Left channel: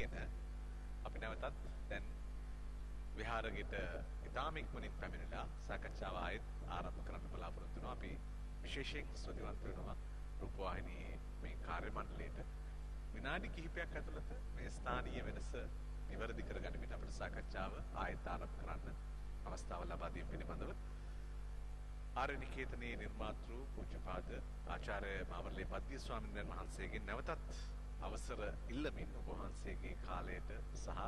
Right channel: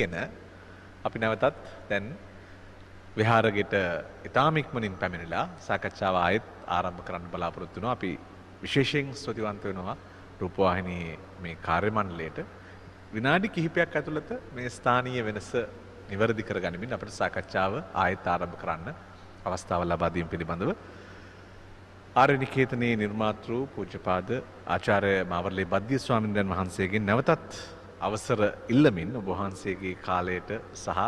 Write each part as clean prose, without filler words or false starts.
ගෙන අපි නැවතත් දැන් විහාරගෙට ඉතාම ඉක්මනින් පැමිණිලා සාකච්ඡාව ආයෙත් ආරම්භ කරන්න බලාපොරොත්තු වෙනවා. අපි විශේෂයෙන් ස්තුතිවන්ත වෙනවා රූපවාහිනියේ මේ කාර්ය මණ්ඩලයට. විනාඩි කිහිපයක් ඇතුළත මේ ස්ථානීය වෙනස නිවැරදි කරගනිමින් අපිට සාකච්ඡාව ආයෙත් ආරම්භ කරන්න අවස්ථාව ලබා දීම පිළිබඳව ආර්ය නිකේතනයේ නිර්මාතෘ පූජ්‍යපාද ආචාර්ය මාවර්ලේ බද්දිය ස්වාමීන් වහන්සේගෙන් නැවතත් අවසර ඉල්ලමින් ඔබ වහන්සේගේ කාලයට සහ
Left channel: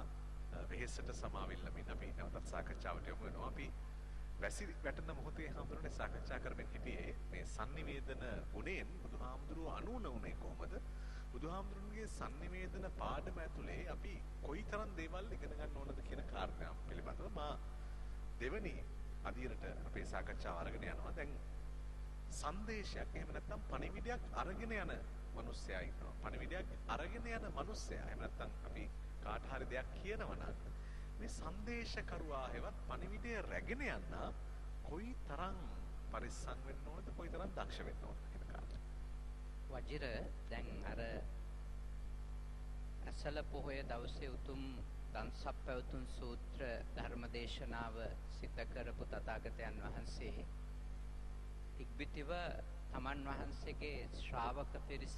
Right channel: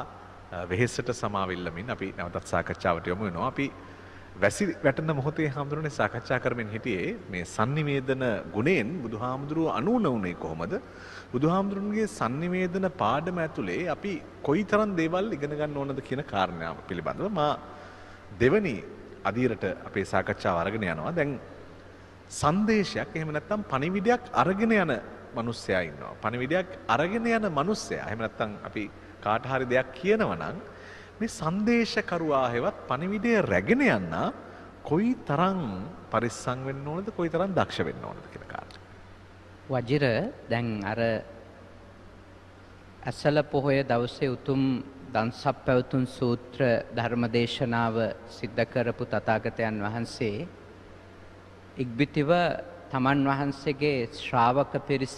වෙහෙසට සමාව ඉල්ලමින් අපි නැවතත් සාකච්ඡාවට යමු වෙනවා. අපි වැසි වැටෙන මොහොතේ හාමුදුරනේ සාකච්ඡා කරමින් හිටියේ මේ sannivedana ගුණයෙන් බුදුහාමුදුරුව අනුන උනේ කොහොමද? බුදුහාමුදුරන්ගේ sannivedana පාඩම ඇතුලේ අපි කොයිතරම් දේවල් ඉගෙන ගන්න ඕනද කියන කාරණාව පිළිබඳව මා දෙවනි අදියරට අපේ සාකච්ඡාව අරගෙන යනවා. දැන් සංදේශයක් එහෙම නැත්නම් පණිවිඩයක් අරගෙන යන මිනිස්සයා ඉන්නවා. පණිවිඩයක් අරගෙන යන මිනිස්සයා එහෙම නැත්නම් අපි කාට හරි දෙයක් කියනවා නම් මේ සංදේශකරුවා හැවත් පණිවිඩය රැගෙන යන්න කොයිතරම් පරිස්සම් වෙන්න ඕනද කොයිතරම් දක්ෂ වෙන්න ඕනද කියන කාරණා. වජිර දැන් අර ඇසල පොහොය දවසේ උතුම් දන්සප්පවතුන් සූත්‍ර ධර්මදේශනාව සිද්ධ කරපු තථාගතයන් වහන්සේ ඉක්බිතිව තමන් වහන්සේගේ ශ්‍රාවක පිරිස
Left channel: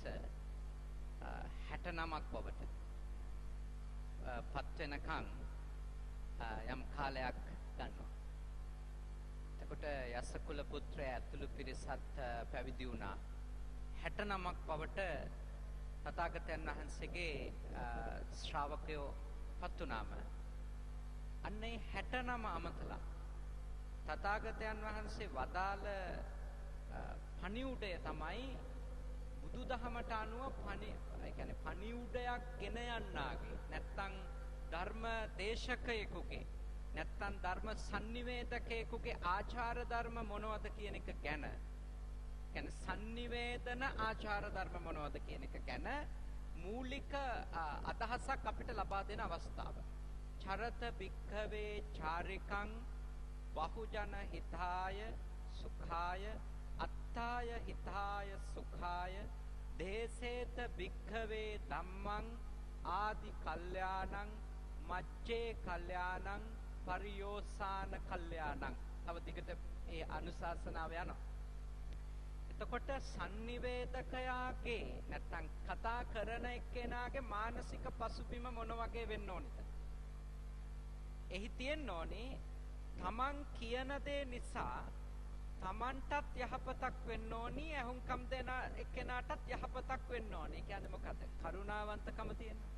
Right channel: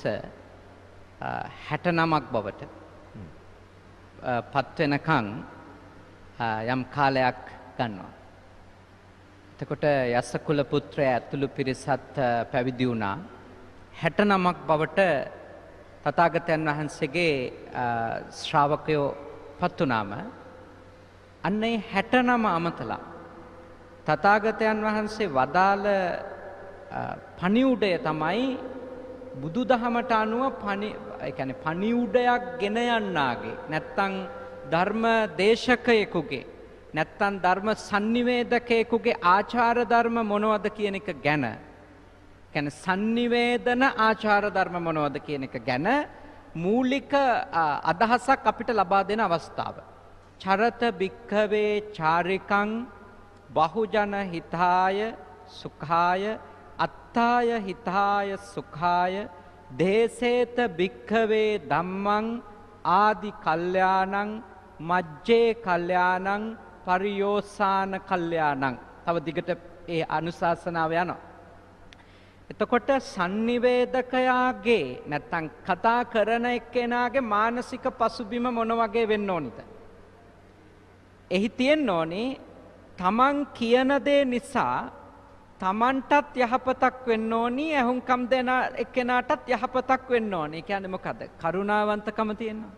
69ක් බවට පත් වෙනකන් යම් කාලයක් ගන්නවා. එතකොට යසකුල පුත්‍රයා ඇතුළු පිරිසත් පැවිදි වුණා. 69ක් බවට තථාගතයන් වහන්සේගේ ශ්‍රාවකයෝ පත් වුණාම අන්නේ 69 අමතලා තථාගතයන් වහන්සේ වදාළ පණිවුඩය තමයි බුදුදහමට අනුව පණිවුඩයක් ගෙන යන්නාගේ නැත්තම් ධර්ම දේශකයෙකුගේ නැත්තම් ධර්ම sannivedakayeකුගේ ආචාර ධර්ම මොනවද කියන එක ගැන කියන්නේ sannivedana ආචාර ධර්ම මොනවද කියන එක ගැන මූලික අදහසක් අපිට ලබා දෙන අවස්ථාව. චරත භික්ඛවේ චාරිකං බහුජන හිතාය සුඛාය අත්තාය හිතාය සුඛාය දේසේත භික්ඛවේ ධම්මං ආදි කල්යාණං මජ්ජේ කල්යාණං පරියෝසాన කල්යාණං. තව දිගට ඒ අනුශාසනාව යනවා. එතකොට sannivedakayaගේ නැත්තම් කතා කරන එක්කෙනාගේ මානසික පසුබිම මොන වගේ වෙන්න ඕනිද? එහි තියෙන්න ඕනේ තමන් කියන දේ නිසා තමන්ටත් යහපතක් වෙන්න ඕනි, ඇහුම්කම් දෙන එක්කෙනාටත් යහපතක් වෙන්න ඕනි. ඒ කියන්නේ මොකද? කරුණාවන්තකම තියෙනවා.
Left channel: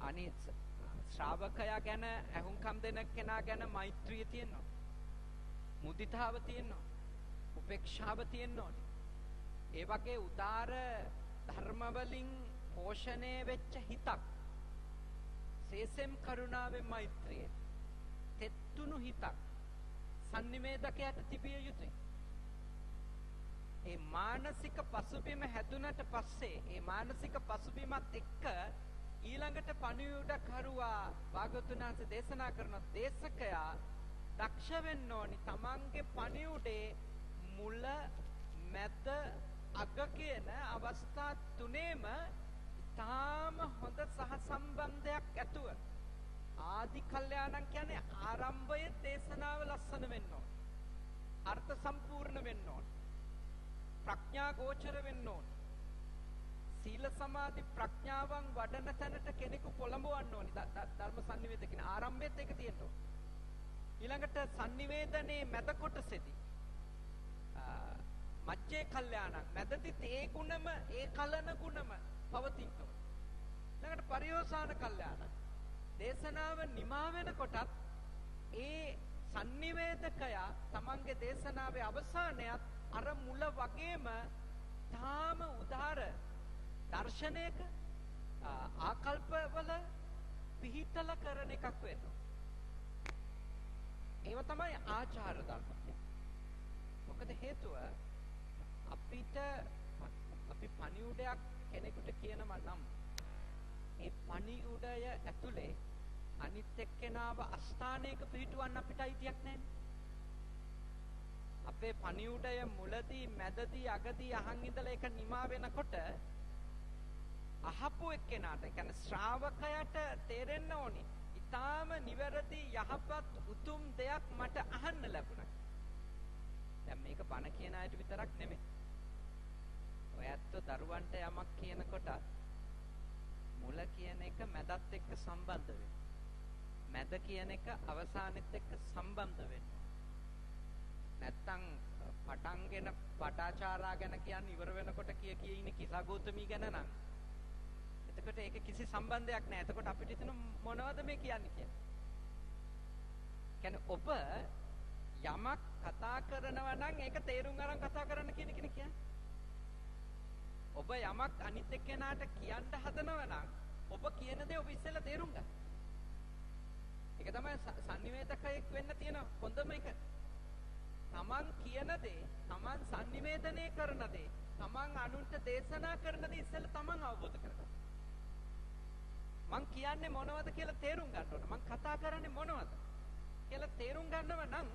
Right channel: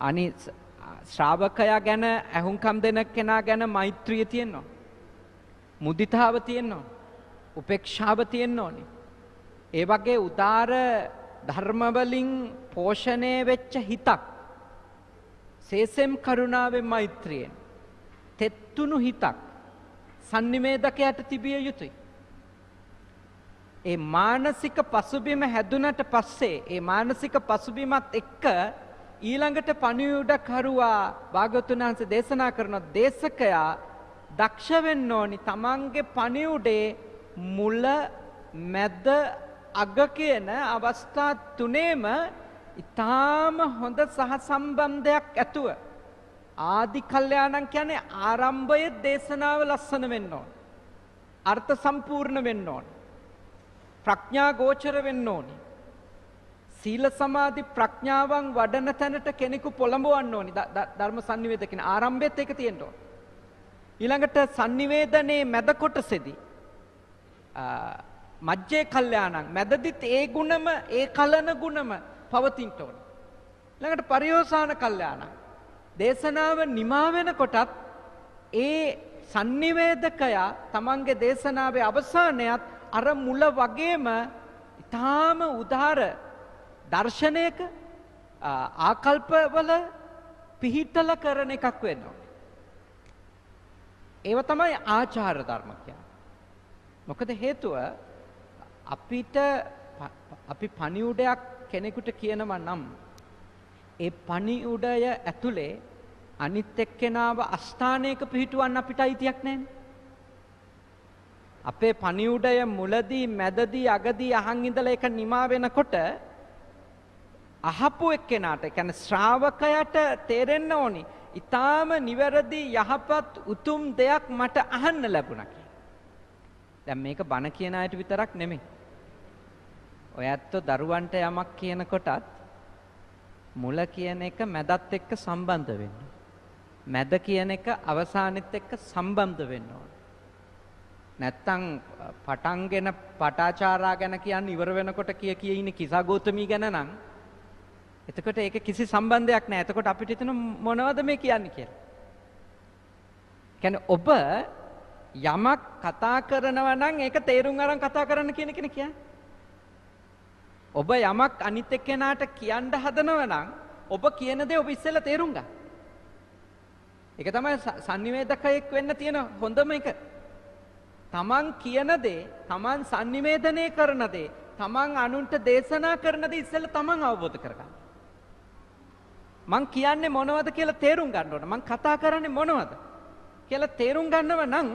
අනි ශ්‍රාවකයා ගැන ඇහුම්කම් දෙන කෙනා ගැන මෛත්‍රිය තියෙනවා. මුදිතාව තියෙනවා. උපේක්ෂාව තියෙන්න ඕනේ. ඒ වගේ උදාර ධර්ම වලින් පෝෂණය වෙච්ච හිතක්. සේසෙම් කරුණාවෙන් මෛත්‍රියෙන් තෙත්තුණු හිතක් sannivedakaයට තිබිය යුතුයි. ඒ මානසික පසුබිම හැදුනට පස්සේ ඒ මානසික පසුබිමත් එක්ක ඊළඟට පණිවුඩකරුවා භාග්‍යවතුන් වහන්සේ දේශනා කරන දේශකයා දක්ෂ වෙන්න ඕනි තමන්ගේ පණිවුඩේ මුල මැද අග කියන අවස්ථා තුනේම ඊටාම හොඳ සහසම්බන්ධයක් ඇතුව ආදි කල්යාණං කියන්නේ ආරම්භයේ දේශනාව ලස්සන වෙන්න ඕන. අර්ථ සම්පූර්ණ වෙන්න ඕන. ප්‍රඥා ගෝචර වෙන්න ඕන. සීල සමාධි ප්‍රඥාවන් වඩන තැනට කෙනෙකු පොළඹවන්න ඕනි. ධර්ම sannivedana කියන ආරම්භයත් ඒක තියෙන්න ඕන. ඊළඟට sannivedane මැද කොටසේදී මජ්ජේ කල්යාණං මැදදිත් ඒ ගුණම ඒ කලන ගුණම පවතින්න ඕන. ඊළඟට පරියෝසాన කල්යාණං දේශනාව නිමා වෙනකොටත් ඒ sannivedakaya තමන්ගේ දේශනාවේ අවසානයත් අර මුල වගේම ඊටාම උදාර දර්ශනයක ආකල්පවල පිහිටල කරන එකක් වෙනවා. ඒව තමයි ආචාර ධර්ම කියන්නේ. මොකද හේතුව අපි පණිවුඩයක් කෙනෙකුට කියනවා නම් ඒ පණිවුඩය ඇතුලේ අනිත් එක්කෙනාව අස්ථානයක පිහිටුවන්න අපිට අයිතියක් නැහැ. අපේ පණිවුඩය මුලදී මැදදී අගදී අහන් ඉඳලා ඒක නිමා වෙනකොට අහපු එක්කෙනාට කියන්නේ ශ්‍රාවකයාට තේරෙන්න ඕනි. ඊටාම නිවැරදි යහපත් උතුම් දෙයක් මට අහන්න ලැබුණා කියලා. දැන් මේක බණ කියන අයට විතරක් නෙමෙයි. ඔය ඇත්තෝ දරුවන්ට යමක් කියනකොටත් මුල කියන එක මැදත් එක්ක සම්බන්ධ වෙන්න. මැද කියන එක අවසානෙත් එක්ක සම්බන්ධ වෙන්න ඕන. නැත්තම් පටන්ගෙන පටාචාරා ගැන කියන්නේ ඉවර වෙනකොට කිය ඉන්නේ කිසගෞතමී ගැන නම් එතකොට ඒක කිසි සම්බන්ධයක් නැහැ. එතකොට අපිට හිතෙන මොනවද මේ කියන්නේ කියලා. කියන්නේ ඔබ යමක් කතා කරනවා නම් ඒක තේරුම් අරන් කතා කරන්න කියන කෙනෙක් කියන්නේ. ඔබ යමක් අනිත් එක්කෙනාට කියන්න හදනවා නම් ඔබ කියන දේ ඔබ ඉස්සෙල්ලා තේරුම් ගන්න. ඒක තමයි sannivedakaයෙක් වෙන්න තියෙන හොඳම එක. තමන් කියන දේ, තමන් sannivedanaya කරන දේ, තමන් අනුන්ට දේශනා කරන දේ ඉස්සෙල්ලා තමන් අවබෝධ කරගන්න. මං කියන්නේ මොනවද කියලා තේරුම් ගන්න ඕන. මං කතා කරන්නේ මොනවද කියලා තේරුම් ගන්නව නම්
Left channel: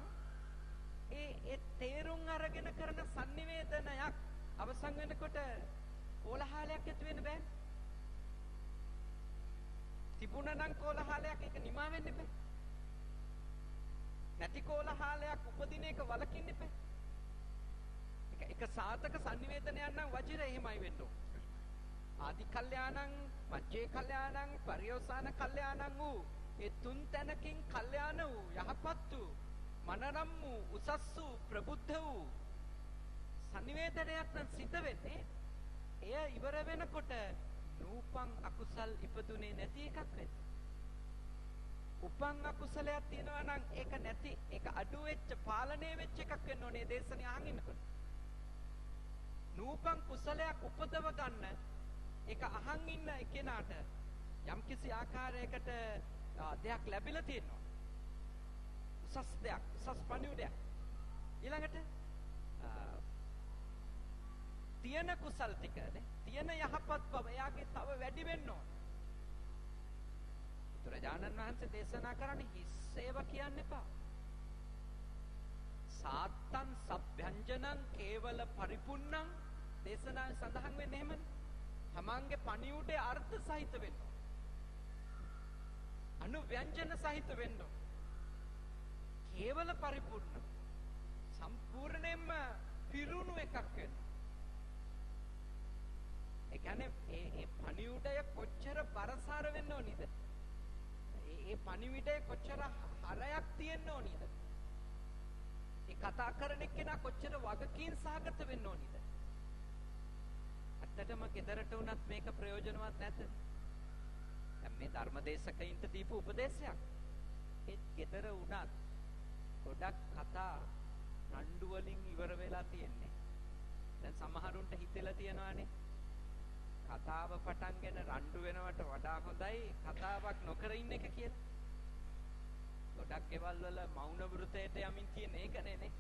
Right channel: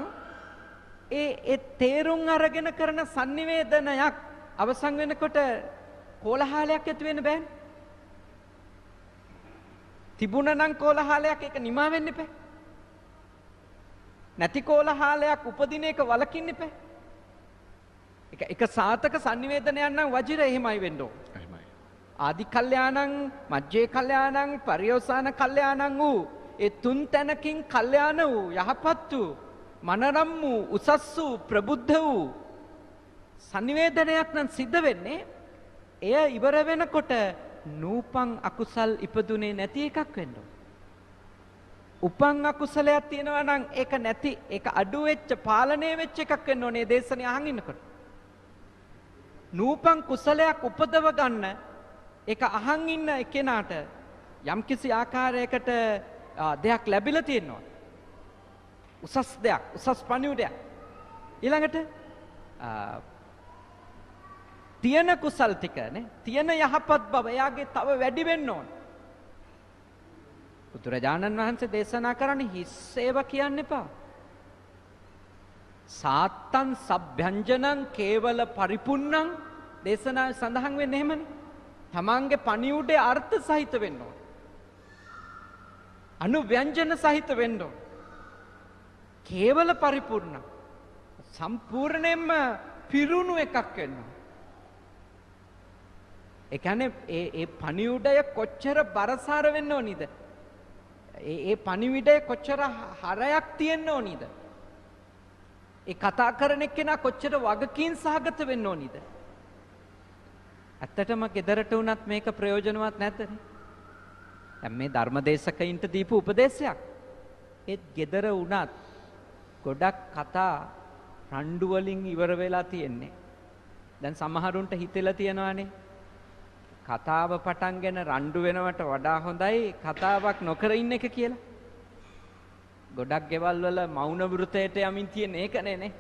ඒ තේරුම් අරගෙන කරන sannivedanayak අවසන් වෙනකොට කෝලහලයක් ඇති වෙන්න බෑනේ. තිබුණා නම් කෝලහලයක් ඒක නිමා වෙන්න එපා. නැති කෝලහලයක් උපදින එක වලකින්න එපා. එක සාතක sannivedanayයක් නම් වජිර එහෙමයි වෙන්න ඕන. ආදි කල්යාණං මජ්ජේ කල්යාණං පරියෝසాన කල්යාණං වූ ඒ තුන් තැනකින් කල්යාණ වූ යහපත් වූ මනරම් වූ උසස් වූ ප්‍රබුද්ධ වූ sannivedanayයක් නම් සිද්ධ වෙන්නේ එය ඉවර වෙනකොට නූපං අකුසල් ඉපදුනේ නැති එකක් වෙන්න ඕන. උපං අකුසලයක් තියෙනවා නම් ඒක නැති ඒක අඩු වෙච්ච පාලනය වෙච්ච එකක් වෙන්න ඕනේ දේශනේ අහන් ඉන්නකොට. නූපං කුසලයක් උපදව ගන්න ඒක අහන් ඉන්න කෙනාට යම්කිසි ආකාරයකට දෙයක් ලැබිලා තියෙනවා. උසස් දෙයක්, උසස් පණිවිඩයක්. ඊළඟට තියෙන කුසල් ටික නේ, තියෙන යහපත් බව එයාගේ තව වැඩි වෙන්න ඕන. බුදුරජාණන් වහන්සේ දේශනා කරන්නේ හිස් ඒවා කියන්න එපා. සාත්තං සබ්භ්‍යංජනං කේවල පරිපුන්නං දේශනාවේ සඳහන් වෙන්නේ එහෙමනේ. තමන්ගේ පණිවුඩේ අර්ථ සහිත වෙන්න ඕන. අනුව්‍යංජන සහිත වෙන්න ඕන. කේවල පරිපූර්ණ සම්පූර්ණයෙන්ම පිරුණු එකක් වෙන්න ඕන. ඒ කියන්නේ ඒ පණිවුඩය කොච්චර බරසාර වෙන්න ඕනිද? ඒ පණිවිඩය කොච්චර හරයක් තියෙන්න ඕනිද? ඒ කතා කරන එක්කෙනා කොච්චර වගකීම් සහගත වෙන්න ඕනිද? ඇත්තටම ගෙදරට වුණත් මේක ප්‍රයෝජනවත් නැද්ද? දැන් මේ ධර්මදේශකයින්ට දීපු උපදේශයක්. ඒත් ගෙදර වුණත් ගොඩක් කතා රණ්ඩු වලින් ඉවර වෙලා තියෙන්නේ. දැන් සමහරුන්ට හිතෙලා තියෙනවානේ කතාව පටන්ගෙන රණ්ඩු වෙනවට වඩා හොඳයි කතාවක් නොකර ඉන්න එක කියලා. ගොඩක් ගෙවල් වල මෞන වෘතයට යමින් තියෙන ඒකනේ නේ.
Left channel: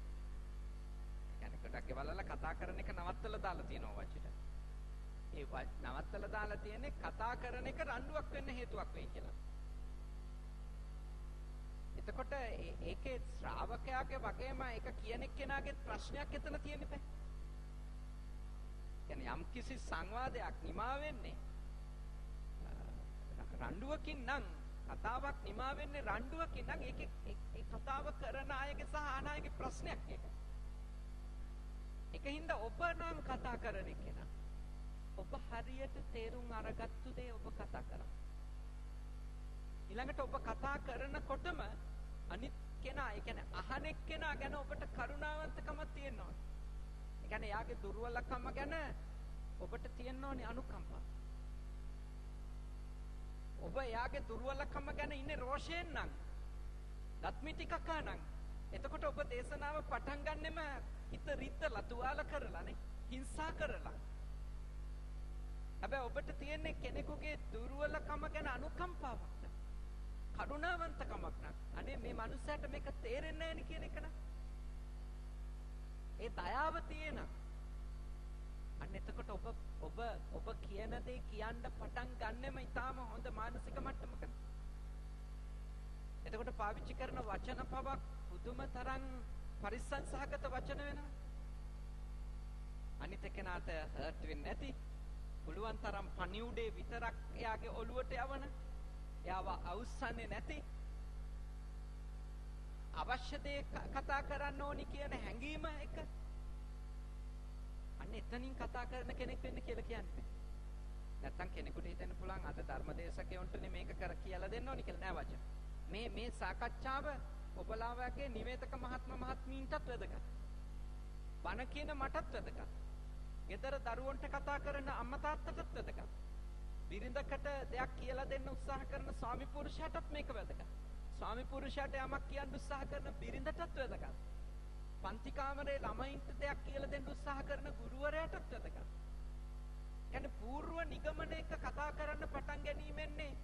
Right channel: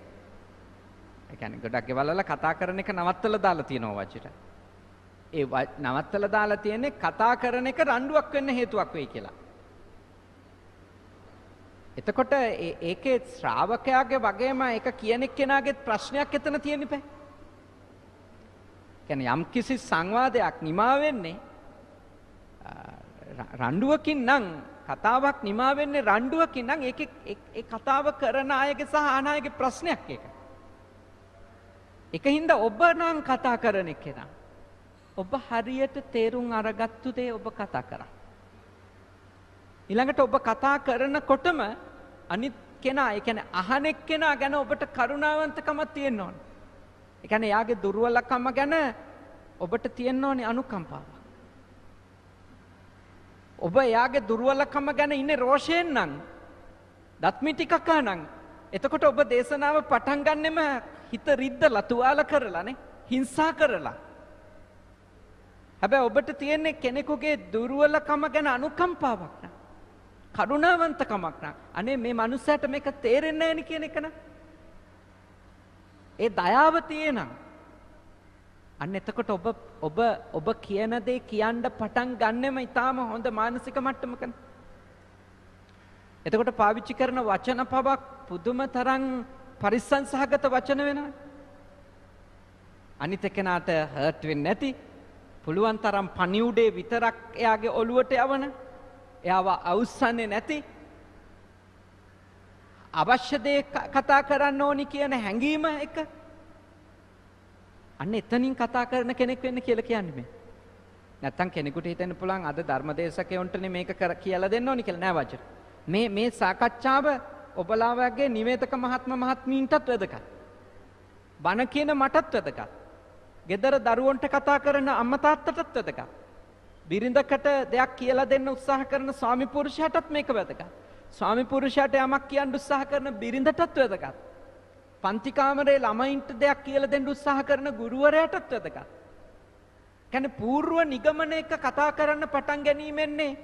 ඒ කියන්නේ ගොඩක් ගෙවල් වල කතා කරන එක නවත්තලා දාලා තියෙනවා වචිට. ඒ නවත්තලා දාලා තියෙන්නේ කතා කරන එක රණ්ඩුවක් වෙන්න හේතුවක් වෙයි කියලා. එතකොට ඒකේ ශ්‍රාවකයාගේ වගේම ඒක කියන එක්කෙනාගේ ප්‍රශ්නයක් එතන තියෙන්න බෑ. කියන්නේ යම් කිසි සංවාදයක් නිමා වෙන්නේ රණ්ඩුවකින් නම් කතාවක් නිමා වෙන්නේ රණ්ඩුවකින් නම් ඒකේ ඒ කතාව කරන අයගේ සහ අහන අයගේ ප්‍රශ්නයක් ඒක. ඒකින්ද ඔබ නම් කතා කරන එක්කෙනා ඔබ හරියට තේරුම් අරගත්තු දේ ඔබ කතා කරා. ඊළඟට ඔබ කතා කරනකොටම අනිත් කෙනා, ඒ කියන්නේ අහන එක්කෙනා ගැන ඔබට කරුණාවන්තකමක් තියෙන්න ඕනේ. ඒ කියන්නේ යාගේ දුර්වලකම ගැන ඔබට තියෙන්න ඕනේ අනුකම්පාව. ඔබ යාගේ දුර්වලකම ගැන ඉන්නේ රෝෂයෙන් නම්, දත්මිටිකක නම්, එතකොට ඔබ දේශනාව පටන් ගන්නෙම හිත රිද්දලා තුවාල කරලානේ, හිංසා කරලා. හැබැයි ඔබට තියෙන්නේ කෙනෙකුගේ දුර්වලකම ගැන අනුකම්පාවක් නා. කරුණාවන්තකමක් නා. අනේ මේ මනුස්සයාට මේක තේරෙන්නේ නැහැ නේ කියන එක නා. ඒ දයාව තියෙනම් අන්න එතකොට ඔබ කියන දේ කියන්න පටන් ගන්නෙම ඊටාම හොඳ මානසික මට්ටමකනේ. එතකොට පාවිච්චි කරන වචන පවක් පුදුම තරම් පරිස්සම් සහගත වචන වෙනවා. අනිත් එක්කෙනාට හර්ට් වෙන්නේ නැති පුළුවන් තරම් පණිවුඩේ විතරක් එයාගේ ඔළුවට යවන එයාව අවුස්සන්නේ නැති අවශ්‍ය දේ කතා කරන්න ඕනි කියන හැඟීම එක අන්න එතනින් කතා කරන කෙනෙක් වෙන්න කියලා කියන්නේ මේ. නැත්තම් කෙනෙකුට හිතෙන්න පුළුවන් අද ධර්මදේශකයන්ටනේ මේක කියලා දෙන්න ඕනි කියලා නෑ වචන. මේ සාකච්ඡාව ඔබලා වගේ නිවේදක මහත්මීන්ටත් වැදගත්. බණ කියන මටත් වැදගත්. ගෙදර දරුවන්ට කතා කරන අම්මා තාත්තටත් වැදගත්. බිරිඳකට දෙයක් කියලා දෙන්න උත්සාහ කරන ස්වාමි පුරුෂයාටත් මේක වැදගත්. ස්වාමි පුරුෂයාට යමක් කියන්න උත්සාහ කරන බිරිඳටත් වැදගත්. පන්ති කාමරේ ළමයින්ට දෙයක් කියලා දෙන්න උත්සාහ කරන ගුරුවරයාටත් වැදගත්. කියන්නේ పూర్ව නිගමනයක කතා කරන්න පටන් ගැනීමෙන්නේ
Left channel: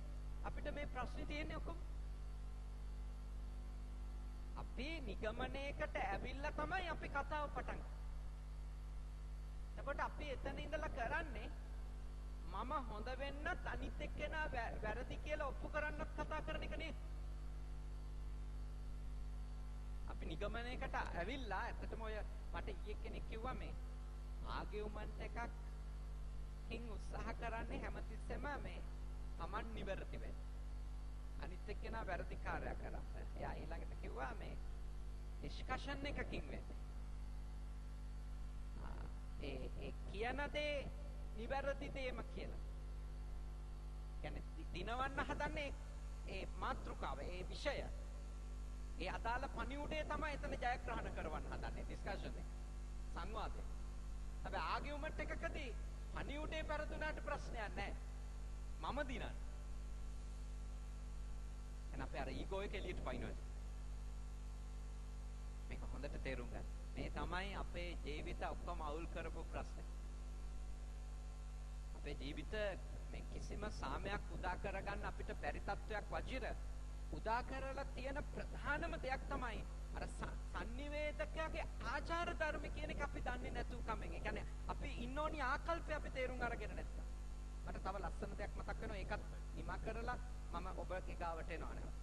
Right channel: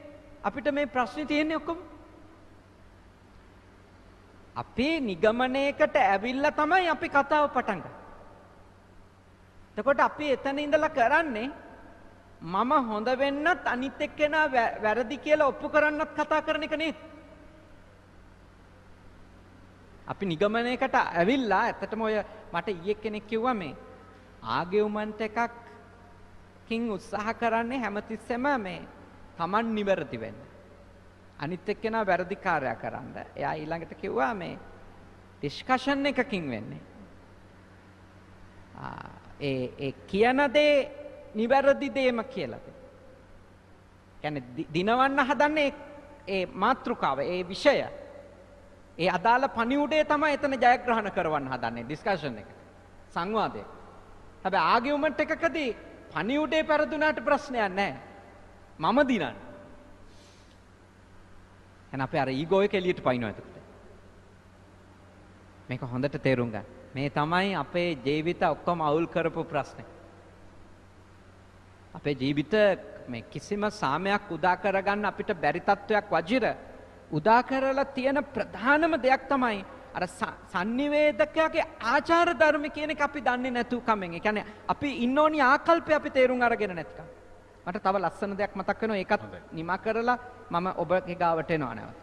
අපිට මේ ප්‍රශ්නේ තියෙන්නේ ඔක්කොම. අපේ නිගමනයකට ඇවිල්ලා තමයි අපි කතාව පටන් ගන්නේ. එතකොට අපි එතන ඉඳලා කරන්නේ මම හොඳ වෙන්නත් අනිත් එක්කෙනා වැරදි කියලා ඔප්පු කරන්නත් කතා කරන එක නේද? අපි නිගමනයකට ඇවිල්ලා ඇත්තටම ඔය මට ඊයේ කෙනෙක් කිව්වා මේ ආගියුමන්ට් එකකින් උත්සාහ කරන්නේ හැමතිස්සෙම මේ Taman නිවැරදි වෙන්න. අනිත් එක්කෙනා වැරදිකාරයා කරන්න. එයා ඊළඟට කිව්වා මේ ඩිස්කෂන් එකකින් වෙන්නේ. ඒ කියන දේ නිවැරදි දෙයම කියලා. කියන්නේ දිනවන්න හදන්නේ ඒ මාතෘකාව, ඒ විෂය. ඒ අදාළ පණිවුඩේ තමයි එතන ජයග්‍රහණ කරවන්න හදන්නේ ඩිස්කෂන් එක. සංවාදය. හැබැයි ආගියුමන්ට් එකකදී පණිවුඩේ පෙරදුනාට ප්‍රශ්නයක් නැහැ. මම දිනන්නේ. එහෙනම් අපි අර ඊගෝ එක එළියට පයින්නවා එතකොට. මේක හොඳට තේරුම් ගන්න. මේ තමයි අපේ ජීවිත ඔක්කොම අවුල් කරපු ප්‍රශ්නේ. අපේ ජීවිත මේ කිසිම සාමයක් උදා කරගන්න අපිට බැරි තත්වයක් වජිර උදා කරලා තියෙන ප්‍රධානම දෙයක් තමයි අර sannivedakaගේ ආචාර ධර්ම කියන එක අපි දන්නේ නැතු කමෙන්. ඒ කියන්නේ අපි ඉන්න ඕනි ආකල්පය අපි තේරුම් අරගෙන නැත්නම්. මට තව ලස්සන දෙයක් මතක් වෙනවා. ඒකත් නිමා කරලා මම ඔබගේ ගාවට එනවා නැවත.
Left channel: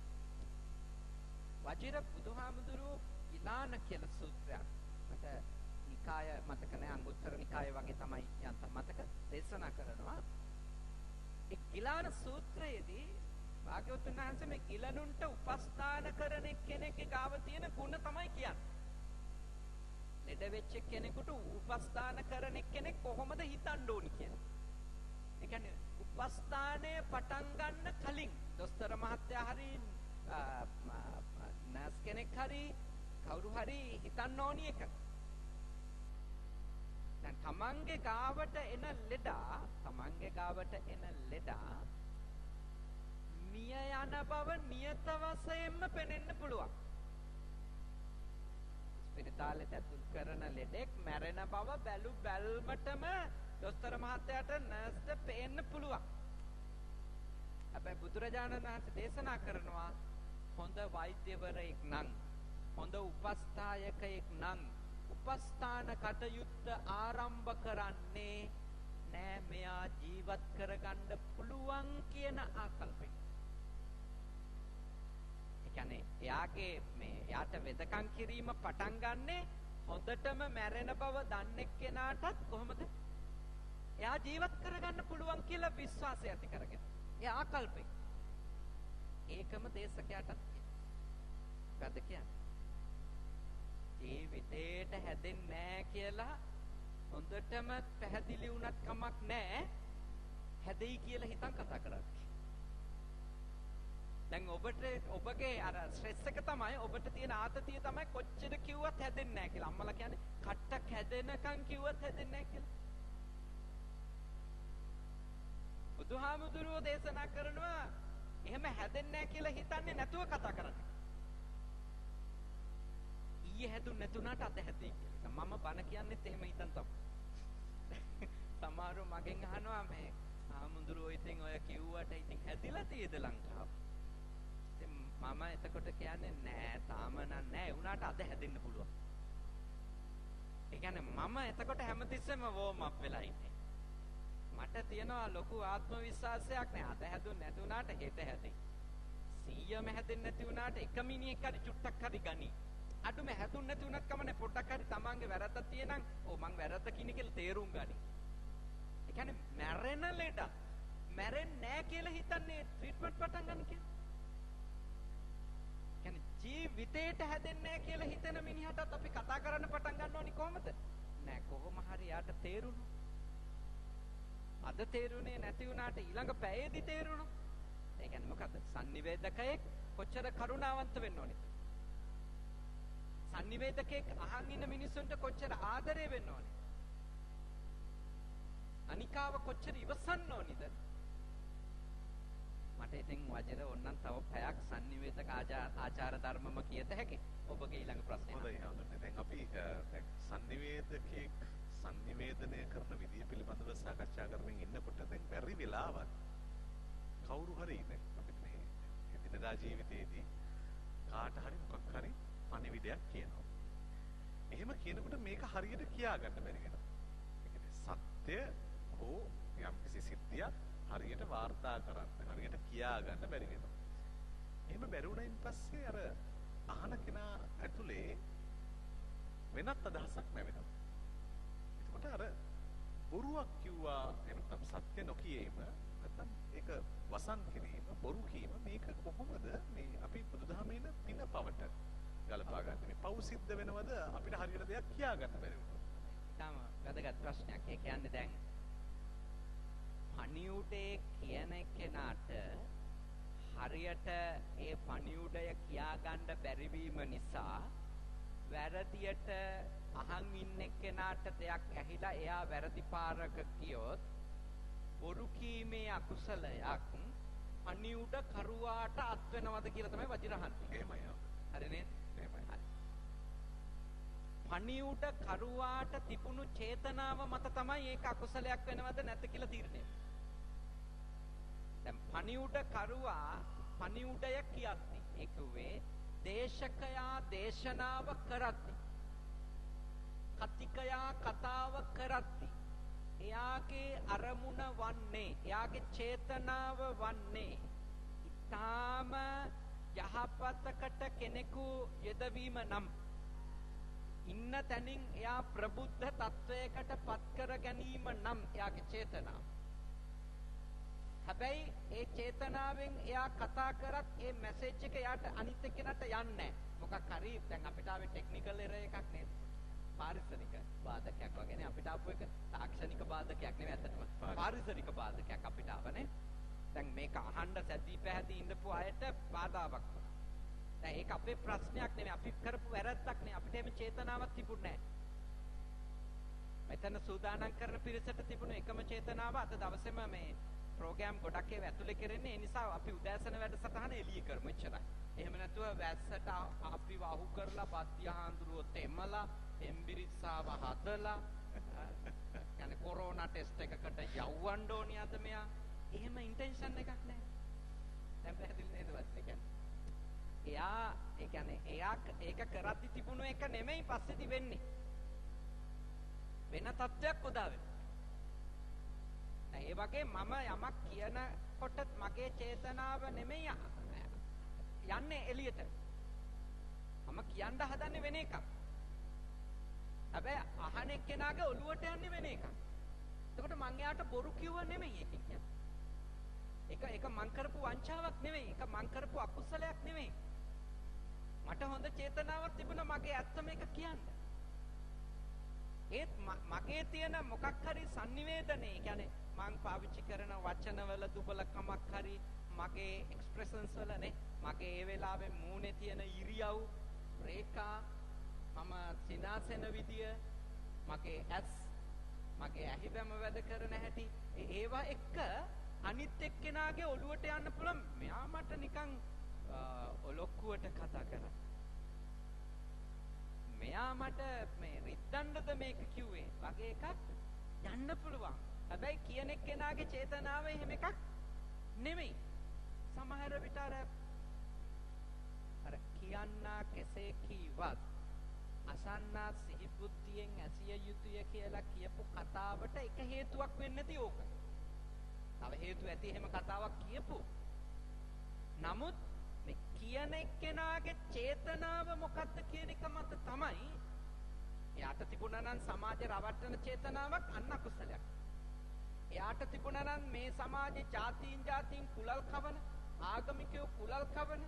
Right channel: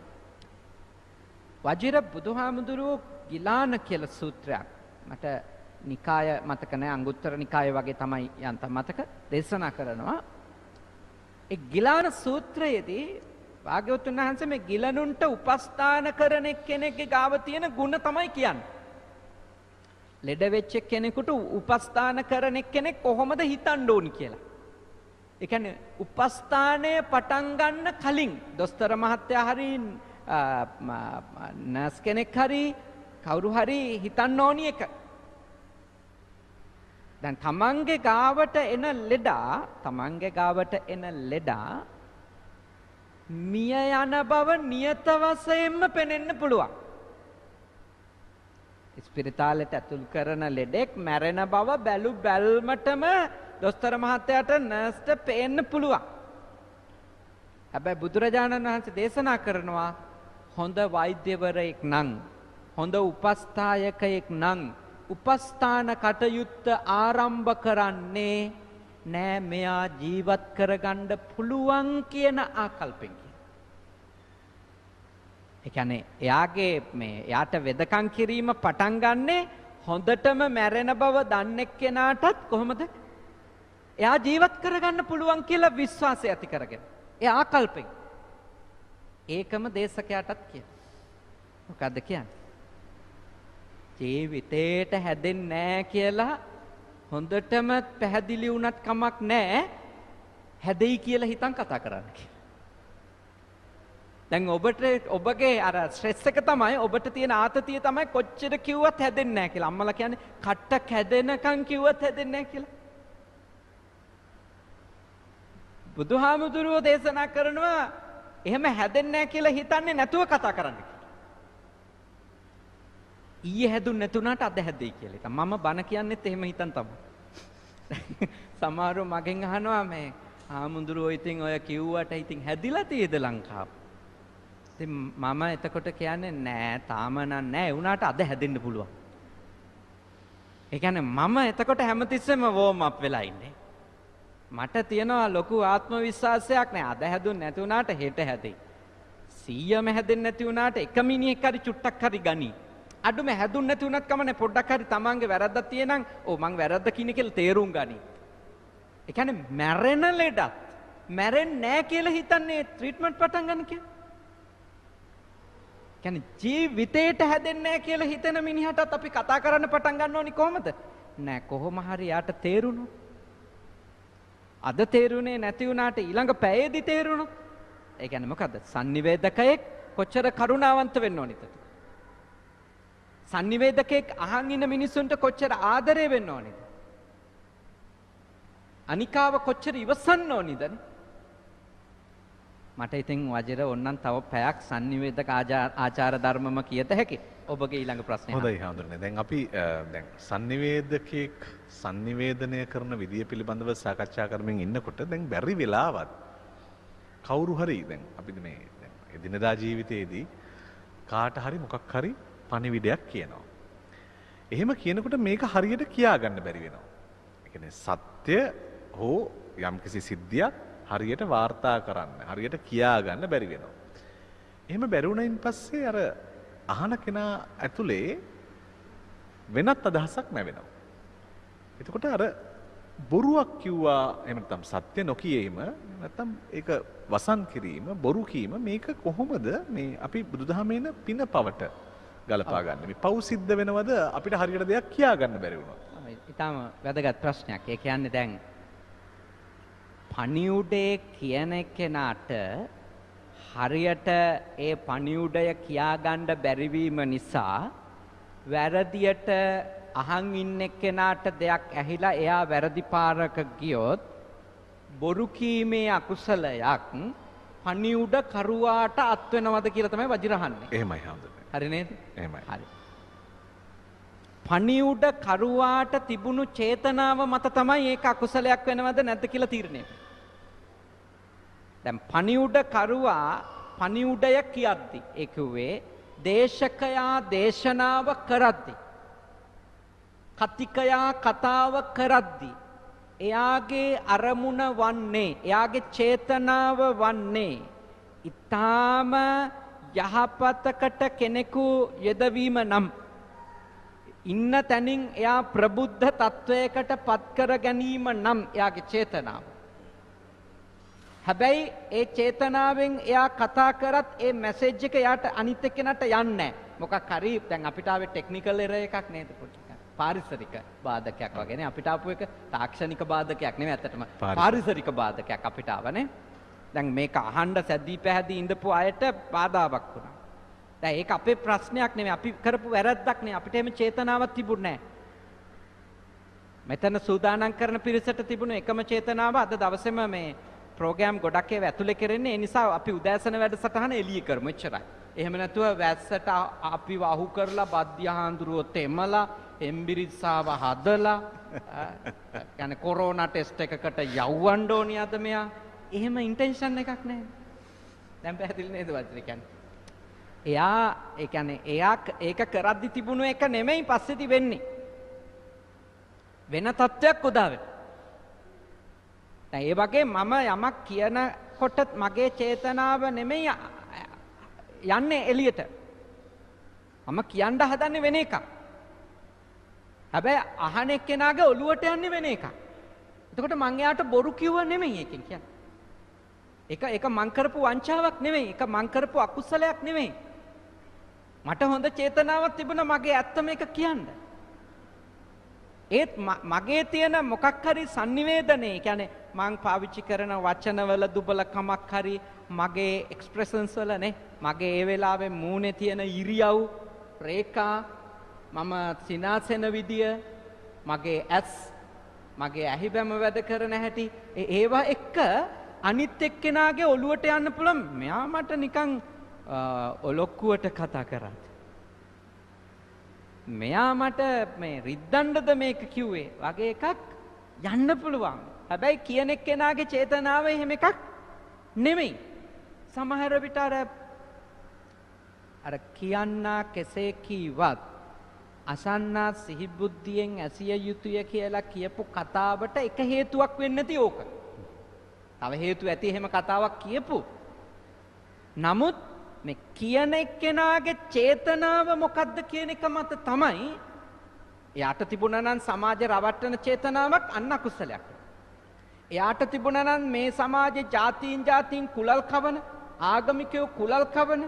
වජිර බුදුහාමුදුරුවෝ ගිලාන කියලා සූත්‍රයක් මට නිකාය මතක නැහැ, අංගුත්තර නිකාය වගේ තමයි යන්තම් මතක දේශනා කරනවා. ඒ ගිලාන සූත්‍රයේදී භාග්‍යවතුන් වහන්සේ මේ ගිලනුන්ට උපස්ථාන කරන කෙනෙක්ගේ ගාව තියෙන ಗುಣ තමයි කියන්නේ. ලෙඩ වෙච්ච කෙනෙකුට උපස්ථාන කරන කෙනෙක් කොහොමද හිතන්න ඕනි කියලා. ඒ කියන්නේ උපස්ථානය පටන් ගන්න කලින් දොස්තර මහත්තයා හරි නර්ස් කෙනෙක් හරි කවුරු හරි හිතන්න ඕනි එක. දැන් තමන්ගේ ගාවට එන ලෙඩා මිය යන බව නියත වශයෙන්ම පෙනෙන්න පුළුවන්. ස්පිරිතාලෙට ඇතුල් කරන ලෙඩෙක් මැරෙන බව බැල්මටම දොස්තර මහත්තයාට නර්ස්ට පේන්න පුළුවන්. හැබැයි බුදුරජාණන් වහන්සේ දේශනා කරනවා හොඳ වෛද්‍යවරයෙක් නම්, හොඳ උපස්ථායකයෙක් නම් උපස්ථාන කටයුත්ත ආරම්භ කරන්නේ නෑ මෙයා ජීවත් කරගන්න පුළුවන් කියන ආකල්පෙන්. ඒ කියන්නේ එයාට වෙදකම් කිරීම පටන් ගන්නෙ හොඳටම මැරෙන බව දන්නේ කෙනාටත් කොහොමද එයා ජීවත් කරගන්න පුළුවන් කියලා විශ්වාසය ඇති කරගෙන. ඒ ආකල්පෙන්. ඒකම දේශකයාටත් කියන. මොකද්ද කියන්නේ? ජීවිතේට හැදෙන්නේ නැහැ කියලා හොඳටම පැහැදිලි වුණත් කමක් නැහැ. හැදෙයි කියලා හිතන් කතා කරන්න කියලා. දැන් ඔබගේ අර ස්ට්‍රෙස් එක තමයි ඔබට තියෙන ආතතිය තමයි කොච්චර කිව්වත් හැදෙන්නේ නැහැ කියලා. අම්මලා කියන්නේ කට්ට කැදෙනකන් කිව්වත් හැදෙන්නේ නැහැ කියලා. බුදුහාමුදුරුවෝ දේශනා කරනවා එහෙම හැදෙන්නේ නැහැ කියලා හිතන්නේ නැතුව කතා කරන්න. ඊයේ හැදුන්නේ නැතුණාට අද හැදෙයි කියලා. ඉතින් මම බන කියන්නෙත් එහෙම හිතන් තමයි. සමහරව මගෙන් අහනවා මේ ආමුදුරුවෝ ඉතින් ඔය කිව්වට ඉතින් හැදිලා තියෙද ලංකාව? ඉතින් මම එතකොට කියන්නේ නෑ තාම නෑ ඒ වුණාට අද හැදෙන්න පුළුවන්. ඒ කියන්නේ මම එතකොට හැමතිස්සෙම වෝම් අප් වෙලා ඉන්නේ. මට තියෙනවා ලොකු ආත්ම විශ්වාසයක් නෑ අද හැදුන්නේ නැති වුණාට හෙට හැදෙයි. 100ම හැදෙන්නේ නැති වුණාට එක මිනිහෙක් හරි චුට්ටක් හරි ගනි. අඩුම හැදුන්නේ නැති වුණත් කමන්නේ පොඩ්ඩක් හරි තමන්ගේ වැරද්දක් තියෙනනම් මං වැරද්ද කියන කියලා තේරුම් ගනි. ඒ කියන්නේ මැරෙන ලෙඩත් මැරෙන්නේ නැහැ කියලා හිතන්නේ ට්‍රීට්මන්ට් පටන් ගන්න කියලා. කියන්නේ ජීවිතේට හැදෙන්නේ නැහැ කියලා හිතන මිනිහටත් අපි කතා කරන්න පටන් ගන්න ඕනි කොහමද? නෑ කොහොම හරි යාට තේරුණොත්. අද තේරුනේ නැති වුණාට ඊළඟ පැයේදී තේරුණොත්. ඒ කියන්නේ මොකද්ද? sannivedakayeක් කොච්චර කරුණාවන්ත වෙන්න ඕනිද? sannivedakayeක් අහන් ඉන්න මිනිස්සුන්ට කොච්චර ආදරේ වෙන්න ඕනිද? අනිකාව කොච්චර ඉවසන්න ඕනිද? මට ඉතින් වජිර ඕන්නම් තව පැයක් sannivedaka ආචාර ධර්මම කියත හැකි. ඔබගේ ඊළඟ ප්‍රශ්නය. හොඳයි හඳුනන්නේ. දැන් අපි දැන් sannivedakayeක් sannivedanaya කරන විදිය පිළිබඳව සාකච්ඡා කරමින් ඉන්නකොට දැන් බැරි වෙලාවත් කවුරු හරි දැන් අපි මේ දැන් එදිනදා ජීවිතයේදී කාට හරි මොකක් හරි පණිවිඩයක් කියනවා. එහෙම කියනකොට මේක හරියට කියා ගන්න බැරි වෙනවා. ඒ කියන්නේ සත්‍ය හෝ යම්කිසි සිද්ධියක් හරියට වාර්තා කරන්න හරියට කියා ගන්න බැරි වෙනවා. එහෙම බැරි වුණයින් පස්සේ අර අහන කෙනා ඇතුලේ වෙනත් අදහසක් නැවෙනවා. එතකොට අර බොරුවක් කිව්වා එහෙම නැත්නම් සත්‍ය නොකියීම නැත්නම් ඒක වසන් කිරීම බොරු කීම මේක කොහොමද මේ අපි බුදුදහමේන පින පවට ගලපා ගන්න. මේ පව් සිද්ධ වෙනවද අපිට හරියට දෙයක් කියා ගන්න බැරි වුණොත්. ඊටම වැදගත් ප්‍රශ්නයක්. ඒ කියන්නේ දැන් පණිවුඩේ කියන කෙනාට හරියට ඒ පණිවුඩය කියා ගන්න බැරි වීම නිසා වැරදියට අහන් ඉන්න කෙනාට දෙයක් ඇහිලා එයා වැරදි පාරක ගියොත් බොරු කීමේ අකුසලයක් පණිවුඩ කරුවාට අත් වෙනවද කියලා තමයි වජිර අහන්නේ. එහෙමයි හඳුනන්නේ. හරි නේද? එහෙමයි. හරි. පණිවුඩ කරුවාට තිබුණු චේතනාව මත තමයි ඒක අකුසලයක් වෙනවද නැද්ද කියලා තීරණය. දැන් පණිවුඩ කරුවා පණිවුඩය කියද්දි ඒ කිව්වේ දේශකයා දේශනාව කරද්දි කතිකයා කතාව කරද්දි එයාගේ අරමුණ වන්නේ එයාගේ චේතනාව වන්නේ ඊටාම යහපතකට කෙනෙකු යෙදවීම නම් ඉන්න තැනින් එයා ප්‍රබුද්ධ තත්වයකට පත් කර ගැනීම නම් එයාගේ චේතනාව. හැබැයි ඒ චේතනාවෙන් එයා කතා කරත් ඒ මැසේජ් එක එයාට අනිත් එක්කෙනාට යන්නේ නැහැ. මොකක් හරි දැන් අපිට ආවේ ටෙක්නිකල් එරර් එකක් නේද පොඩ්ඩක්. පාරිසරික බාධකයක් වගේ නේ අපිට ආපු එක තාක්ෂණික බාධකයක් නෙමෙයි ඇත්තටම පාරිසරික බාධකයක් අපිට ආවනේ. දැන් මේක අහන්න සැදී පැහැදී ඉඳපු අයට බාධාවක් වුණා. දැන් ඒක අපේ ප්‍රශ්නයක් නෙමෙයි අපි කරපු වැරද්දක් නේ අපිට එහෙම චේතනාවක් තිබුණේ නැහැ. මෙතන සූදානම් කරන පිරිසට තිබුණු එකම චේතනාව අද දවසේම මේ ප්‍රෝග්‍රෑම් ගොඩක් ඒවා ඇතුලේ කරන්නේ ඒ නිසා අපි උදෑසන වැඩසටහන එළිය කරමු එච්චරයි. එහෙම නැතුව වැස්සට අපි වහු කරලා බද්දිය හාඳුරුව තෙමලා එම්බිරිස්සාව හදලා يعني කොරෝනා ටෙස්ට් එකකට යවන්න ඕනි අද මෙයා. එහෙම ඉන්ටෙන්ෂන් එකක් නැහැ. දැන් පැහැදිලි නේද වචනේ කියන්නේ. එයා ඒ කියන්නේ එයා ඒක කරද්දි තිබුණු එක නෙමෙයි පස්සේදී වෙන්නේ. වෙන තත්ත්වයක් උදා වෙනවා. දැන් ඒ වගේ මම යමක් කියනකොට මගේ චේතනාව නෙමෙයි යන්නේ එළියට. මම කියන්න හදන්නේ වෙන එකක්. හැබැයි අහන එක්කෙනාගේ ඔළුවට යන්නේ වෙන එකක්. එතකොට මං එයාට බොරු කිව්ව නෙමෙයි එකෙන් කියන්නේ. ඒක මං කරපු වංචාවක් නෙමෙයි. ඒක මං කරපු අකුසලයක් නෙමෙයි. මට හොඳ චේතනාවක් තිබුණා මගේ ඇත්ත මේක කියන්න. ඒත් මගේ තියෙන මොකක් හරි sannivedanaya කියන්නේ මං පාවිච්චි කරන වචනවල දුබලකමක් හරි මගේ එක්ස්ප්‍රෙෂන්ස් වල නේ මගේ ඒ වෙලාවේ මූණේ තියෙන ඉරියව් රේඛා මම සිනාසෙන විදිය මගේ ඇස් මගේ ඇහිබැම වැඩ කරන හැටි ඒවා එක්ක අනිත් එක්කෙනාගේ ඔළුවට යන්න පුළුවන් මෙයා මට නිකන් ඔලොක්කුවට කතා කරා මෙයා මට මේ රිද්දන්නද මේක කිව්වේ වගේ එකක් යන්න පුළුවන්. හැබැයි කියන එක්කෙනාගේ චේතනාව එහෙම එකක් නෙමෙයි. සමහර විට අර කියන්නා කෙසේ කීවත් අසන්නා සිහි බුද්ධියෙන් ඇසිය යුතුය කියලා කියපු කතාවට එක හේතුවක් වෙන්නේ නැති ඕක. තව හේතු ඇති එහෙම කතාවක් කියපු. නමුත් මේ කියන එක්කෙනාගේ චේතනාව මොකද්ද කියන එක මත තමයි එයාට තිබුණා නම් සමාජ රවට්ටන චේතනාවක් අන්න අකුසලයක්. එයාට තිබුණා නම් මේ සමාජයේ ජාතීන් කුලල් කවන, ආගමිකයෝ කුලල් කවන,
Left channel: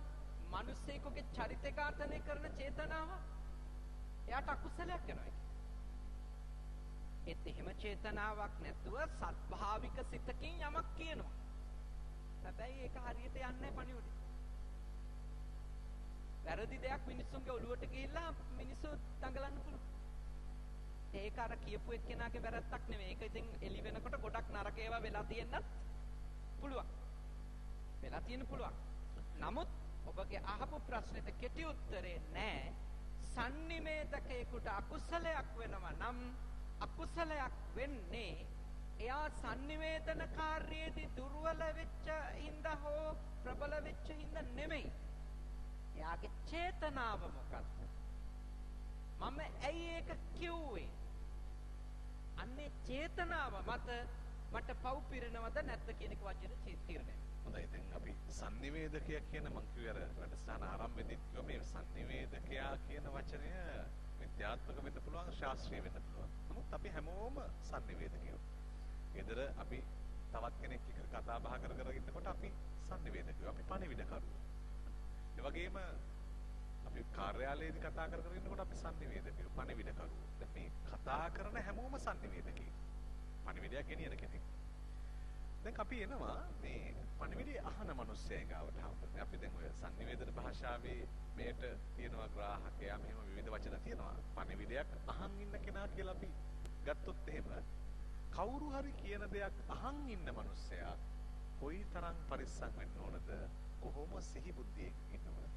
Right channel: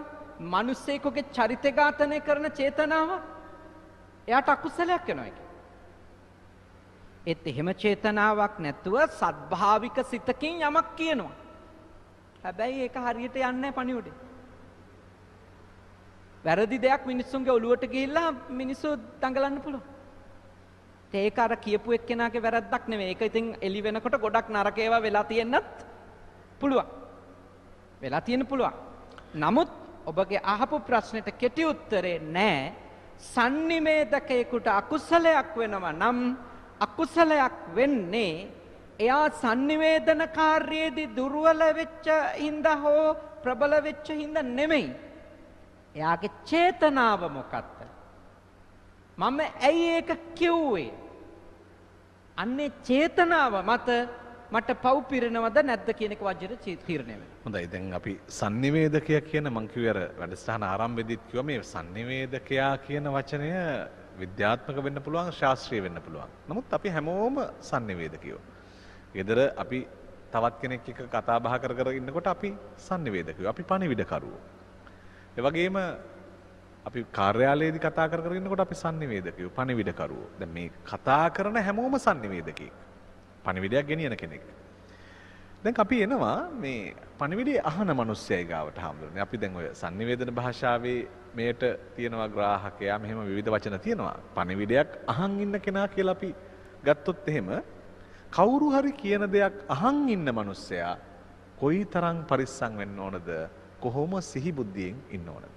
මිනිස්සෙකුගේ චරිත ඝාතනය කරන චේතනාව එයාට අකුසලයක් වෙනවා ඒක. ඒත් එහෙම චේතනාවක් නැතුව සත්භාවික සිතකින් යමක් කියනවා. හැබැයි ඒක හරියට යන්නේ නැහැ පණිවුඩේ. වැරදි දෙයක් මිනිස්සුන්ගේ ඔළුවට ගිහිල්ලා මිනිස්සු දඟලන්න පුළුවන්. ඒක අර කියපු එක්කෙනාගේ වැරද්දක් නෙවෙයි. ඒක ඉතින් එලි වෙනකොට ගොඩක් නරක ඒවා වෙලා තියෙන්නත් පුළුවන්. වෙලා තියෙන්න පුළුවන්. නමුත් ඔබගේ අහපු ප්‍රශ්නෙට කෙටි උත්තරේ නෑ. සන්නිවේදකයෙකුට අකුසලයක් වෙනවා නම් අකුසලයක් වෙන්නේ එයා සන්නිවේදන කාර්යයේදී දුර්වල වෙච්ච හින්දා හෝ ප්‍රබල වෙච්ච හින්දා නෙමෙයි. එයාගේ චේතනාව මොකක්ද? මම ඇයි ඒක කිව්වේ? අන්නේ චේතනාව මත මට පව් පිරෙනවද නැද්ද කියන එක වජිර තීරණය වෙනවා. හොඳයි දැන් අපි sannivedakaya කියන මං කිව්වේ අර වැඩසටහන ආරම්භයේදීත් කිව්වා මේ sannivedakaya කියන වචනය විද්‍යාත්මක වෙන්න පුළුවන් ශාස්ත්‍රීය වෙන්න පුළුවන්. නමුත් අපි හැමෝම sannivedakayෝ. ඊදර අපි තවත් කෙනෙක් එක්ක කතා බහ කර කර ඉන්නකොට අපි sannivedakayෝ. අපි පණිවිඩකරුවෝ. ඒ වගේම අපි කාර්යාලයේදී කතා කර කර ඉන්නකොට අපි sannivedakayෝ පණිවිඩකරුවෝ. දැන් මේ කතා කරන හැමෝම sannivedakයෙක්. පණිවිඩයක් ගෙනියන කෙනෙක්. දැන් අපි එනවා මේ පණිවිඩය අහන මිනිස්සයයි ගාවට හම්බුනේ. අපි දැන් ඔය sannivedana භාෂාවේ මේට තියෙනවා ග්‍රාහකයා මෙහෙම විවිධ වචන තියෙනවා. පණිවිඩයක් අහන් ඉන්න කෙනා කියලා අපි ගත්තොත් එහෙම කවුරු හරි කියන දෙයක් අහන් ඉන්න මිනිස්සයා කොයිතරම් පරිස්සම් වෙන්න ඕනද? කොහොම සිහි බුද්ධියෙන් ඉන්න ඕනද?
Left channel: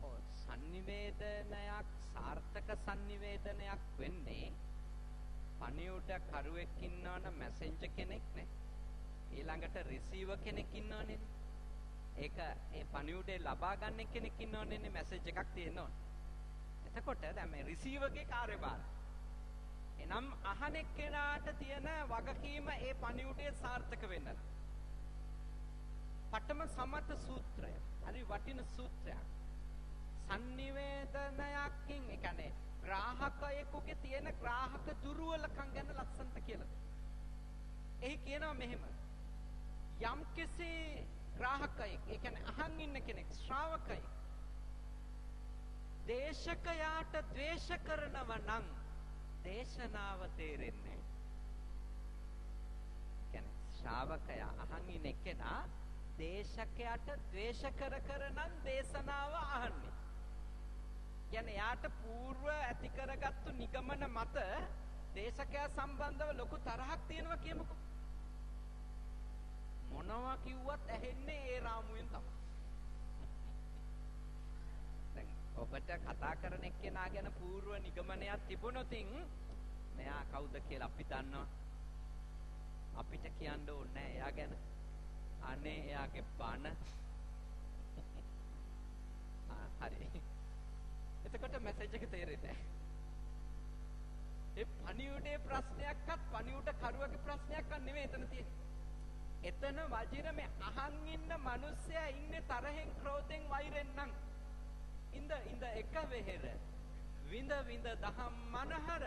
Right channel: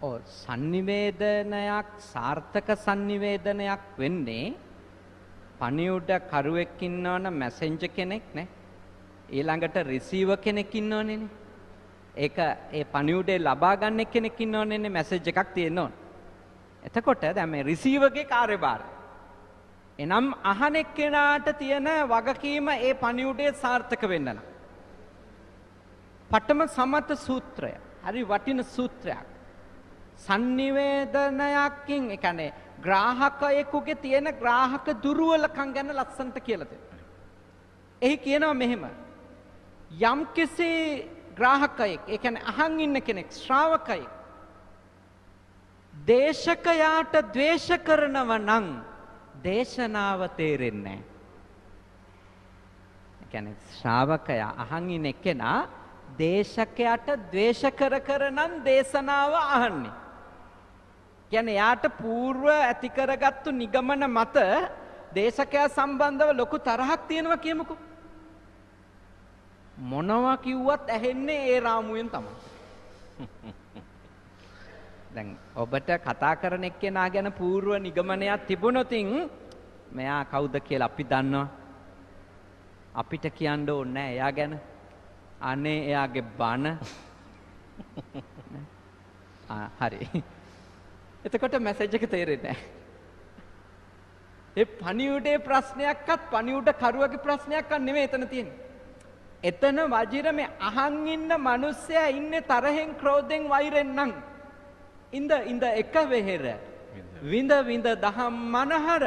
ඔව් sannivedanayak සාර්ථක sannivedanayak වෙන්නේ පණිවුඩ කරුවෙක් ඉන්නවනම් මැසෙන්ජර් කෙනෙක් නේ. ඊළඟට රිසීවර් කෙනෙක් ඉන්නවනේ නේ. ඒක ඒ පණිවුඩේ ලබා ගන්න කෙනෙක් ඉන්නවනේ නේ මැසේජ් එකක් තියෙන්න ඕන. එතකොට දැන් මේ රිසීවර්ගේ කාර්යභාරය. එනම් අහන එක්කෙනාට තියෙන වගකීම ඒ පණිවුඩේ සාර්ථක වෙන්න නම්. පඨම සමත සූත්‍රය. හරි වටින සූත්‍රයක්. sannivedanayakin ඒ කියන්නේ ග්‍රාහකයෙකුගේ තියෙන ග්‍රාහක දුර්වලකම් ගැන ලස්සනට කියලා දෙනවා. එහි කියනවා මෙහෙම. යම් කිසි ග්‍රාහකයෙක්, ඒ කියන්නේ අහන් ඉන්න කෙනෙක්, ශ්‍රාවකයෙක් දේශකයාට ද්වේෂ කරනව නම් දේශනාව තේරෙන්නේ නැහැ. ඒ කියන්නේ ශ්‍රාවකයා අහන් ඉන්න කෙනා දේශකයාට ද්වේෂ කර නම් දේශනාව අහන්නේ. කියන්නේ යාට పూర్ව ඇති කරගත්තු නිගමන මත දේශකයා සම්බන්ධව ලොකු තරහක් තියෙනවා කියමුකෝ. මොනවා කිව්වත් ඇහෙන්නේ ඒ රාමුවෙන් තමයි. දැන් ඔබට කතා කරන එක්කෙනා ගැන పూర్ව නිගමනයක් තිබුණොතින් මෙයා කවුද කියලා අපි දන්නවා. අපිට කියන්න ඕනේ නැහැ එයා ගැන. අනේ එයාගේ බන. හරි. එතකොට මැසේජ් එක තේරෙන්නේ නැහැ. ඒ පණිවුඩේ ප්‍රශ්නයක්වත් පණිවුඩ කරුවගේ ප්‍රශ්නයක්වත් නෙමෙයි එතන තියෙන්නේ. එතන වජිර මේ අහන් ඉන්න මිනිස්සයා ඉන්නේ තරහෙන් ක්‍රෝධෙන් වෛරෙන් නම් ඉඳ එක වෙහෙර විඳ දහම් මනහර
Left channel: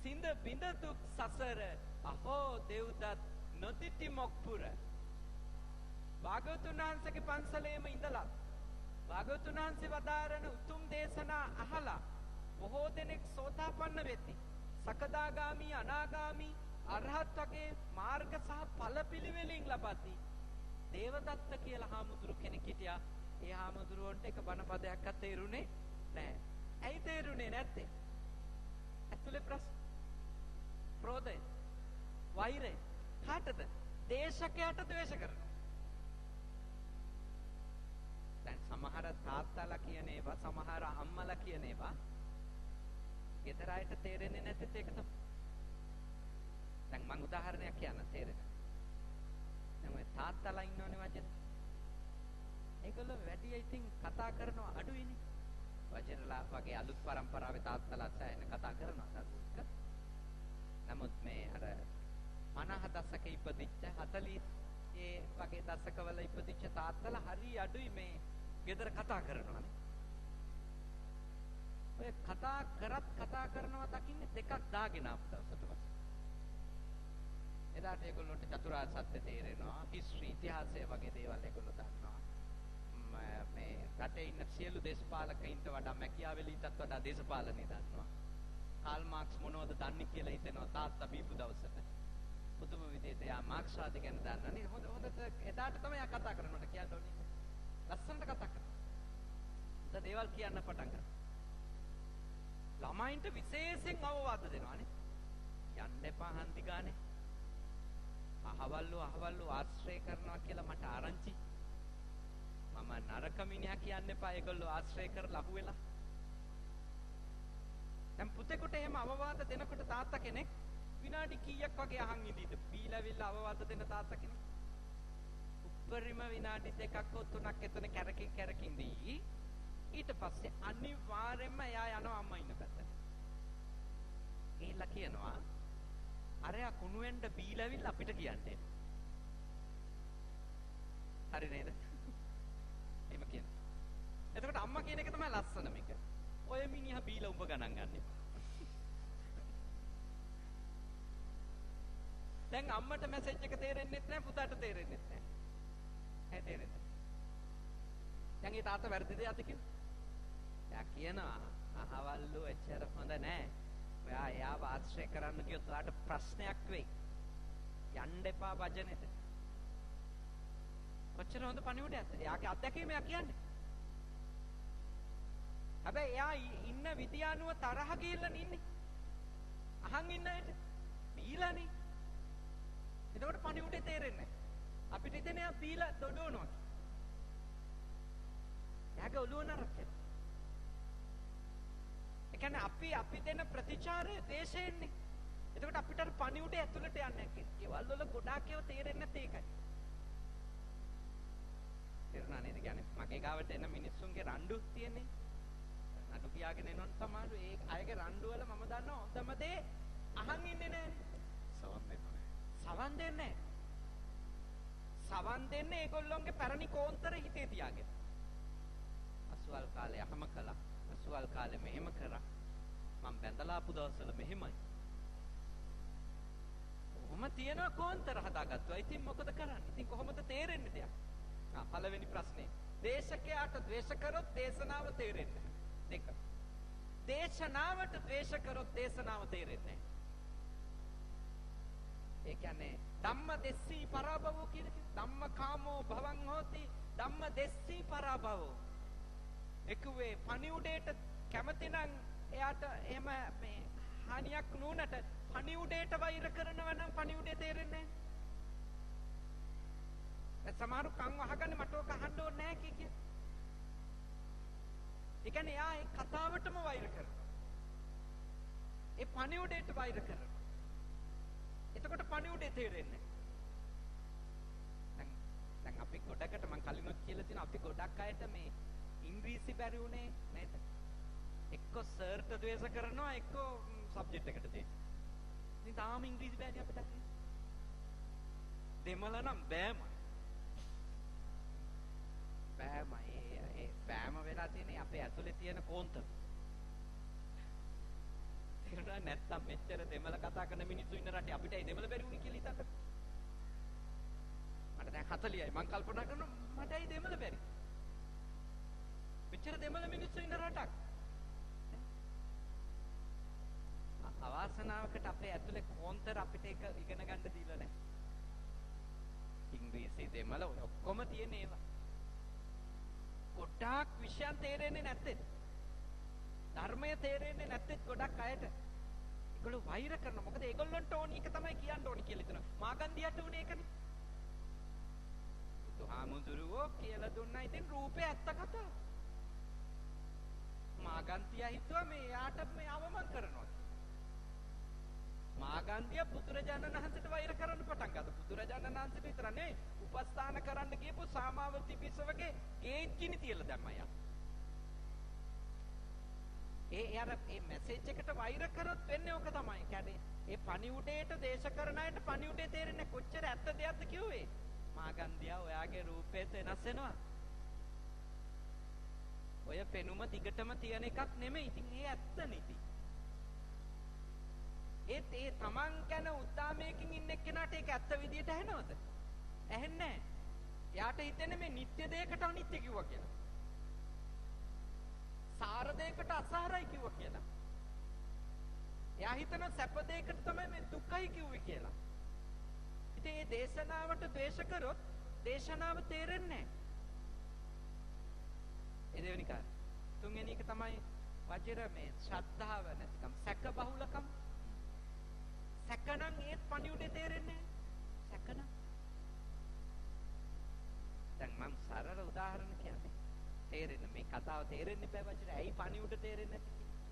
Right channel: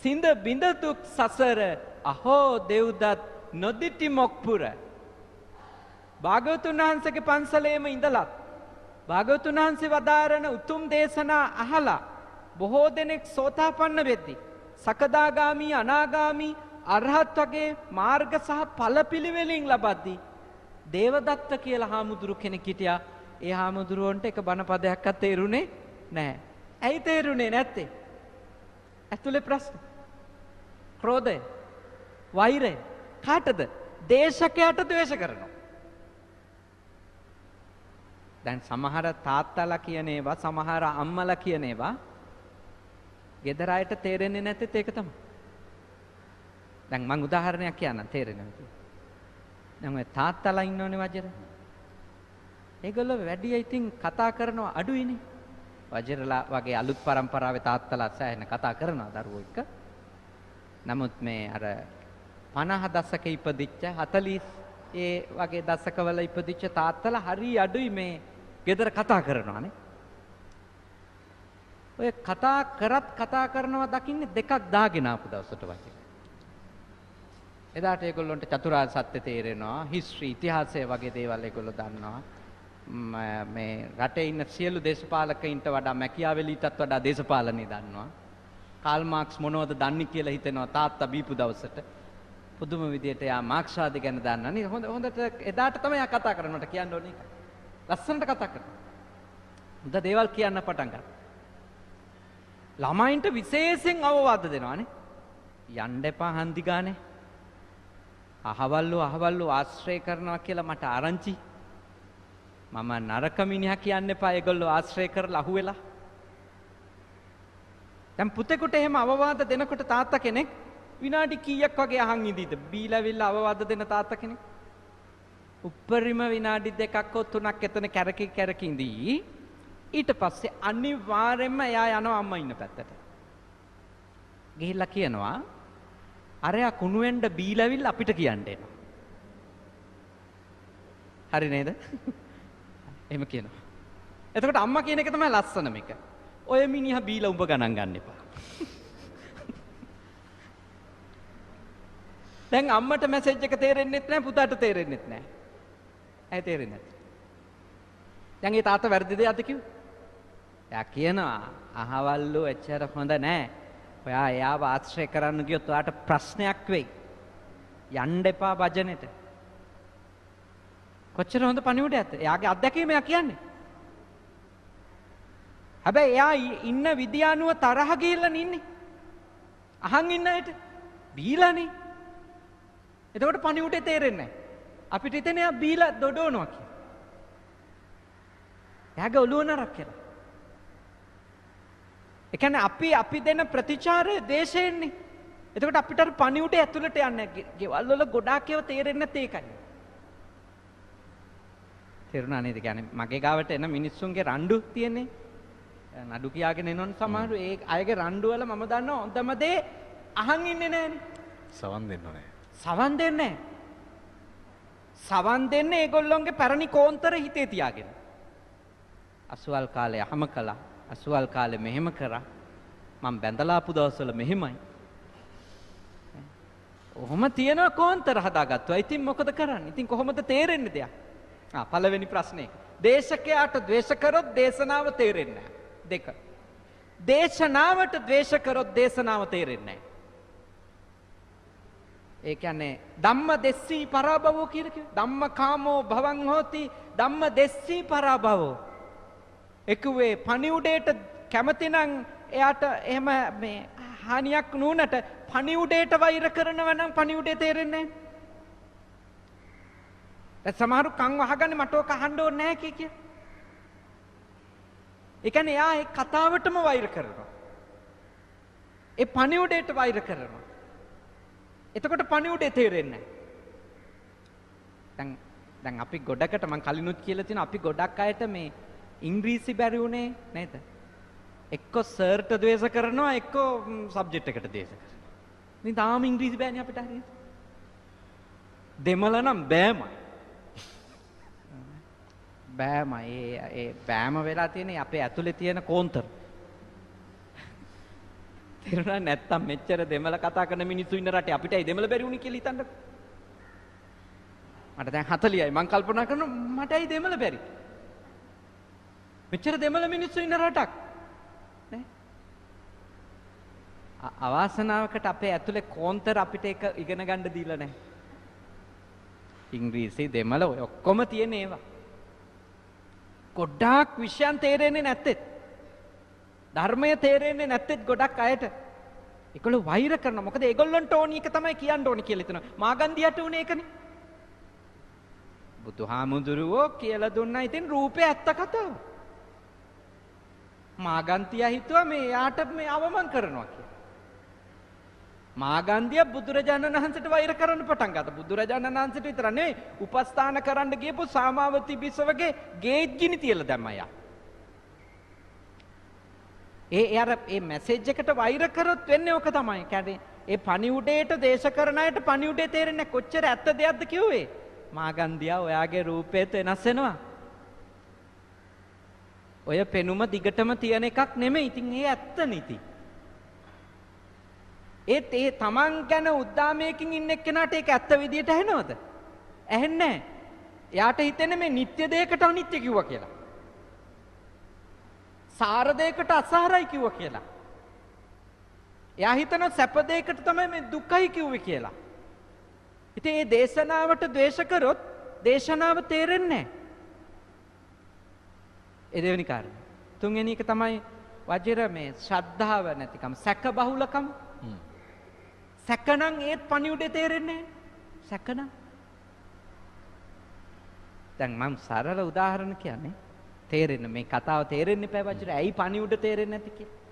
සිඳ බිඳ දුක් සසර අහෝ දෙව්දත් නොදිටි මොක්පුර. භාග්‍යවතුන් වහන්සේගේ පන්සලේම ඉඳලා භාග්‍යවතුන් වහන්සේ වදාරන උතුම් දේශනා අහලා බොහෝ දෙනෙක් සෝතාපන්න වෙද්දී සකදාගාමි අනාගාමි අරහත් වගේ මාර්ග සහ ඵල පිළිවෙලින් ලබද්දී දේවදත්ත කියලා හාමුදුරු කෙනෙක් හිටියා. ඒ හාමුදුරුවන්ට එක බණ පදයක්වත් තේරුනේ නැහැ. ඇයි තේරුනේ නැත්තේ? ඇතුලේ ප්‍රශ්න. ක්‍රෝධය, වෛරය කාටද? දේශකයාට ද්වේෂ කරනවා. දැන් සමහර තාත්තලා කියන ඒවා, සමහර අම්මලා කියන ඒවා ගෙදර අයට තේරෙන්නේ නැත්තේ ඒක තමයි. දැන් මම උදාහරණයක් කියන්නම් තේරෙන්නේ නැති. දැන් ඔය තාත්තලා ඉන්නෝනේ වජිර. ඒගොල්ලෝ වැඩි ඉතින් කතා කරනවා අඩුයිනේ. වජිරලා වගේ අලුත් පරම්පරාවේ තාත්තලා සෑහෙන කතා කරනවා දරුවෝ එක්ක. නමුත් මේ අර 50 දශක ඉපදිච්ච 40 ඒ වගේ දශකවල ඉපදිච්ච තාත්තලා හරි අඩුයි මේ ගෙදර කතා කරනවානේ. ඔය කතා කරනවා දකින්නේ දෙකක් දාගෙන ආපු දවසට වගේ. එදාට ඒගොල්ලන්ට චතුරාර්ය සත්‍ය තේරෙනවා, හිස්ටරි ඉතිහාසය වගේ දේවල් ඒගොල්ලෝ දන්නවා. මේ රටේ ඉන්න සියලු දේශපාලකයින්ට වඩා මැකියාවෙලිටත් වඩා දේශපාලනේ දන්නවා. කාල් මාක්ස් මොනවද දන්නේ කියලා හිතෙනවා තාත්තා බීපු දවසට. පුදුම විදියට යා මාක්ස්වාදී ගැන දන්නා නේ. හොඳට එදාට තමයි යා කතා කරනවට කියන්න ඕනේ ඒක. ලස්සනට කතා කරනවා. හොඳ දේවල් කියන්න පටන් ගන්නවා. ළමයින්ට විශේෂයෙන් අවවාද දෙනවානේ. යන්න එපා හන්දි ගානේ. අහවල්ලු ආශ්‍රය කරනවා කියලා මට ආරංචි. මම නරක මිනිහා කියන්න එපා ඒගොල්ලෝ ආශ්‍රය කරලා අහුවෙලා. දැන් පුතෙකුට එහෙම අවවාද දෙනකොට තාත්තා කෙනෙක් විනාඩි කීයක් වගේ අහන් ඉඳීද? බීලාවිල්ලා අවවාද දෙන තාත්තා කෙනෙක්. උප්පරිම විනාඩි 2ක් හෝ 3ක් එතන කැරකි ඉඳී. ඊට පස්සේ අනිවාර්යයෙන්ම එයා යනවා අම්මා ඉන්න පැත්තට. ගිහිල්ලා කියනවා අරයා කුණු වෙන්න බීලාවිල්ලා අපිට කියන්න එනවා. හරි නේද? එහෙම කියනවා. එතකොට අම්මා කියන එක තමයි ලස්සන මේක. ඔය මිනිහා බීලා උඹ ගණන් ගන්න එපා. දැන් අම්මට මැසේජ් එක තේරෙන්නෙත් නැහැ පුතාට තේරෙන්නෙත් නැහැ. ඇයි තේරෙන්නේ නැත්තේ? දැන් ඒ තාත්තා වැරදි දෙයක්ද කිව්වේ? එයා කියනවා අහවල්ලු එච්චර හොඳ නැහැ. ඔයා එයාව ආශ්‍රය කරන්න ගියොත් ඔයාට ප්‍රශ්නයක් වෙයි. යන්න එපා භජනෙට. කොච්චර හොඳ පණිවිඩයක්ද? එයාගේ අත්දැකීම එයා කියන්නේ. හැබැයි එයා ඉන්න විදිය අනුව තරහ ගිහිල්ලා ඉන්නේ. අහන් ඉන්න ඇයිට බීලානේ. එතකොට පණිවිඩේ තේරෙන්නේ නැහැ. අපිට හිතෙන්නේ එයා බීලා දොඩවනවා කියලා. එයාගේ ඔළුව නරක් කියලා. ඒ කියන්නේ අපි දෙන ප්‍රතිචාරය දේශයෙන්නේ. එතකොට අපිට අර පණිවිඩේ ඇතුළට යන්නේ නැහැ. ගෙවල් වල ගොඩාක් ඒවා තේරෙන්නේ නැත්තේ ඒකයි. තේරුණා නේද? කියන්නේ මගේ ගාවට එන මිනිස්සුන්ගේ රණ්ඩු තියෙන්නේ. නඩු කියාගෙන එනවන සමහරු ඒ අයගේ රණ්ඩු වල මම දන්නවා හොඳම දේ අහන් ඉන්නේ නැහනේ. සවන් දෙන්න ඕනේ. සවන් දෙන්නේ නැහැ. සවන් දෙන්නේ ඒගොල්ලොන්ගේ පැරණි කෝන්තර හිතේ තියාගෙන. අසුවල් කාලේ අහම කළා. අසුවල් කාලේ මෙහෙම කරා. මම බැඳලා ආපු දවස්වල මෙහෙමයි. ඔහොම තියෙන කෝන්තර හදාගත්තා. ඉතින් මොකද කරන්නේ? ඉතින් කොහොමද තේරෙන්නේ දෙයක්? පළවෙනි ප්‍රශ්නේ. දේශකයාට ද්වේෂ කරොත් දේශනාව තේරෙන්නේ නැහැ. 2. දේශනාවට ද්වේෂ කරොත් දේශනාව තේරෙන්නේ නැහැ. ඒ කියන්නේ ධම්ම දෙස්සී පරාභවෝ කියලා කිව්වේ. ධම්ම කාමෝ භවං හෝති ධම්ම දෙස්සී පරාභවෝ. එකුවේ පණිවුඩේට කැමති නම් එයාට එහෙම මේ හානියක් නුනට පණිවුඩේට වෛර කරනවා නම් පණිවුඩේ තේරෙන්නේ නැහැ. දැන් සමහරු කන් වහගන්නේ මට ඔක අහන්න ඕනේ නැහැ කිය. ඒ කියන්නේ එයා ඒ කතාවටම වෛර කරනවා. ඒ පණිවුඩේට වෛර කරනවා. එතකොට පණිවුඩේ තේරෙන්නේ නැහැ. දැන් අපි ගොඩකට මම කලිනුත් කියලා තියෙනවා අපි ගොඩක් අයට මේ ඉංග්‍රීසි බැරි උනේ නේද? එක්ක සර්ට ද්වේෂ කරනවා එක්ක සබ්ජෙක්ට් එකට ද්වේෂ කරනවා. ඉතින් තාම ඉංග්‍රීසි බෑනේ අපිට හරියට. දෙමළ නම් බෑමයි. බෑමයි ඒ බෑම වෙලා තියෙන්නේ අපේ ඇතුලේ තියෙන කෝන්තර. තේරුණා නැත්තම් මෙච්චර දෙමළ කතා කරන මිනිස්සු ඉන්න රටේ අපිට ඒ දෙමළ බැරි වුණේ කියලා හිතන්නකෝ. මට දැන් 40යි මම කල්පනා කරනවා මට ඒ දෙමළ බැරි. මෙච්චර දෙමළ මිනිස්සු ඉන්න රටක් නේ. අවාසනාවකට අපේ ඇතුලේ කෝන්තර අපිට ඒක ඉගෙන ගන්න දීලා නැහැ. ඉංග්‍රීසි දෙමළ ඔය ඔක්කොම තියෙන ඒවා. ගොඩාක් විෂයන් තේරෙන්නේ නැත්තේ. ධර්මය තේරෙන්නේ නැත්තේ ගොඩක් අයට. ඒගොල්ලෝ වෛර කරනවා. මොකද ඒගොල්ලන්ට ඕනි එක තමයි කියන්න ඕනි කියලා හිතනවා. මාගන්දියට උනේ ඒකනේ. බුදුහාමුදුරුවෝ කියලා දුන්නා ඉතින් රූපේ ඇත්ත කතාව. මාගන්තියා හිතුවා මේ යාට මේ අවමන් කරනවා කියලා. මාගන්දිය බුදුරජාණන් වහන්සේට වෛර කරන්න පටන් ගත්තා. බුදුරජාණන් වහන්සේට විතර නෙවෙයි උපස්ථාන කරන්න ගියපු සාමාවති බිසවගේ ගේට් ගිනි තියලා දැම්මා යා. ඒ මැසේජ් එකට වෛර කරොත් වෙන්නේ ඕක තමයි. කියන්නේ ඒ පණිවුඩේට දේශ කරන අයට පණිවුඩේ තේරෙන්නේ කොච්චර ඇත්ත දෙයක්ද කිව්වේ. මාගන්දියා ඔයාගේ රූපේත් වෙනස් වෙනවා. ඔය පෙනුම දිගටම තියෙන එකක් නෙමෙයි. ඉතින් ඒ ඇත්ත නිති. ඒත් ඒ තමන් ගැන උද්දාමයකින් ඉන්න එක්කෙනාට ඒක ඇත්ත විදියට ඇහෙනවද? ඇහෙන්නේ නැහැ. එයාට හිතෙන්නේ මේ නිත්‍ය දෙයකට අනිත්‍ය කිව්වා කියලා. සාර දෙයකට අසාරයි කිව්වා කියලා. එයා හිතනවා සැප දෙයකට තමයි මේ දුකයි කිව්වේ කියලා. ඉතින් මේ දේශනාවට ද්වේෂ කරොත් දේශනාව තේරෙන්නේ නැහැ. ඒ දෙවෙනි කාරණා. තුන්වෙනි එක තමයි වජිර මේ ශ්‍රද්ධාව නැතිකම, සැක බහුලකම. සැකනම් ඒත් පණිවිඩේ තේරෙන්නේ නැහැ. සැකනම්. දැන් මම සරල උදාහරණ කියන්නේ තේරෙන්න මේ කතාව තේරෙන්නේ නැහැ වජිර. ඇයි පණිවිඩ තේරෙන්නේ නැති කියලා?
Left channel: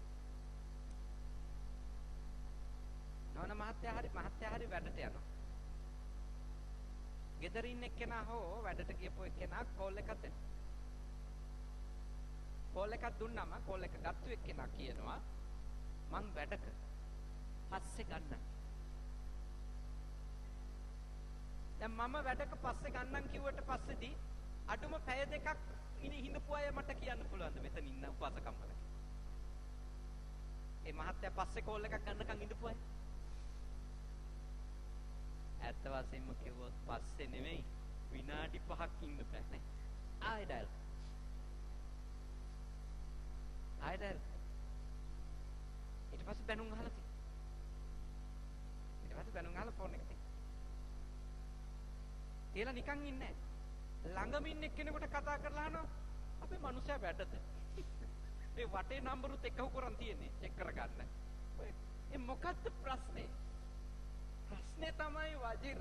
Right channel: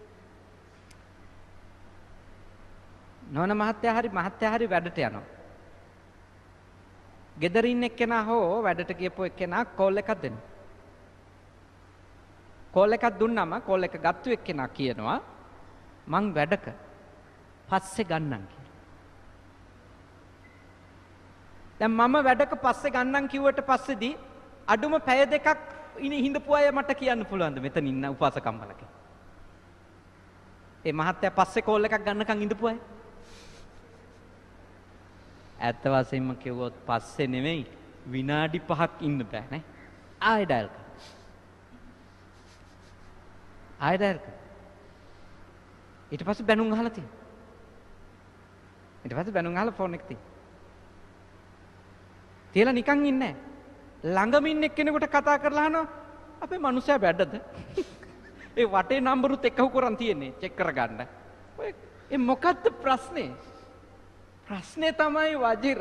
නෝන මහත්තයා හරි වැඩට යනවා. ගෙදර ඉන්න එක්කෙනා හෝ වැඩට ගියපු එක්කෙනා කෝල් එකක් දෙනවා. කෝල් එකක් දුන්නම කෝල් එක ගත්තු එක්කෙනා කියනවා මං වැඩක පස්සේ ගන්නම් කියලා. දැන් මම වැඩක පස්සේ ගන්නම් කිව්වට පස්සේදී අඩුම පැය දෙකක් හිඳපු අය මට කියන්න පුළුවන්ද මෙතන ඉන්න උපාසකම්මලගේ? ඒ මහත්තයා පස්සේ කෝල් එකක් ගන්නකම් ඉඳපු අය? ඇත්ත වශයෙන්ම කිව්වොත් පස්සේ නෙමෙයි විනාඩි 5ක් ඉන්න බෑ නේ. ආයෙ ඩයල් කරා. ආයෙ ඩයල් කරා. ඊට පස්සේ බැනුම් අහලා තියෙනවා. ඊට පස්සේ බැනුම් අහලා ෆෝන් එක තියෙනවා. තියලා නිකන් ඉන්නේ නැහැ. ළඟම ඉන්න එක්කෙනෙකුට කතා කරලා අහනවා අපේ මනුස්සයා බැඩද? ඒ වටේ නම්බරුත් එක්කව කරන් තියෙන්නේ චෙක් කරගන්න. ඔය ඒ මොකද්ද ප්‍රශ්නේ? ප්‍රශ්නේ තමයි වජිර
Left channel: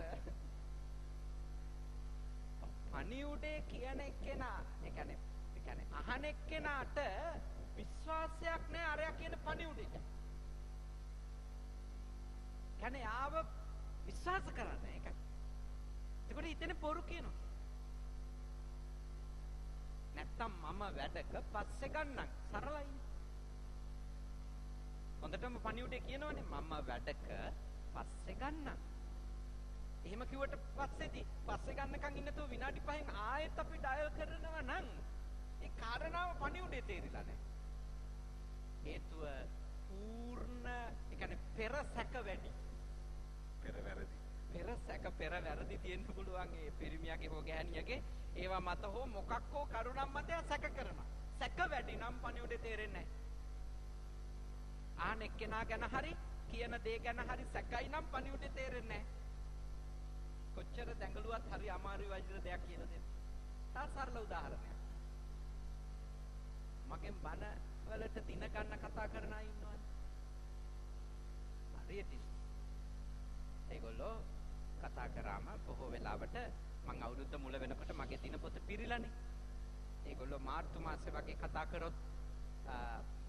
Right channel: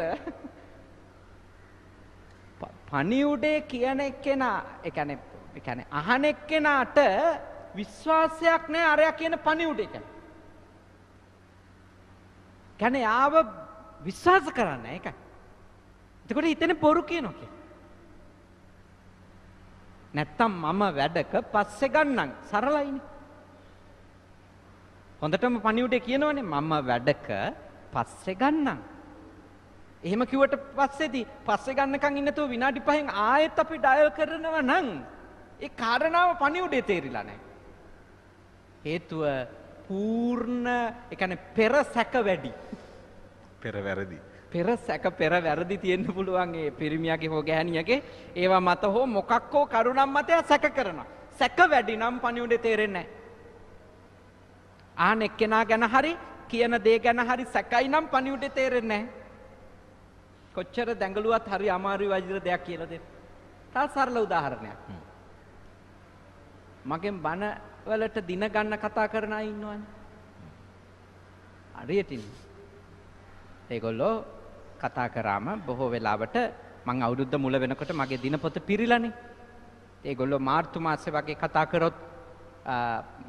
පණිවුඩේ කියන එක්කෙනා ඒ කියන්නේ අහන එක්කෙනාට විශ්වාසයක් නැහැ අරයා කියන පණිවුඩේ ගැන. කියන්නේ ආව විශ්වාස කරන්නේ ඒකයි. එතකොට හිතන්නේ බොරු කියනවා කියලා. නැත්තම් මම වැඩක පස්සේ ගන්නම් සරලයිනේ. හොඳටම පණිවුඩේ කියනවනේ මම වැඩක පස්සේ ගන්නම්. එහෙම කිව්වට පස්සේදී පස්සේ ගන්නකම් ඉන්නතෝ විනාඩි 5න් ආයෙත් අපි ඩයල් කරනවා නම් ඒ කාරණාව පණිවුඩේ තේරිලා නැහැ. හේතුව පූර්ණ ඒ කියන්නේ පෙර සැක වැඩි. පෙර වැරදි. පෙර සැක පෙර වැරදි තියෙන්න පුළුවන් ඒ පිරිමියාගේ හෝ ගැහණියගේ ඒවා මත හෝ මොකක් හෝ කරුණම් මත සැක කරනවා. සැක වැඩි නම් පණිවුඩේ තේරෙන්නේ නැහැ. ආන එක්කෙනා ගැන හරි කියන දේ ගැන හරි සැකයි නම් පණිවුඩේ තේරෙන්නේ නැහැ. කොච්චර දැඟලුවත් හරි අමාරුයි වජිර දෙයක් කියලා දෙන්න. තව සරල උදාහරණයක්. මගෙන් බණ වලට දින ගන්න කතා කරන අය ඉන්නවනේ. හරියට ඉන්නේ. ඒගොල්ලෝ කතා කරාම බොහෝ වෙලාවට මං අවුරුද්ද මුල වෙනකොට මගේ දිනපොත පිරිලානේ. ඒගොල්ලෝ මාර්තු මාසේ වගේ කතා කරොත්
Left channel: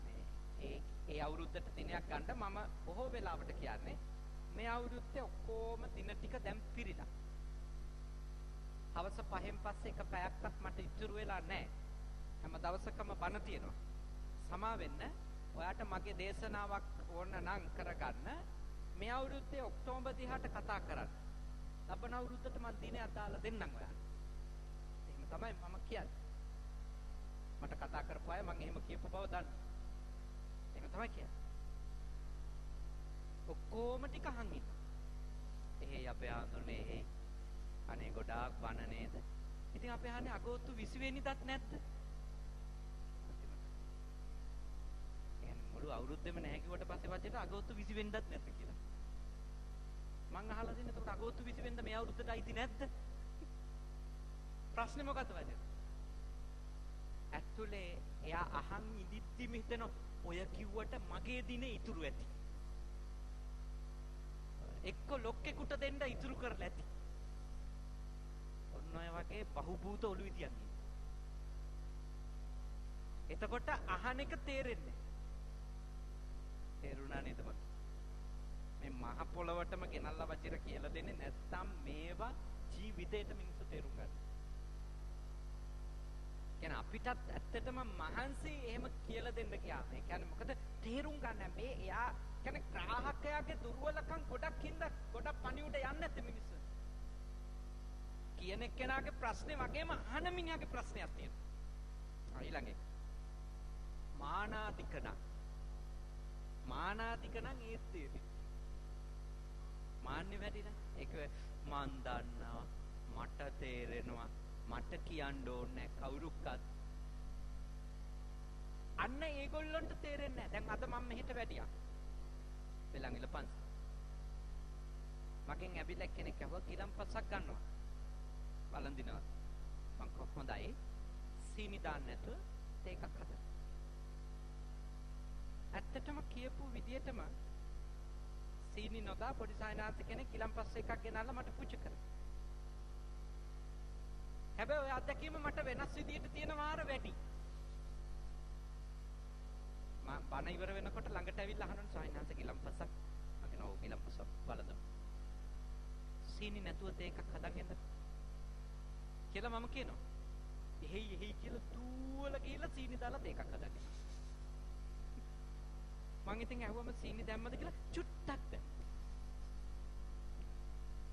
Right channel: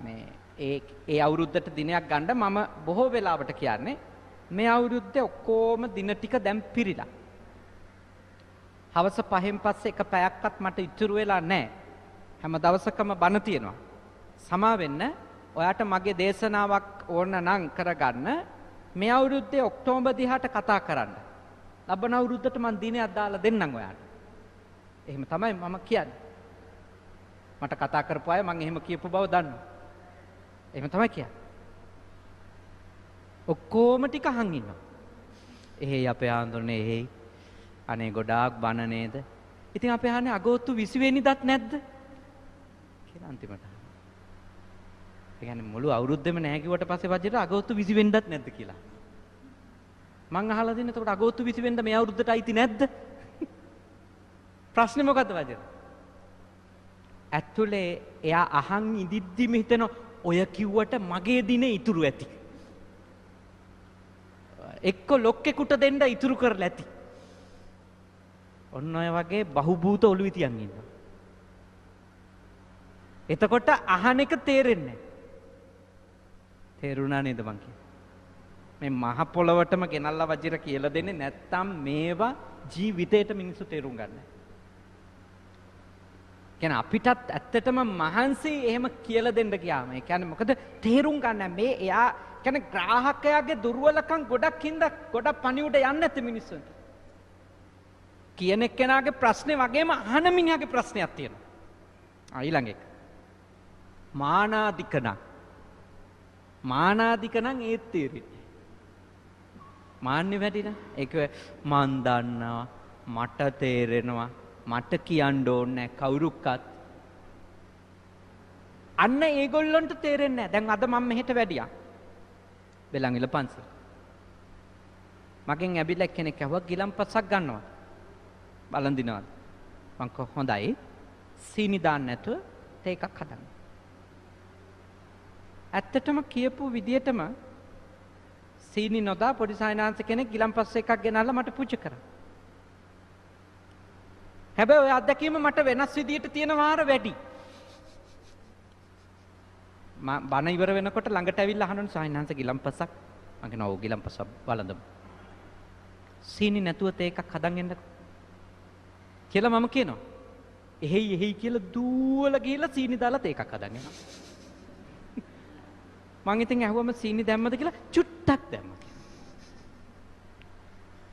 මේ ඒ අවුරුද්දට දිනයක් ගන්න මම බොහෝ වෙලාවට කියන්නේ මේ අවුරුද්දේ ඔක්කොම දින ටික දැන් පිරිලා. හවස 5න් පස්සේ එක පැයක්වත් මට ඉතුරු වෙලා නැහැ. හැම දවසකම බණ තියෙනවා. සමා වෙන්න ඔයාට මගේ දේශනාවක් ඕන නම් කරගන්න මේ අවුරුද්දේ ඔක්තෝබර් 10ට කතා කරන්න. ලබන අවුරුද්දට මම දිනයක් දාලා දෙන්නම් ඔයාට. එහෙම තමයි මම කියන්නේ. මට කතා කරපු අය මම එහෙම කියපු බව දන්නවා. එහෙම තමයි කියන්නේ. ඔක්කොම ටික අහන් ඉන්නවා. එහෙයි අපේ ආන්දරනේ එහෙයි. අනේ ගොඩාක් බන නේද? ඉතින් අපේ අහන්නේ අගෝස්තු 20 වෙනිදාත් නැද්ද? කියලා අන්තිමට. ඒ කියන්නේ මුළු අවුරුද්දෙම නැහැ කිව්වට පස්සේ වජිර අගෝස්තු 20 වෙනිදාත් නැද්ද කියලා. මං අහලා දෙන්නේ එතකොට අගෝස්තු 20 වෙනිදා මේ අවුරුද්දට අයිති නැද්ද? ප්‍රශ්නේ මොකද්ද වජිර? ඇතුලේ එයා අහන් ඉදිද්දිම හිතන ඔය කිව්වට මගේ දිනේ ඉතුරු ඇති. එක්ක ලොක්කෙකුට දෙන්න ඉතුරු කරලා ඇති. ඔන්න ඔය වගේ බහුබූත ඔළුවේ තියන් ඉන්නවා. එතකොට අහන එක තේරෙන්නේ නැහැ. තේරුණා නේද මං කියන්නේ? මේ මහ පොළවටම ගෙනල්ලා වජිර කියලා දෙන්නේ නැත්තම් මේවා ජීවිතේට මිනිස්සු තේරුම් ගන්න නැහැ. කියන්නේ අපිටත් ඇත්තටම මහන්සි එහෙම කියලා දෙන්න ගියාම ඒ කියන්නේ මොකද තේරුම් ගන්න මේ එයා කියන්නේ ග්‍රාහකයාගේ දුර්වලකම් ගොඩක් හින්දා ගොඩක් පණිවුඩ යන්නේ නැති මිනිස්සුන්ට. කියන එක්කෙනාගේ ප්‍රශ්නේ වගේම අහන මිනිහාගේ ප්‍රශ්නයක් තියෙනවා. ඊළඟ එක. මානාදිකන ඒත් තේරෙන්නේ. මාන්නේ වැඩිලා. ඒක මන් දන්නවා, මට තේරෙනවා, මට කියන්න ඕනේ කවුරුක්වත්. අන්න ඒගොල්ලන්ට තේරෙන්නේ නැහැ. දැන් අද මම මෙහෙට වැඩියා. බෙලන්විල පන්සල. මගෙන් ඇවිල්ලා කෙනෙක් ඇහුවා ගිලම්පසක් ගන්නවා. බලන් දිනවද? මං හොඳයි. සීනි දාන්න නැතුව තේ එකක් හදන්න. ඇත්තටම කියපු විදියටම සීනි නොදා පොඩි සායනාංශ කෙනෙක් ගිලම්පස් එකක් ගෙනල්ලා මට පුජ කරා. හැබැයි ඔය අත්දැකීම මට වෙනස් විදියට තියෙන වාර වැඩි. මම බණ ඉවර වෙනකොට ළඟට ඇවිල්ලා අහනවා සායනාංශ ගිලම්පසක්. මම කියනවා ඔව් ගිලම්පසක් බලඳමු. සීනි නැතුව තේ එකක් හදන් එන්නකෝ. කියලා මම කියනවා. එහෙයි කියලා දුවලා ගිහලා සීනි දාලා තේ එකක් හදන් එනවා. මං ඉතින් ඇහුවම සීනි දැම්මද කියලා චුට්ටක් දැම්මා.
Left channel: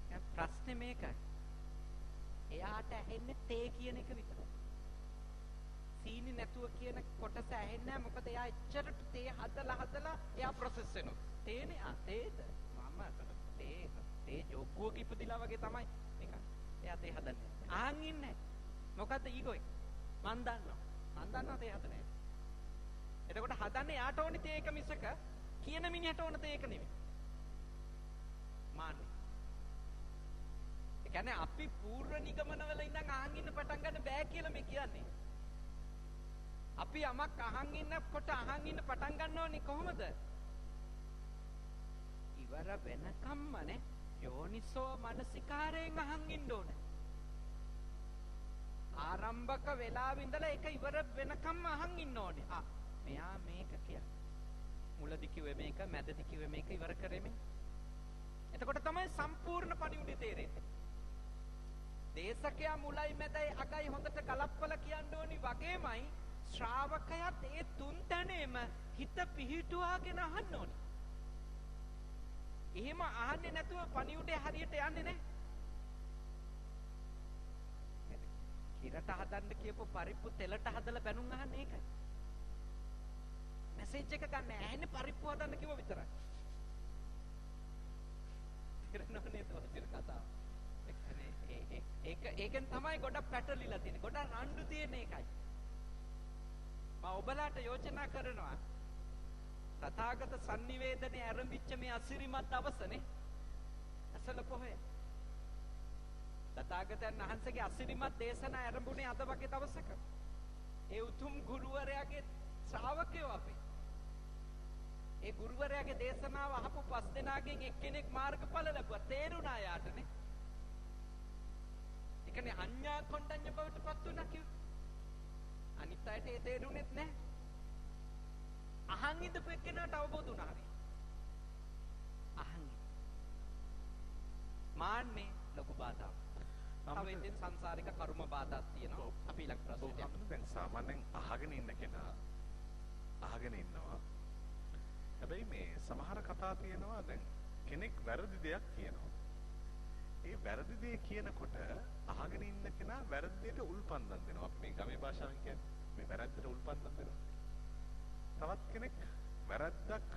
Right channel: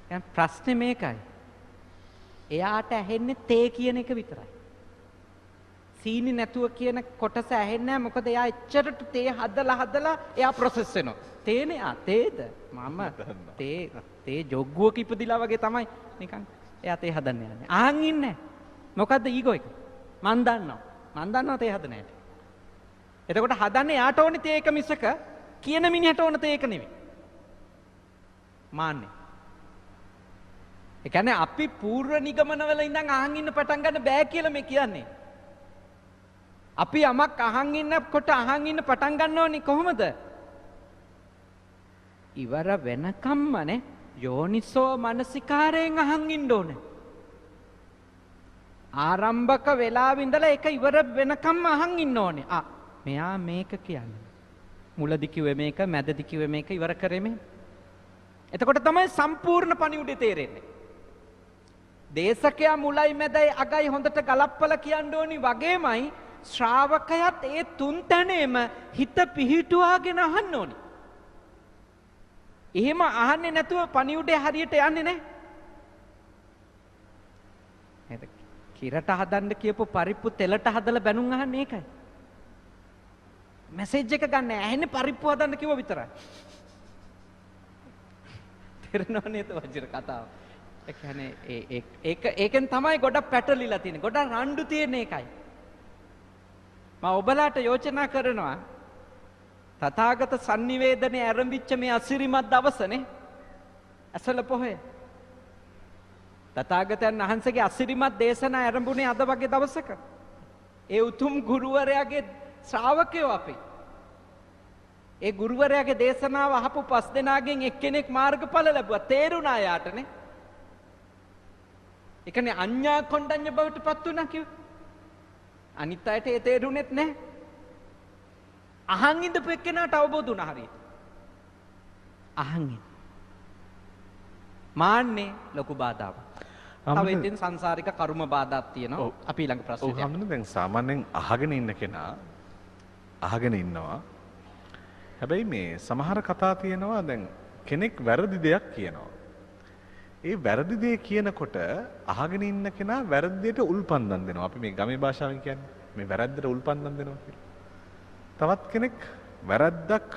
දැන් ප්‍රශ්නේ මේකයි. එයාට ඇහෙන්නේ තේ කියන එක විතරයි. සීනි නැතුව කියන කොටස ඇහෙන්නේ නැහැ. මොකද එයා එච්චරට තේ හදලා එයා ප්‍රොසෙස් වෙනවා. තේනේ තේද? මම තේ ජොග්ගුවක ඉපදිලා වගේ තමයි නිකන් එයා තේ හදන්න යන්නේ. අහන් ඉන්නේ. මොකද්ද ඊගෝ එක? මන් දන්නවා තේ හදන හැටි. එතකොට හදන්නේ යාට ඕනේ තේ එක මිසක කියන මිනිහට ඕන තේ එක නෙවෙයි. මාන්නේ. ඒ කියන්නේ අපි පූර්ව නිගමනවල ඉඳන් අහන් ඉන්න පටන් ගන්න බෑ කියලා මේ කියන්නේ. අපි යමක් අහන් ඉන්නකොට අහන් ඉන්න පටන් ගන්න ඕනේ කොහොමද? ඉවර වෙනකම්ම නේ යෝනිසෝ මනසිකාරයෙන් අහන් ඉන්න ඕනේ. ආරම්භක වෙලාවෙ ඉඳලා ඒක ඉවර වෙනකම්ම අහන් ඉන්න ඕනේ. මෙයා මේක කියන්නේ. මුලදි කිව්වේ මේක, මැදදි කිව්වේ මේක, ඉවර කරේ මේ. එතකොට තමයි සම්පූර්ණ පණිවුඩේ තේරෙන්නේ. දේශකයා මුලයි මැදයි අගයි හොඳට ගලප්පලා කියන්න ඕනි වගේමයි ශ්‍රාවකයාත් ඒ තුන් තැනේම හිත පිහිටුවාගෙන අහන්න ඕනි. එහෙම අහන්නේ නැතුව පණිවුඩේ හරියට යන්නේ නැහැ. කිරට හදන්න කියපු පරිප්පු තෙලට හදලා බැනුම් අහන්නේ ඒකයි. මැසේජ් එක ගන්න ඇහෙන්නේ පරිප්පු හදන්න කිව්ව විතරයි. තේරෙනව නේද වජිර කතාව? ඒ කියන්නේ ඒකෙන් තමයි ගොඩක් පැටලිලා තියෙන්නේ. ගොඩක් රණ්ඩු තියෙන එකයි. මම ඔබලාට යෝජනා කරනවා තථාගත sannivedanaye ආරම්භිච්ච මේ අසිරිමත් දවසනේ අසල පොහොය. තථාගතයන් වහන්සේගේ අසිරිමත් දේශනා ආරම්භුනේ අද වගේ දවසක. ඒ උතුම් ගුරුවරයාගේ ශ්‍රාවකයෝ අපි. ඒ ගුරුවරයාගේ දේශනාව අහපු 5 දෙනාගෙන් එක්කෙනෙක් මාර්ගඵල ලැබුවා. තේරුණා යාටනේ. ඒ කියන්නේ අඤ්ඤා කොණ්ඩඤ්ඤ බවට පත් වුණා කිව්වේ. අනිත් අයට ඒ තේරුණෙත් නැහැ. අහන් ඉඳපු එක්කෙනාට අවබෝධ වුණා හරියට. අහන් ඉන්න. මාන්නේ ලොකු බාධාවක්. තව ඉතින් සංසාරික කර්ම බාධාක් තියෙනවා. අපි ඊළඟ ප්‍රශ්නෙට යමු. ඔව් දැන් සාමාන්‍යයෙන් අහගෙන ඉන්න කෙනා අහගෙන ඉන්නවා. හැබැයි මේ සමහර කතා තියෙනවා දැන් කෙනෙක් වැරදි දෙයක් කියනවා. ඒ වැරදි දේ කියනකොට අහගෙන ඉන්න කෙනා වැරදි දෙයට උල්පන්දම් දෙනවා. අපි මේ ගමේ භාෂාවෙන් කියන්නේ මේ වැරද්දට උල්පන්දම් දෙනවා කියලා. තවත් කෙනෙක් වැරද්දක්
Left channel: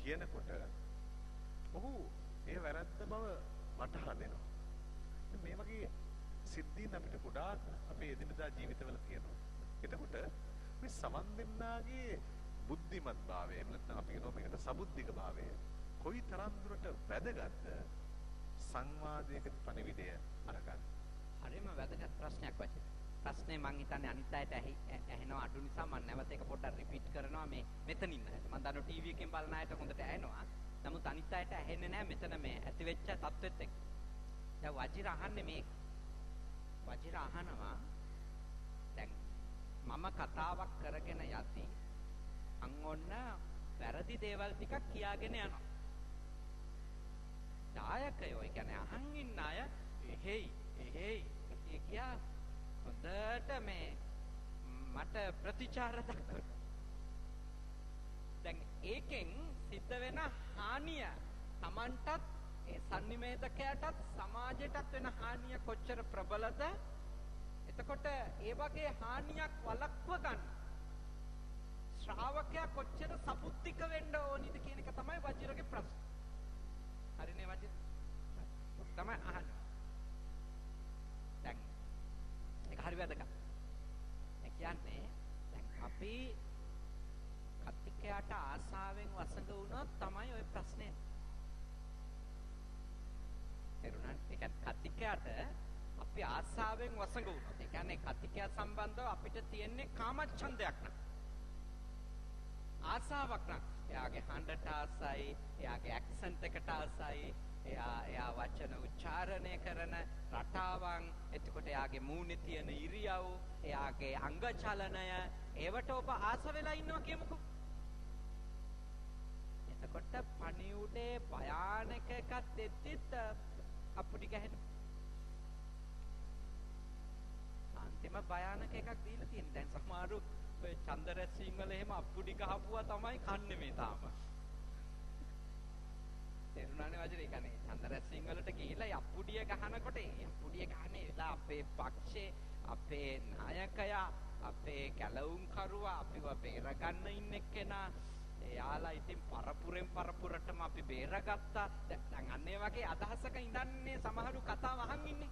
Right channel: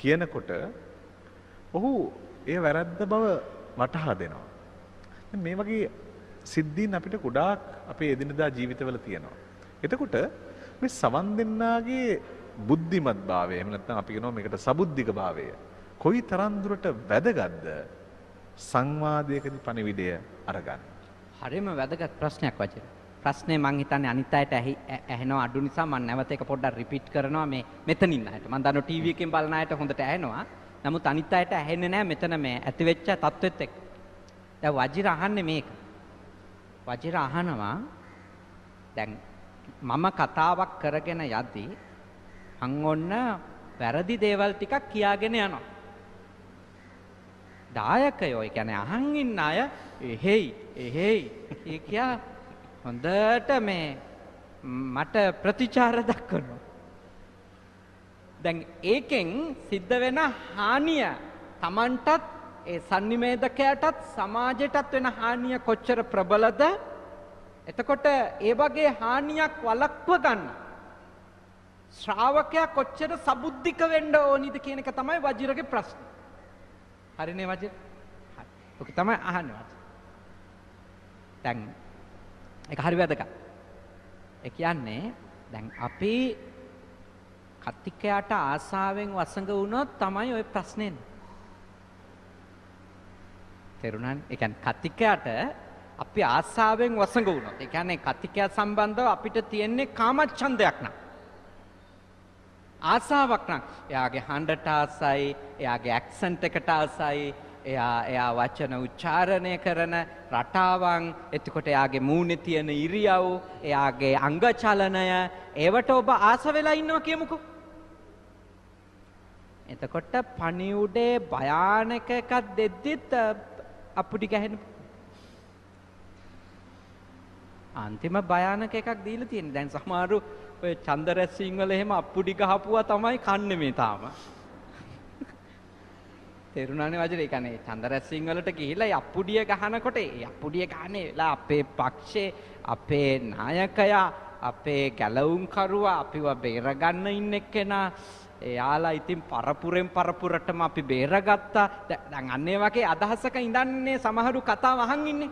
කියනකොට ඔහු ඒ වැරද්ද බව වටහා දෙනවා. මේ වගේ සිද්ධීන් අපිට ගොඩාක් අපේ එදිනදා ජීවිතවල තියෙනවා. එතකොට මේ සවන් දෙන්නාගේ බුද්ධිමත් භාවය එහෙම නැත්නම් අපි කියනවා මේකට සබුද්ධික භාවය කොයි තරම් දුරට වැදගත්ද සංවාදයකදී පණිවිඩය අරගන්න. හරිම වැදගත් ප්‍රශ්නයක් වචන. ප්‍රශ්නේ මං හිතන්නේ අනිත් අයට ඇහෙනවා අඩු නිසා මම නැවත එක පොඩ්ඩක් රිපීට් කරනවා මේ මෙතන ඉන්න අයට. මම දන්නවා ටීවී එකෙන් බලන අයට හොඳට ඇහෙනවා. නමුත් අනිත් අයට ඇහෙන්නේ නැහැ මෙතන මේ ඇති වෙච්ච තත්ත්වෙත් එක්ක. දැන් වජිර අහන්නේ මේක. වජිර අහනවා දැන් මම කතාවක් කරගෙන යද්දී අන් ඔන්න වැරදි දේවල් ටිකක් කියාගෙන යනවා. දායකයෝ ඒ කියන්නේ අහන් ඉන්න අය එහෙයි කියා හොඳට මේ මට ප්‍රතිචාර දක්වනවා. දැන් ඒකෙන් සිද්ධ වෙන හානිය Tamanටත් ඒ sannivedakayaටත් සමාජයටත් වෙන හානිය කොච්චර ප්‍රබලද? එතකොට ඒ වගේ හානියක් වළක්ව ගන්න ශ්‍රාවකයා කොච්චර සබුද්ධික වෙන්න ඕනිද කියන එක තමයි වජිරගේ ප්‍රශ්නේ. හරිනේ වජිර? ඔක තමයි අහන්නේ. දැන් ඒක හරි වැදගත්. ඒ කියන්නේ දැන් අපි කතිකයට ආසාවෙන් වසඟ වුණොත් තමයි ওই ප්‍රශ්නේ එන්නේ. තේරුණානේ? ඒ කියන්නේ කතිකයට අපි ආසාවෙන් වසඟ වුණොත්, ඒ කියන්නේ කතිකය සම්බන්ධව අපිට තියෙන්නේ කාමච්ඡන්දයක් නා. ආසාවක් නම් එයාගේ හඬට ආසයි, එයාගේ ඇක්සන්ට් එකට ආසයි, එයා වචන උච්චාරණය කරන රටාවන්, එතකොට එයාගේ මූණේ තියෙන ඉරියව්, එයාගේ අංග චලනය, ඒවට ඔබ ආස වෙලා ඉන්නවා කියමුකෝ. එතකොට පණිවුඩේ භයානක එකක් දෙද්දිත් අපුඩි ගහන අන්තිම භයානක එකක් දීලා තියෙනවා. දැන් සමහරු ඔය චන්දරැස්සින් වල එහෙම අප්පුඩි ගහපුවා තමයි කන්නේ මේ තාම. තේරුණානේ වජිර? ඒ කියන්නේ චන්දරැස්සින් වලට ගිහිල්ලා අප්පුඩිය ගහනකොට ඒ අප්පුඩිය ගහන්නේ වෙලා අපේ පක්ෂේ, අපේ නායකයා, අපේ ගැලවුම්කරුවා, අපිව බේරගන්න ඉන්න එක්කෙනා, එයාලා ඉතින් පරපුරෙන් පරපුරටම අපි බේරගත්තා. දැන් අන්න ඒ වගේ අදහසක ඉඳන්නේ සමහරු කතාව අහන් ඉන්නේ.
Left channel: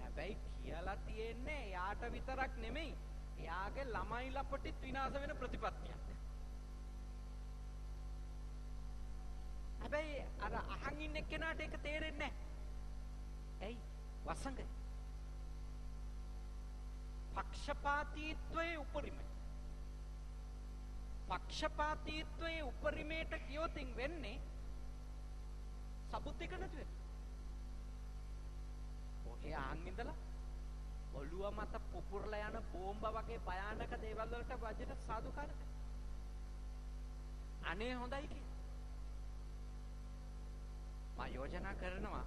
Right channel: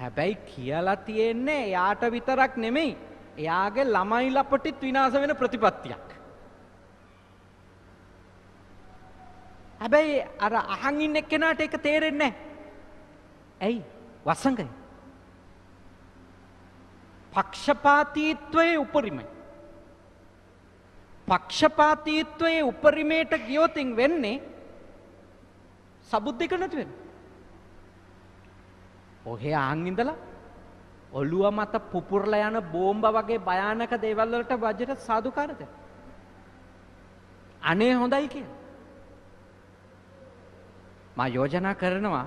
හැබැයි කියලා තියෙන්නේ එයාට විතරක් නෙමෙයි, එයාගේ ළමයි ලපටිත් විනාශ වෙන ප්‍රතිපත්තියක්. හැබැයි අර අහන් ඉන්න එක්කෙනාට ඒක තේරෙන්නේ නැහැ. ඇයි? වසඟය. පක්ෂපාතීත්වයේ උපරිමයි. පක්ෂපාතීත්වයේ උපරිමයට ගියොතින් වෙන්නේ සබුද්දික නැති වෙනවා. ඔහේ අහන් ඉඳලා ඔළුව මත පුපුරලා යන බෝම්බ වගේ භයානක දේවල් වලට වජිර සාදුකාරද? අනේ හොඳයි කියලා. මා යෝජනා කරනවා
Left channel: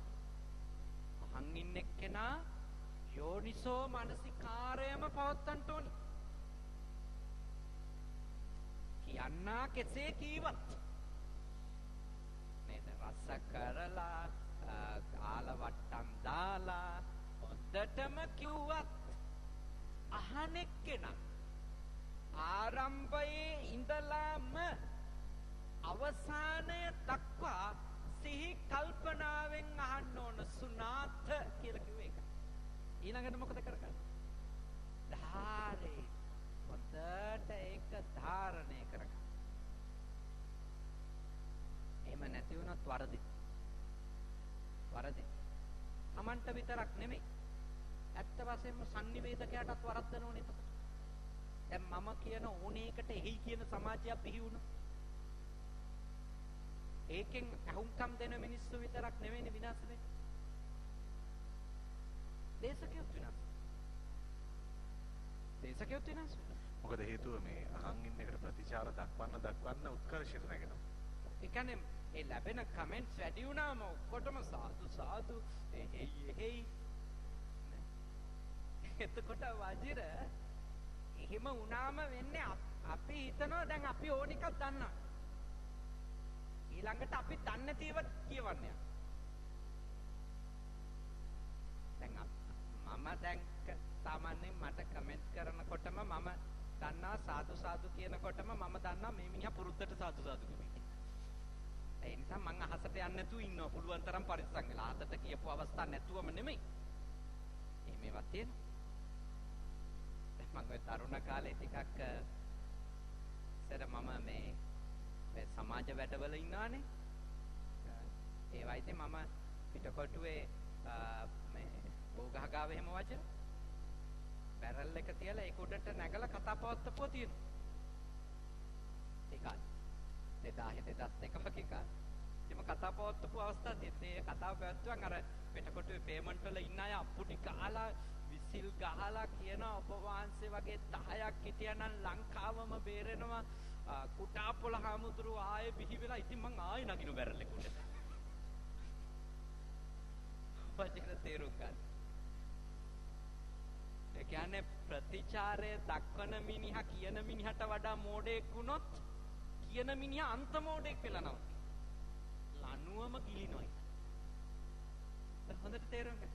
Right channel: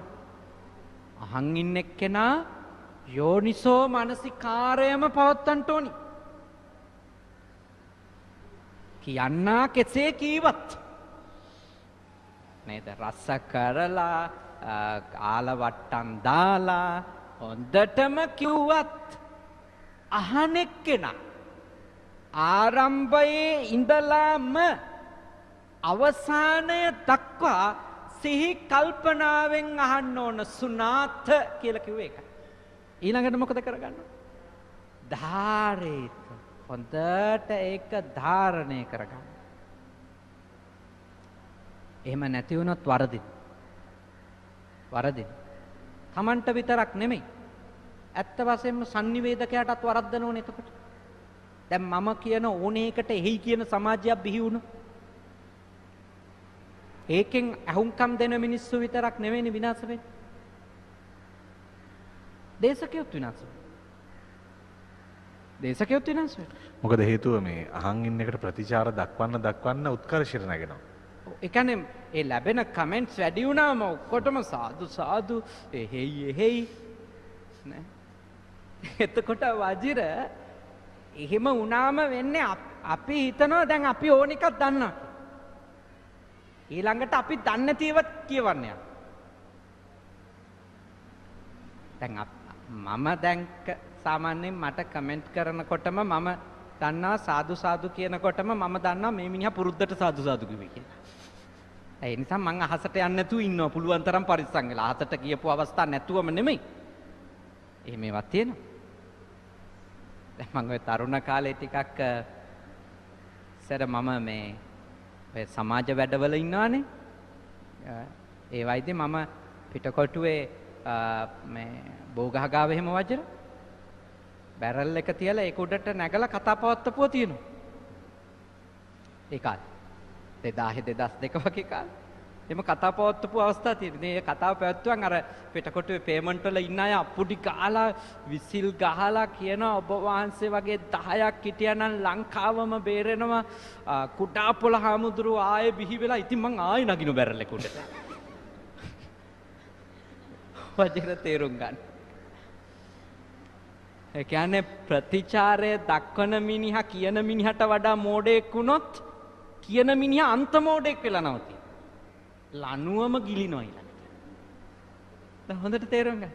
අහන් ඉන්න එක්කෙනා යෝනිසෝ මනසිකාරයම පවත්තන්ට ඕනි. කියන්නා කෙසේ කීවත් නේද? රස කරලා ආලවට්ටම් දාලා හොඳටම කිව්වත් අහන එක්කෙනා ආරම්භයේ ඉඳලාම අවසානය දක්වා සිහි කල්පනාවෙන් අහන්න ඕන සුනාත කියලා කිව්වේ ඒක. ඊළඟට මොකද කරගන්න? ධාරේත. හොඳට ඒක ධාරණය කරගන්න. එහෙම නැති වුණොත් වරදින. තමන්ට විතරක් නෙමෙයි, ඇත්ත වශයෙන්ම sannivedakayaටත් වරද්දන ඕනේ. එතකොට දැන් මම කියන ඕනේ එකට එහි කියන සමාජයක් බිහි වුණා. ඒකෙන් අහුම්කම් දෙන මිනිස්සු විතරක් නෙවෙයි විනාශ වෙන්නේ. දේශකයොත් විනාශ වෙනවා. මොකද හේතුව මේ අහන් ඉන්න එකට ප්‍රතිචාර දක්වන්න උත්කර්ෂයට නැගෙනවා. ඒ කියන්නේ ඒ ලැබෙන කමෙන්ට්ස් වැඩි වුණාම ඔක්කොටම සාදු එහෙයි නේ. එතකොට වජිර එහෙම වුණාම වෙන්නේ අපි හිතනවා දැන් අපි ඕන එකක් දන්නවා. ඊළඟට අපි දන්නේ නැතිව කියවන්නේ. දැන් මම දැන් සාමාන්‍යයෙන් මට කමෙන්ට් කරනකොටම මම දන්නවා සාදු කියනකොටම මම දන්නවා මේ මිනිහා පුරුද්දට සාදු කිව්වේ කියලා. ඒ නිසා මං අහසට යන්නේ නැතුව ඉන්නවා පුළුවන් තරම් පරිස්සම් වෙලා. අහසට කියපු අවස්ථා නැතුවම නෙමෙයි. එහෙම ඒවා තියෙනවා. දැන් මං ඔය තරුණ කාලේ ටිකක් ඉස්සර මම මේ ඔය සමාජ වැඩවල ඉන්නවානේ. ඒ වයිදී මම පිටකොටුවේ මේ බෝගහ ගාව එහෙම වජර බැරල් එක තියලා ඒක උඩට නැගලා කතා පවත්වපුවා තියෙනවා. ඒ කාලේ 2000 2002 වගේ කාලේ. එimhe කතා පවත්වපු අවස්ථා තියෙනවා. මේ කතාව පැවැත්වුවන් අර පිටකොටුවේ පේමන්ට් වල ඉන්න අය අප්පුඩි ගහලා විසිල් ගහලා කියන ඔබ වහන්සේ වගේ 10ක් හිටියනම් ලංකාවම බේරෙනවා. කුඩා පොළ හාමුදුරුව ආයේ බිහි වෙලා ඉතින් මං ආයෙ නගිනු බැරල් එක උඩට. වජිර තේරුම් ගන්න. ඒ කියන්නේ ප්‍රතිචාරය දක්වන මිනිහා කියන මිනිහට වඩා මෝඩෙක් වුණොත් කියන මිනිහා අන්ත මෝඩෙක් වෙලා නවතින. ලනුවම ගිලිනවා ඊළඟට. දැන් හොඳට තේරුම් ගන්න.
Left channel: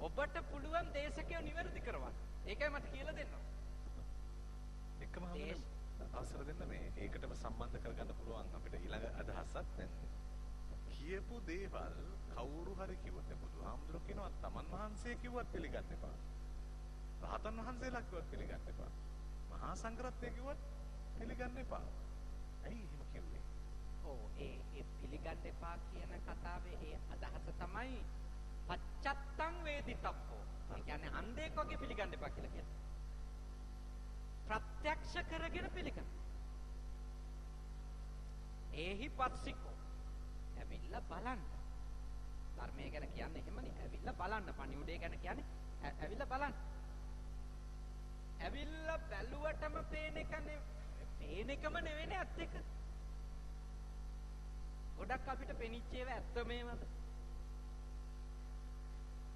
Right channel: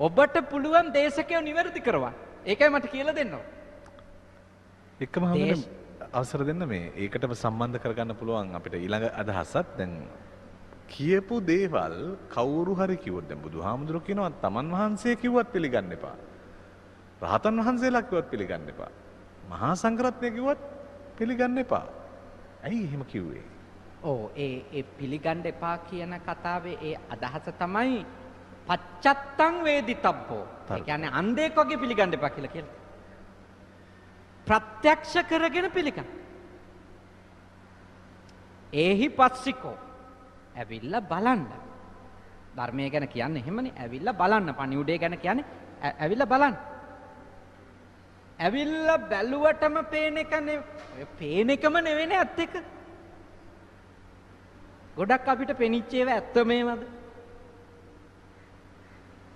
ඔබට පුළුවන් දේශකයෝ නිවැරදි කරවන්න. ඒකයි මට කියලා දෙන්න ඕන. එක්කම අවසර දෙන්න මේ ඒකටම සම්බන්ධ කරගන්න පුළුවන් අපිට ඊළඟ අදහසත් දැන් කියපු දේවල් කවුරු හරි කිව්වොත් දැන් බුදුහාමුදුරුවෝ කියනවා තමන් වහන්සේ කිව්වත් පිළිගන්න එපා. රහතන් වහන්සේලා කිව්වත් පිළිගන්න එපා. මහා සංඝරත්නය කිව්වත් පිළිගන්න එපා. ඇයි එහෙම කිව්වේ? ඔව් ඒ පිළිගන්න එපා කියන කතාවේ ඒ අදහස තමයි පච්චත්තං වේදිතබ්බෝ. ඒ කියන්නේ අන්ධෙක් වගේ පිළිගන්න එපා කියලා කියනවා. ප්‍රත්‍යක්ෂ කරගෙන පිළිගන්න. ඒහි පස්සිකෝ ඇවිල්ලා බලන්න. ධර්මය ගැන කියන්නේ එහෙමනේ. ඇවිල්ලා බලන්න. පණිවුඩේ ගැන කියන්නේ ඇවිල්ලා බලන්න. ඇවිල්ලා බැලුවටම පේන එක නෙවෙයි. පේන එකම නෙවෙයිනේ ඇත්ත එක. ගොඩක් අපිට පෙනිච්ච ඒවා ඇත්ත මේවද?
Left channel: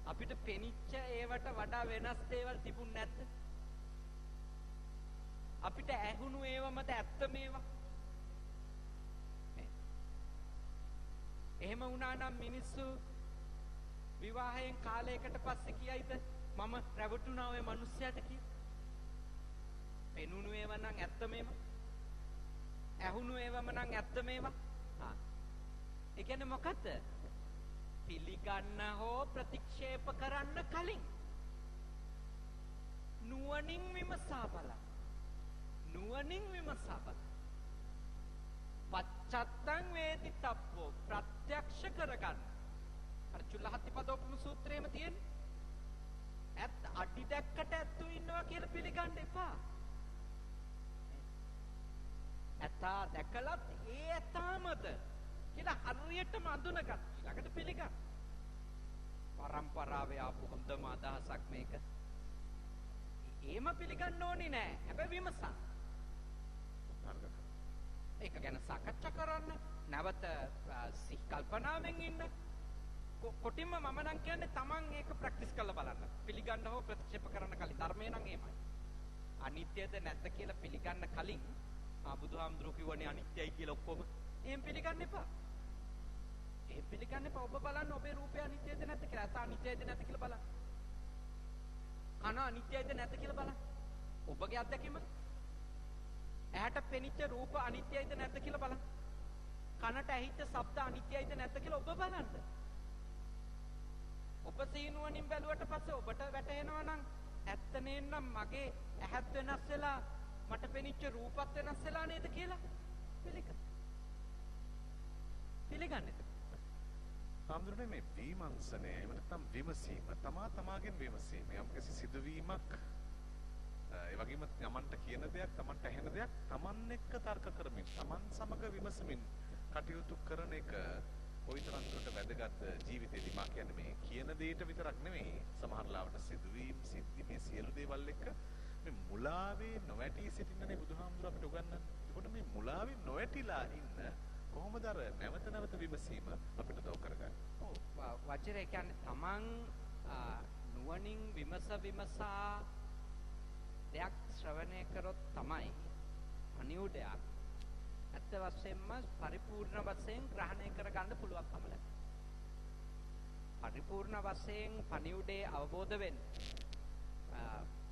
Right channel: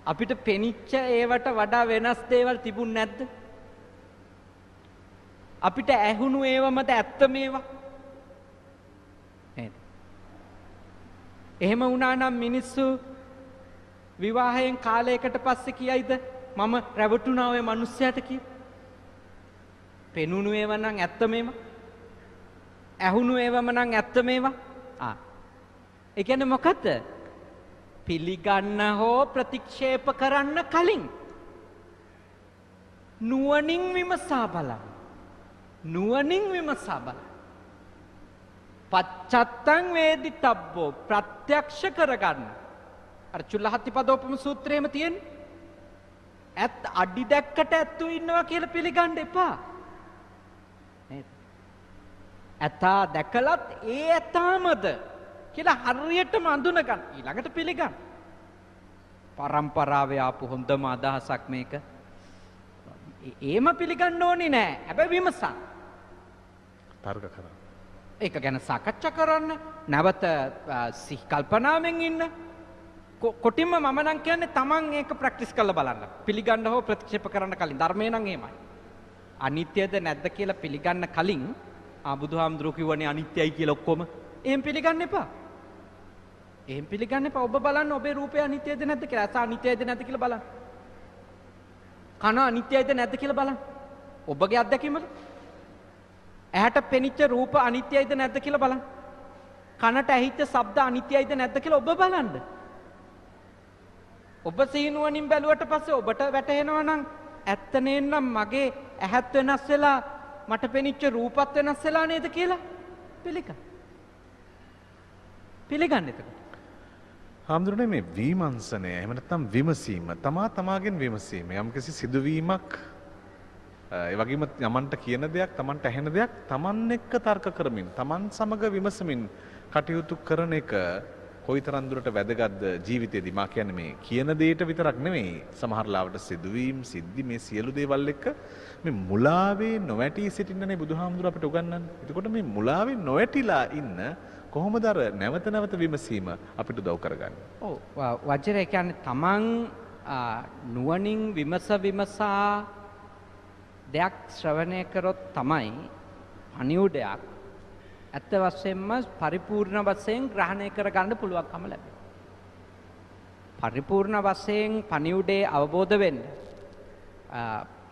අපිට පෙනිච්ච ඒවට වඩා වෙනස් දේවල් තිබුණ නැද්ද? අපිට ඇහුණු ඒවමද ඇත්ත මේවා? නේද? එහෙම වුණා නම් මිනිස්සු විවාහයෙන් කාලයකට පස්සේ කියයිද මම රැවටුණා ඔය මිනිස්සයාට කියලා? පෙනුණු ඒවා නම් ඇත්ත මේවා? ඇහුණු ඒවම නම් ඇත්ත මේවා? ඒ කියන්නේ මොකද්ද? පිළිගන්න හෝ ප්‍රතික්ෂේප කරන්න කලින් නුවණින් විමසා බලන්න. නුවණින් විමසා බලන්න. පච්චත්තං වේදිතබ්බෝ ප්‍රත්‍යක්ෂ කරගන්න. අර චුල්ලහත්තිපදෝපම සූත්‍රයේම තියෙන්නේ. ඇත් අඩි දැක්කට ඇත්තු ඉන්නවා කියලා පිළිගන්න එපා. නේද? ඇතා දැකලත් ඒ ඇතාමද කියලා හරියටම අඳුන ගන්න. ඊළඟට පිළිගන්න. පරම්පරාවේ ආපු හොඳම අදහසක් මේක. ඒම පිළිගන්න ඕනේ නෑ. හැබැයි විමසන්න. තර්ක කරන්න. ඒක ගැන සාකච්ඡා කරන්න. නැවත සිහි කල්පනාවෙන් ඉන්න. කොටින්ම මම නම් කියන්නේ Taman ඒක ප්‍රැක්ටිස් කරලා බලන්න. පිළිගන්න හෝ ප්‍රතික්ෂේප කරන්න කලින් ධර්මය නම් එහෙමයි. අනිත්‍යද නැද්ද කියලා පිළිගන්න කලින් බුදුහාමුදුරුවෝ කිව්වනේ අනිත්‍යයි කියලා ඔක්කොම. එහෙම පිළිගන්න එපා. එහෙම පිළිගන්න එපා. ඔබ බලන්න ඔබේ රූපය අනිත්‍යද නැද්ද කියලා. ඇස අනිත්‍යද නැද්ද කියලා බලන්න. කන අනිත්‍යද නැද්ද කියලා බලන්න. ඔබගේ අත්දැකීමද? ඇහැට පෙනිච්ච රූප අනිත්‍යයිද නැද්ද කියලා බලන්න. කනට ඇහිච්ච ශබ්ද අනිත්‍යයිද නැද්ද කියලා ඔබ බලන්න. ඔබ සීනුවණින් බැලුවට පස්සේ ඔබට වැටහෙනවා නම් ඇත්ත නේනම් මගේ ඇහත් වෙනස් වෙලා මට පෙනිච්ච රූපත් වෙනස් වෙලා නේද කියලා පිළිගන්න. පිළිගන්න එතකොට. හාමුදුරනේ මේ විමර්ශනය එහෙම නැත්නම් විමසීම තමාගෙන් විමසීම යම්කිසි සිදුවීමක් ඒ වගේම යමන්ට කියන දෙයක් තමන්ට ඇහෙන දෙයක් තමන් එක්ක තර්ක කරමින් තමන් සමග විමසමින් කටයුතු කරන එක කොයිතරම් දුරට වැදගත්ද ජීවිතේදී මා කියන්නේ මේ කියන දෙයට විතරක් නෙමෙයි සමහර ලාවට සිදුවීම් සිද්ධි මේ සියලු දේවල් එක්ක මේ මුලාවේ නොවැටී සිටින්නනේ බුදුහාමුදුරුවෝ අපිට උගන්වන්නේ. එතකොට මේ මුලාවේ නොවැටිලා ඉන්න කොහොමද අර නැවත නැවත විමසීම අපිට උදව් කරගන්නේ? ඔව් වජිරේ කියන්නේ තමන් නුවණින් විමසා දෙයක් ශ්‍රවණය කරොත් තමයි පණිවුඩයක් ඇත්ත වශයෙන්ම පරිපූර්ණ වශයෙන් ග්‍රහණය කරගන්න පුළුවන්කම ලැබෙනවා. පරිපූර්ණ වශයෙන් පණිවුඩේ අවබෝධ වෙන්න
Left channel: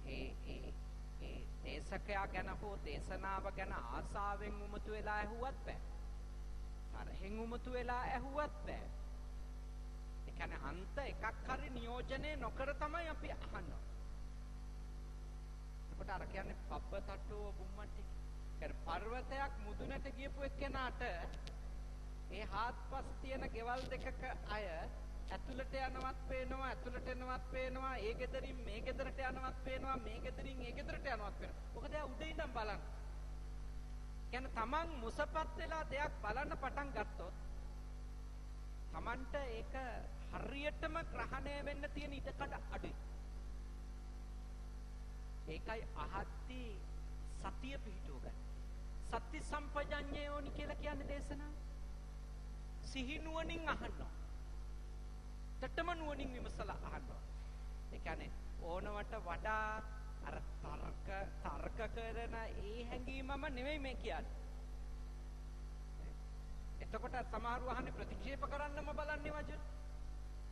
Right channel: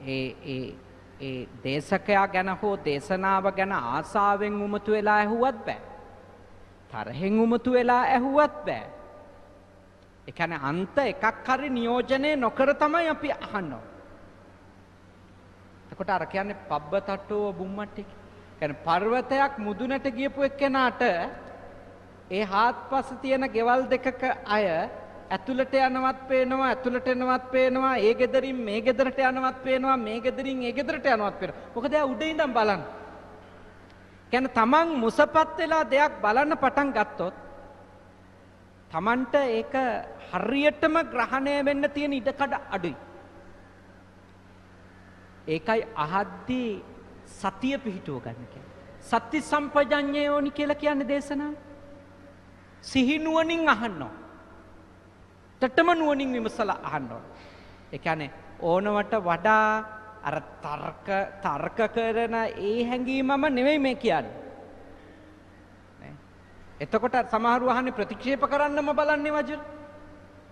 ඒ දේශකයා ගැන හෝ දේශනාව ගැන ආසාවෙන් උමතු වෙලා ඇහුවත් බෑ. තරහෙන් උමතු වෙලා ඇහුවත් බෑ. ඒ කියන්නේ අන්ත එකක් හරි නියෝජනය නොකර තමයි අපි අහන්නේ. එතකොට අර කියන්නේ පබ්බතට්ටෝ බුම්මට්ටි. කියන්නේ පර්වතයක් මුදුනට ගියපු එක්කෙනාට ඒ හාත්පස තියෙන ගෙවල් දෙකක අය ඇතුළට යනවත් පේනවා ඇතුළට එනවත් පේනවා ඒ ගෙදරින් මේ ගෙදරට යනවත් පේනවා මේ ගෙදරින් ඒ ගෙදරට යනවත් පේනවා. මොකද එයා උඩ ඉඳන් බලන්න. කියන්නේ තමන් මුසපත් වෙලා දෙයක් බලන්න පටන් ගත්තොත් තමන්ට ඒක හරියටම ග්‍රහණය වෙන්න තියෙන ඉඩකඩ අඩුයි. ඒකයි අහද්දී සතිය පිහිටුව ගන්න කියන්නේ. සති සම්පජඤ්ඤය ඕනි කියලා කියන්නේ දේශනාව. සිහි නුවණින් අහනවා. තටම නුවණින් විමසලා අහනවා. ඒ කියන්නේ ඕනවට වඩා අර තර්ක කරන ඒ හැඟීමම නෙවෙයි මේ කියන්නේ. එතකොට සමහරව අහන්නේ ප්‍රතික්ෂේප කරන්නම බලන්නේ වජිර.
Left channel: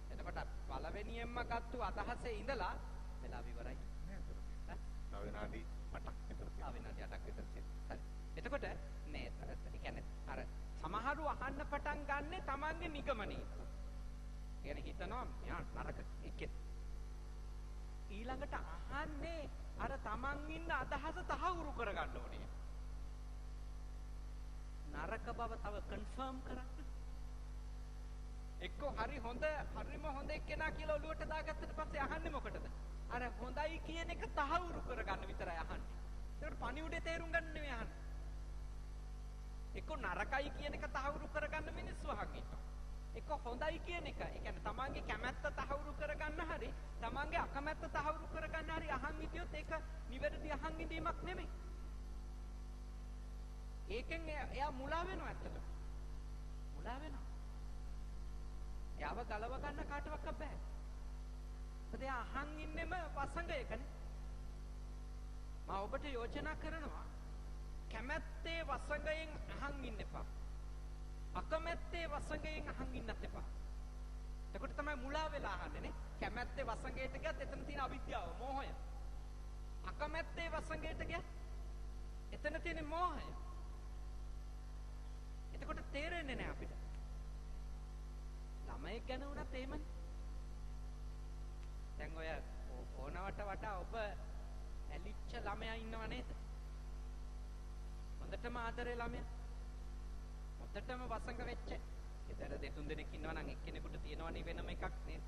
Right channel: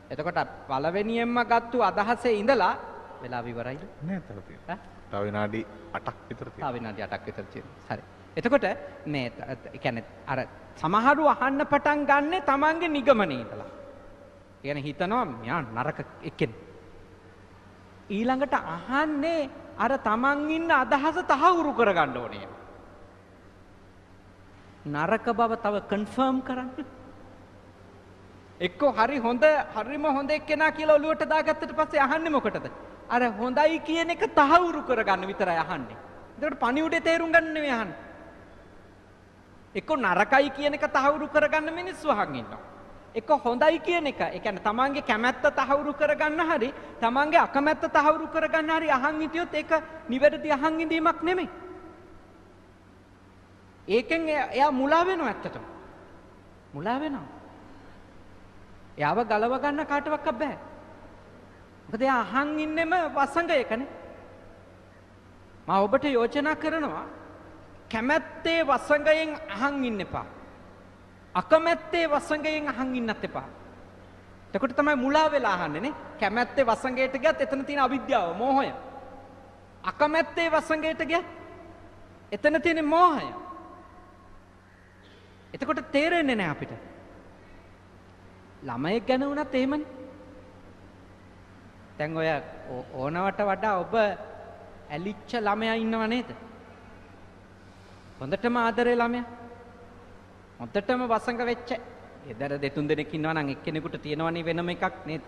එතකොට පළවෙනියෙන්ම ගත්තු අදහසේ ඉඳලා වෙලාව ඉවරයිද? නෑ තව තියෙනවා. තව විනාඩි 8ක් විතර තියෙනවා. තව විනාඩි 8ක් විතර තියෙනවා. හරි. එතකොට මේ ඒ කියන්නේ අර සමහරු අහන්න පටන් ගන්නෙ තමන්ගේ නිගමනේ ඉඳලා. ඒ කියන්නේ හිතනවා මෙයා නරක එක්කෙනෙක්. ඊළඟට අහන්නේ අර තමන් ඉන්න අදහස තහවුරු කරගන්න ඕනේ. නරක බව තව කන්ෆර්ම් කරන්න. එක්කෝ හරිම හොඳ එක්කෙනා කියලා ඔලුවට දාගත්තට පස්සේ අහන්නේ මොකටද? අර හොඳයි කියන එක තහවුරු කරගන්න විතරයි අහන්නේ. ඒකට පණිවුඩේ තේරුම් ගන්න නෙවෙයි අහන්නේ. එක්කෝ නරකයි කියන එක තහවුරු කරගන්න මිනිස්සු අහන් ඉන්නවා. එක්ක හොඳයි කියන එක, ඒ කියන්නේ තමන්ගේ කැමැත්ත තහවුරු කරගන්න හරි, තමන්ගේ අකමැත්ත තහවුරු කරගන්න හරි අහන් හිටියොත් ඒක නිවැරදි අහන් ඉඳීමක් නෙමෙයි. ඒකෙන් එයා මුලා වෙනවා ඇත්තටම. මුලා වෙනවා. එයාව ගලව ගන්න කාටවත් බෑ. මොකද එයා අහන් ඉන්නෙම වසඟයකනේ. මම ඔබට යෝජනා කරනවා කැමැත්තේ වසඟයෙන් අහන් ඉන්න එපා. අකමැත්තේ වසඟයෙන් අහන් ඉන්නත් එපා. එතකොට තමයි මුලා වෙලා අහන්නේ නේ. කැමැත්තේ වසඟයට ගියත් එතන තියෙන අවිද්‍යාව, මෝහය. අකමැත්තේ වසඟයට ගියත් එතන තියෙන මෝහය. එතකොට තේරෙන්නේ නැහැ අපිට. ළමයෙක් ගැන වුණත් එහෙමනේ. දැන් ඔය ඕනවට වඩා ඔබ ඇලිච්ච ළමයා ඉන්නව නේද? හොඳටම ආදරේ ළමයා. හොඳටම වසඟ වෙච්ච. එදර දෙතුන් දෙනෙක් ඉන්නවා නම් එක්කෙනෙකුට තියෙනවනේ වෙනම එකක් නේද?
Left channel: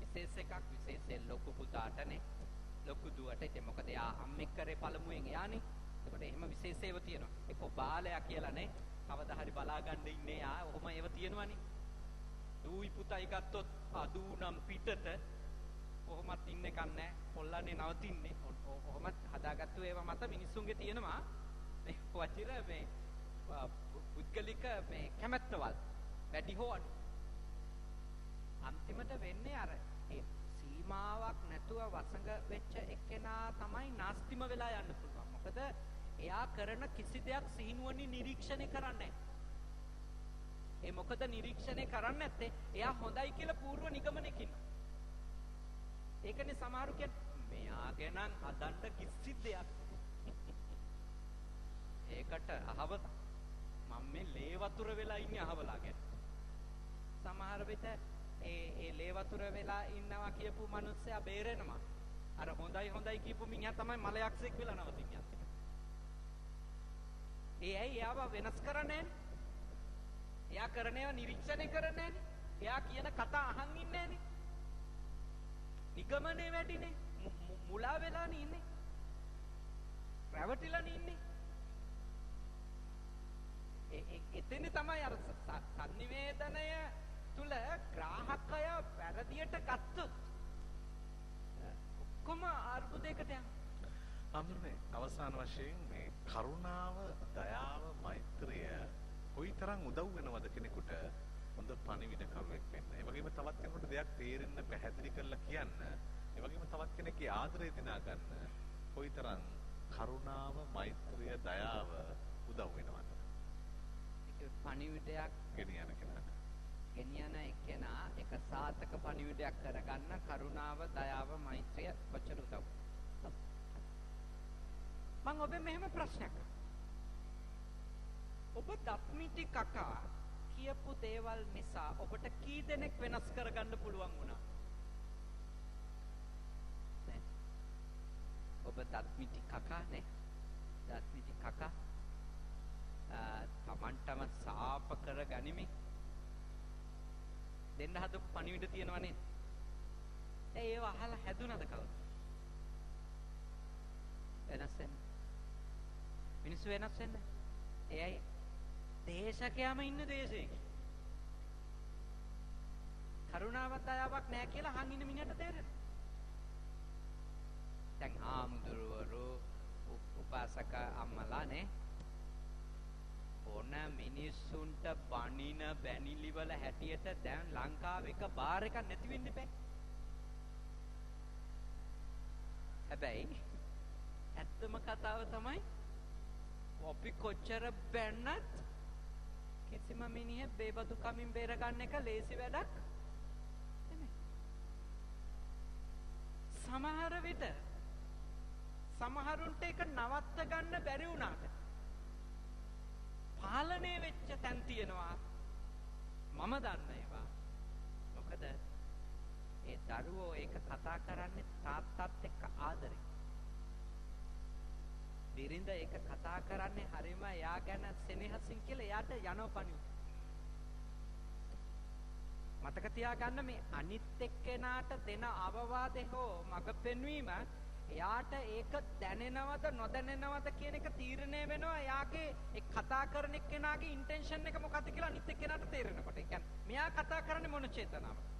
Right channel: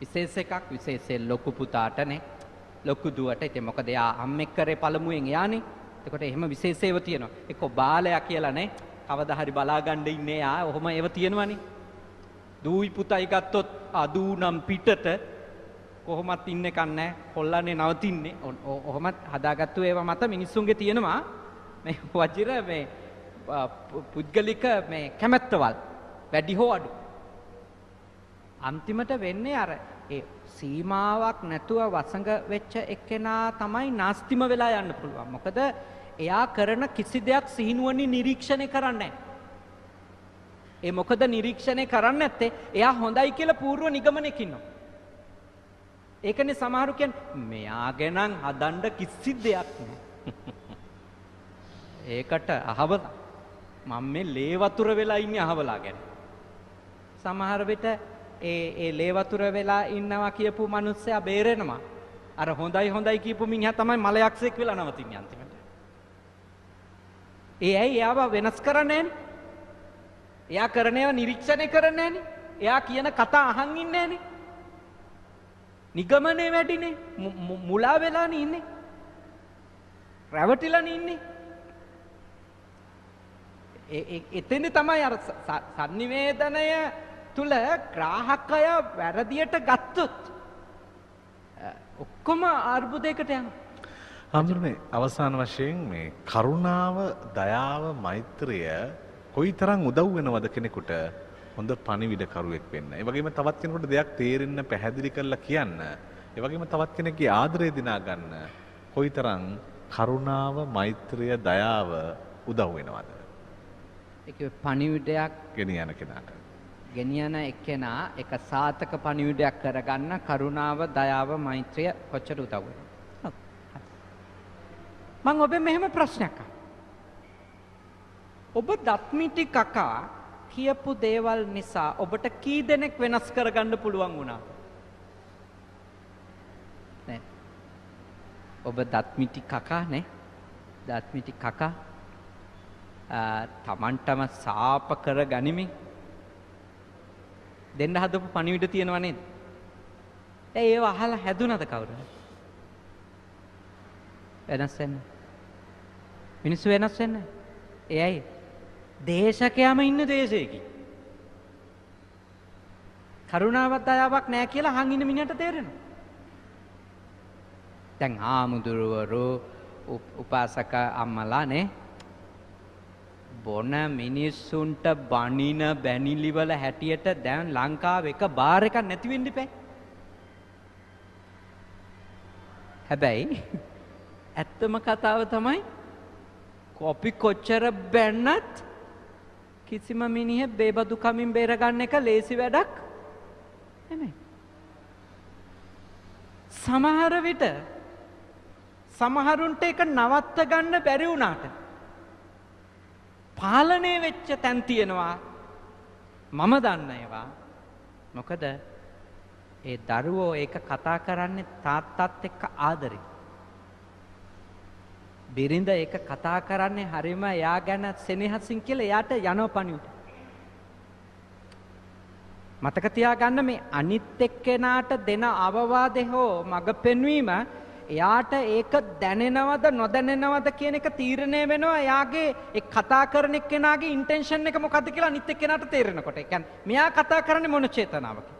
විශේෂ එකක්, විශේෂයෙන් ලොකු පුතාටනේ. ලොකු දුවට. ඉතින් මොකද එයා අම්මෙක් කරේ පළමුවෙන් එයානේ. එතකොට එහෙම විශේෂේව තියෙනවා. එක්ක බාලයා කියලා නේ. කවදා හරි බලා ගන්න ඉන්නේ ආ. ඔහොම ඒව තියෙනවනේ. දූයි පුතයි ගත්තොත් අදූ නම් පිටට කොහොමත් ඉන්නේ කන්නේ කොල්ලන්නේ නවතින්නේ. ඔහොමත් හදාගත්තු ඒවා මත මිනිස්සුන්ගේ තියෙනවා මේ වජිර මේ පුද්ගලික මේ කැමැත්තවල් වැඩි හෝ අඩු. අන්තිමට වෙන්නේ අර ඒ සීමාවක් නැතුව වසඟ වෙච්ච එක්කෙනා තමයි නාස්තිම වෙලා යන්න පුළුවන්. මොකද එයා කරන කිසි දෙයක් සිහිනුවණින් නිරීක්ෂණය කරන්නේ නැහැ. ඒ මොකද නිරීක්ෂණය කරන්නේ නැත්තේ එයා හොඳයි කියලා පූර්ව නිගමනයක ඉන්නවා. ඒකනේ සමහරු කියන්නේ මෙයා ගැන හදන්න කිසි දෙයක් නැහැ. ඒකට අහවලා මම මේ ලේ වතුර වෙලා ඉන්නේ අහවලා ගැන. සමහර විට ඒ ලේ වතුර වෙලා ඉන්නවා කියපු මිනිස්සයා බේරෙනවා. අර හොඳයි කියපු මිනිහා තමයි මලයක්ෂයෙක් වෙලා නවතින්නේ අන්තිමට. ඒ ඇයි එයාව වෙනස් කරන්නේ නැහැ? එයා කරන ඒවා නිරීක්ෂණය කරන්නේ නැහනේ. එයා කියන කතා අහන් ඉන්නේ නැහනේ. නිගමනේ වැඩිනේ. මුලා වෙලානේ ඉන්නේ. රැවටිලානේ ඉන්නේ. එතෙන් තමයි අර sannivedanaya තුල ග්‍රාහකය වැරදියට ගත්තොත් ඔක්කොම අර්බුදයකට යනවා. හඳුනන්නේ අවසාන වශයෙන් මේ කරුණාව, දයාව, මෛත්‍රිය කොයිතරම් උදව් වෙනවද කෙනෙකුට හොඳ පණිවිඩකරුවෙක් වෙන්න. ඒ වගේම තවත් කෙනෙකුට දෙයක් තේරෙන්න පැහැදිලි කරලා කියන්න. ඒ වගේම තවත් කෙනෙක්ගේ ආදරය දිනා ගන්න කොයිතරම් කරුණාව, මෛත්‍රිය, දයාව උදව් වෙනවද? ඒක පණිවිඩයක් ගෙනියන කෙනාට. ගෙනියන එක්කෙනා එක සාතක පණිවිඩයක් කරගන්න කරුණාව, දයාව, මෛත්‍රිය කොච්චර උදව් වෙනවද? මම ඔබෙන් මෙහෙම ප්‍රශ්නයක් අහනවා. ඔබ දත්මිටි කකා කියපු දේවල් නිසා ඔබට කී දෙනෙක් වෙනස් කරගන්න පුළුවන් වුණා? නේ. ඔබ දත්මිටි කකා නේ? දත්මිටි කකා තමන්ටම සාප කර ගනිමින් දෙන්න හදපු පණිවිඩ තියෙනව නේද? ඒව අහලා හැදුනද කවුරුද? වෙනස් වෙන්නේ. මිනිස්සු වෙනස් වෙන්නේ. එයයි දේශකයාම ඉන්න දේශයකින්. කරුණාවක් දයාවක් නැහැ කියලා අහන් ඉන්න මිනිහට තේරෙනවා. දැන් ආමුදුරවරු උපාසක අම්මලා නේ බොන මිනිස්සුන්ට බනින බැනිලි වල හැටියට දැන් ලංකාවේ එක බාර් එකක් නැති වෙන්න ඉපැයි. හැබැයි ඇත්තම කතාව තමයි කොපි කොච්චර බැන්නත් කිසිම මිනිහෙක් බේබදු කමින් බේරගන්න එක ලේසි වැඩක් නෙමෙයි. සමහරුන්ට ඒක නවත්ත ගන්න බැරි වුණාට පාලනය වෙච්ච තැන් තියෙනවා. මම දන්න ඒවා. මොකද ඒ දරුවෝ ඒක කතා කරන්නේ තාත්තත් එක්ක ආදරේ. බිරිඳ ඒක කතා කරන්නේ හරිම එයා ගැන සෙනෙහසින් කියලා එයාට යනවා පණිවිඩ. මතක තියාගන්න මේ අනිත් එක්කෙනාට දෙන අවවාදේ හෝ මඟ පෙන්වීම එයාට ඒක දැනෙනවද නොදැනෙනවද කියන එක තීරණය වෙනවා එයාගේ ඒ කතා කරන එක්කෙනාගේ ඉන්ටෙන්ෂන් එක මොකද්ද කියලා අනිත් එක්කෙනාට තේරෙනකොට. ඒ කියන්නේ මෙයා කතා කරන්නේ මොන චේතනාවකින්ද?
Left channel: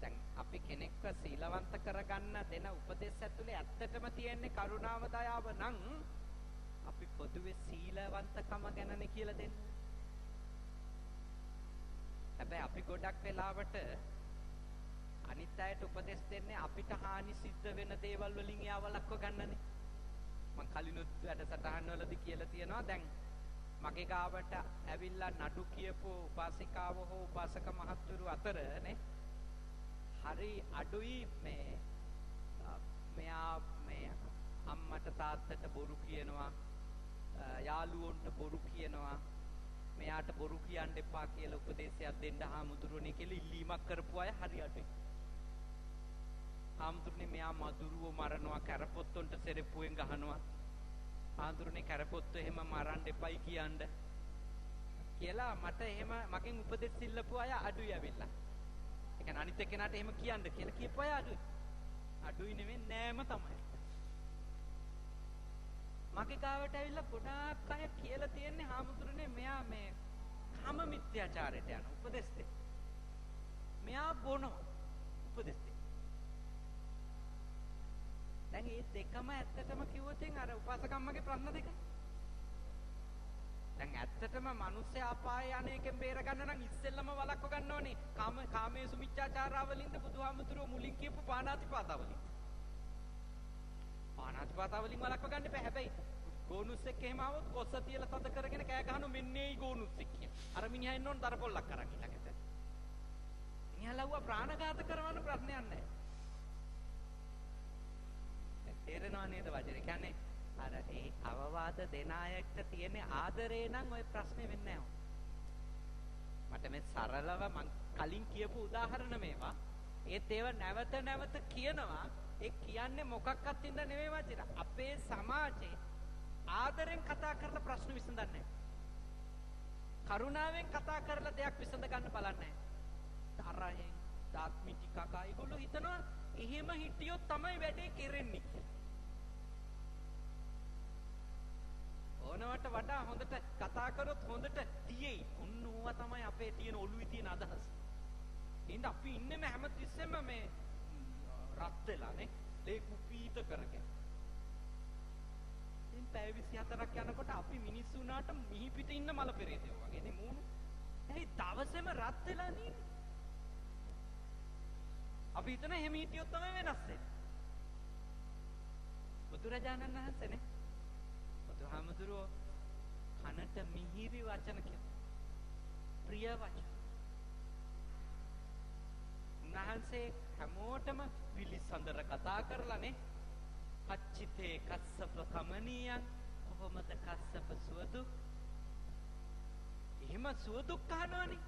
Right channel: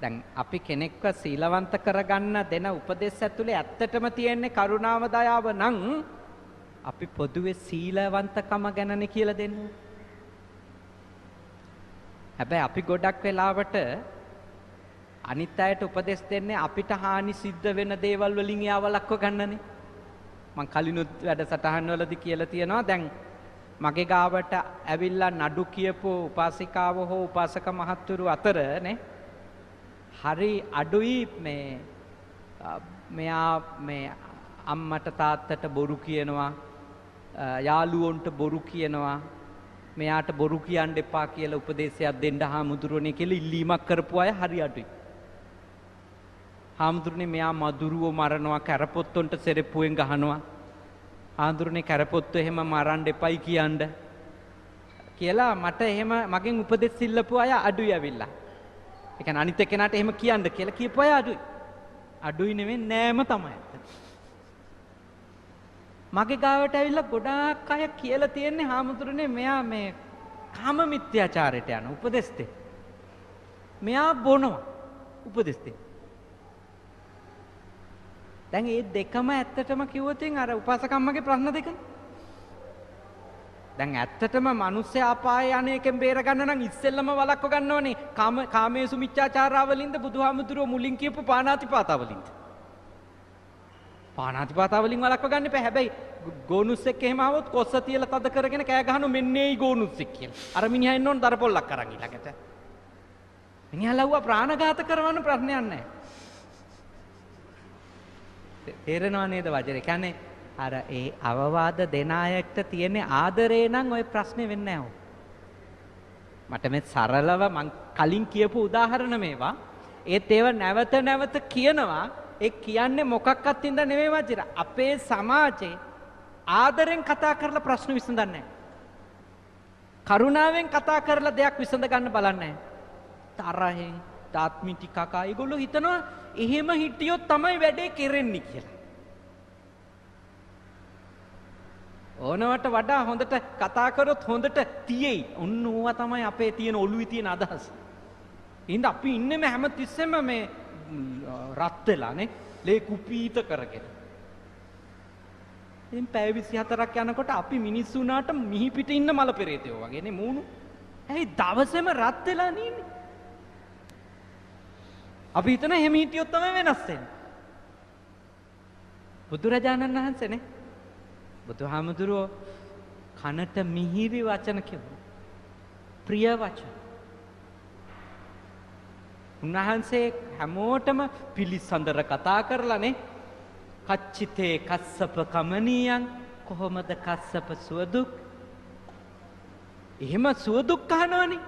දැන් අපි කෙනෙක්ව සීලවන්ත කරගන්න දෙන උපදෙස් ඇතුලේ ඇත්තටම තියෙන්නේ කරුණාව දයාව නම් අපි පොදුවේ සීලවන්තකම ගැනනේ කියලා දෙන්නේ. හැබැයි අපි ගොඩක් වෙලාවට අනිත් අයට උපදෙස් දෙන්නේ අපිට හානි සිද්ධ වෙන දේවල් වලින් යාවලක්ව ගන්නනේ. මං කලිනුත් වැඩසටහන් වලදී කියලා තියෙනවා දැන් මගේ ගාවට ඇවිල්ලා නඩු කියපු උපාසිකාව හෝ උපාසක මහත්තුරු අතර නේ හරි අඩුයි මෙයා මේ අම්මට තාත්තට බොරු කියනවා යාළුවොන්ට බොරු කියනවා මෙයාට බොරු කියන්න එපා කියලා උපදේශයක් දෙන්න හාමුදුරනේ කියලා ඉල්ලීමක් කරපු අය හරි අඩුයි. හාමුදුරනේ මෙයා මදුරුවෝ මරනවා කැරපොත්තොන්ට සෙරෙප්පුවෙන් ගහනවා. හාමුදුරනේ කැරපොත්තු එහෙම මරන්න එපයි කියන්න කියලා මට එහෙම මගෙන් උපදෙස් ඉල්ලපු අය අඩුයි ඇවිල්ලා. ඒ කියන්නේ අනිත් එක්කෙනාට එහෙම කියන්න කියලා කියපු අය අඩුයි. අඩුයි නෙවෙයි නෑම තමයි. මගේ ගාවට ඇවිල්ලා ගොඩාක් අය කියලා තියෙන්නේ හාමුදුරනේ මෙයා මේ කාම මිත්‍යාචාරයට යන උපදෙස් දෙන්න. මෙයා බොනවා උපදෙස් දෙන්න. දැන් මේ දෙකම ඇත්තටම කිව්වොත් අර උපාසකම්මගේ ප්‍රශ්න දෙකනේ. දැන් ඇත්තටම මිනිස්සයා අපාය යන එකෙන් බේර ගන්න නම් ඉස්සෙල්ලම වළක්ව ගන්න ඕනේ. කාමේසු මිච්ඡාචාරාවලින්ද බුදුහාමුදුරුව මුලින් කියපු පාණාතිපාතාවලින්ද? පාණාතිපාතාවලින් වළක්ව ගන්න එපා. හැබැයි ගෝනුස්සෙක් එහෙම ආවොත් කොස්ස තියලා තද කරගෙන කෑ ගහනවා මෙන්නේයි ගෝනුස්සෙක් කියලා. අර මිනිහා එන්න ඕන දරපොල්ලක් අරන් ඊළඟට. මිනිහා ලව්වා ප්‍රාණඝාත කරවන්න ප්‍රශ්නයක් නැහැ. තේරෙනව නේද වජරේ? කියන්නේ අර ඒ අවවාද දෙන අයට තියෙන ආදරේ නම් ওই ප්‍රශ්නේ වෙන්නේ නැහැ. මට මේ සරලව මං කලින් කියපු උදාහරණ මේවා. ඒත් ඒව නැවත නැවත කියනවා. ඒ කියන්නේ මොකක්වත් ඉඳ නෙමෙයි වජිර. අපේ සමාජේ ආදරෙන් කතා කරලා ප්‍රශ්න විසඳන්නේ නැහැ. කරුණාවෙන් කතා කරලා දෙයක් විසඳ ගන්න බලන්නේ නැහැ. තරහෙන් තාත්මිටි කකා ඒගොල්ලෝ හිතනවා එහෙම හිටියොත් තමයි වැඩේ කෙරෙන්නේ කියලා. ඕනවට වඩා හොඳට කතා කරොත් හොඳට තියෙයි. ඔන්න ඕවා තමයි අපේ තියෙන ඔළුවේ තියෙන අදහස. එහෙනම් අපි ඉන්නේම හැමතිස්සෙම මේ රත් වෙලානේ ලේ කුපීත කරගෙන. ඉතින් පැය 24ක් යනකොට අපි මිනිස්සු උනාට මිහි පිට ඉන්න මල පෙරේතයෝ වගේනේ මූණු. ඇයි දවසේම රත් වෙලා නීන්නේ? අපි හිතන එහෙම හිටියොත් තමයි වෙනස් වෙන්නේ. බුදුරජාණන් වහන්සේනේ බුදුහාමුදුරුවෝ කනට මිහිරි වචන කිව්වා. ප්‍රිය වචන. උන්වහන්සේ හැමෝටම පිළිසඳර කතා කරලානේ කච්චිතේ කස්සප කමනියන් කොහොමද කස්සප සුවදුක්? එහෙම සුවදුක් අහනවනේ.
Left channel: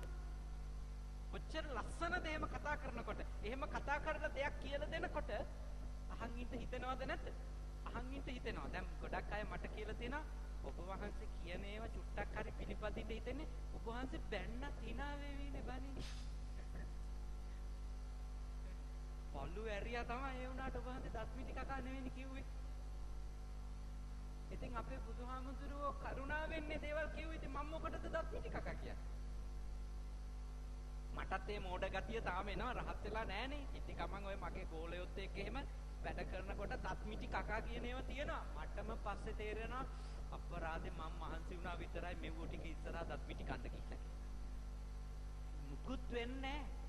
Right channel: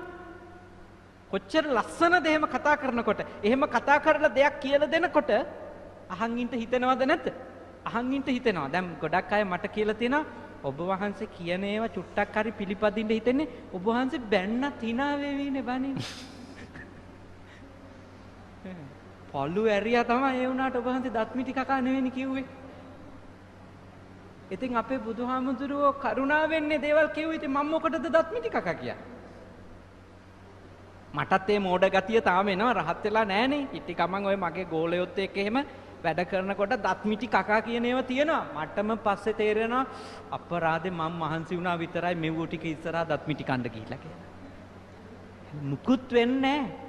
කොච්චර ලස්සනද එහෙම කතා කරනකොට. එහෙම කතා කරලා දෙයක් කියලා දෙනකොට අහන් ඉන්න හිතෙනවද නැද්ද? අහන් ඉන්න හිතෙනවා. දැන් ගොඩක් අය මට කියලා තියෙනවා ඔබ වහන්සේ කියන ඒවා චුට්ටක් හරි පිළිපදින්න හිතෙන්නේ ඔබ වහන්සේ බැන්නත් hina වෙවිනේ බණින්. පොළු ඇරියා තමයි ඒ වුණාට ඔබ වහන්සේ දත්මිටි කකා නෙවෙයි කිව්වේ. ඉතින් අපේ බුදුහාමුදුරුවෝ කරුණාවෙන්නේ දේවල් කිව්වේ. ඉතින් මම මොකටද දත්මිටි කකා කියන්නේ? මටත් මේ මෝඩ ගතිය තාම එනවා. රහත් වෙලා නැහනේ. ඉටි කමං ඔය මගේ ගෝලයොත් එක්ක එහෙම වැඩ කරනකොට දත්මිටි කකා කියන ඒවා තියෙනවා. මටම පස්සේ තේරෙනවා අපරාධේ මම මහන්සි වුණා විතරයි මෙව්ව ටික ඉස්සරහා දත්මිටි කන්න ගිහිල්ලා කියලා. මුකුත් වෙන්නේ නැහැ.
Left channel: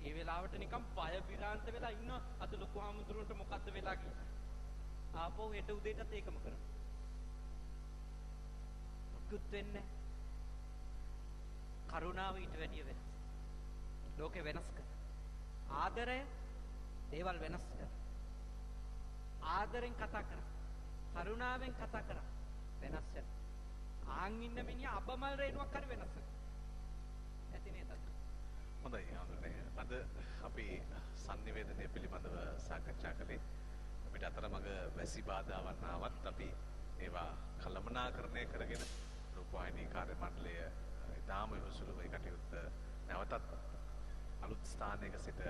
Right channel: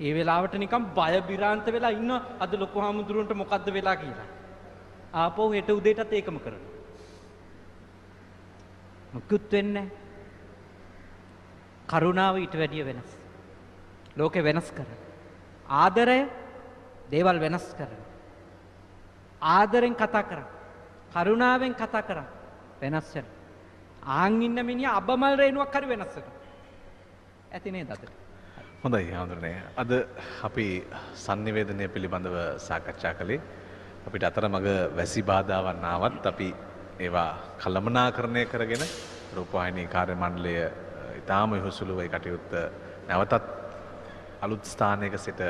ඒ වෙලාවට නිකන් බය බිරාන්ත වෙලා ඉන්න අද ලොකු හාමුදුරුවන්ට මොකද්ද වෙලා කියලා. ආපහු හෙට උදේටත් ඒකම කරනවා. මුකුත් වෙන්නේ නැහැ. කරුණාව ඊට වැඩිය වෙනස්. ලෝකේ වෙනස් කරන. ආදරය දේවල් වෙනස් කරන. ආදරෙන් කතා කරා. කරුණාවෙන් කතා කරා. වෙනස් වෙන. ආන් ඉන්න මිනිහා අබමල් රේණුවක් හරි වෙනස් වෙනවා. ඇති නේද අද? හොඳයි හඳුනනේ. අද අපි sannivedanaya පිළිබඳව සාකච්ඡා කළේ. අපිට අතරමඟ වැසි බාධාවන් ආවත් අපි ඒවා කළමනාකරණය කරගෙන රූපවාහිනී කාර්ය මණ්ඩලය ඉතාම යොහුසුලුව ඒ කටයුත්ත නැවතත් අලුත් ස්ථානයක සිට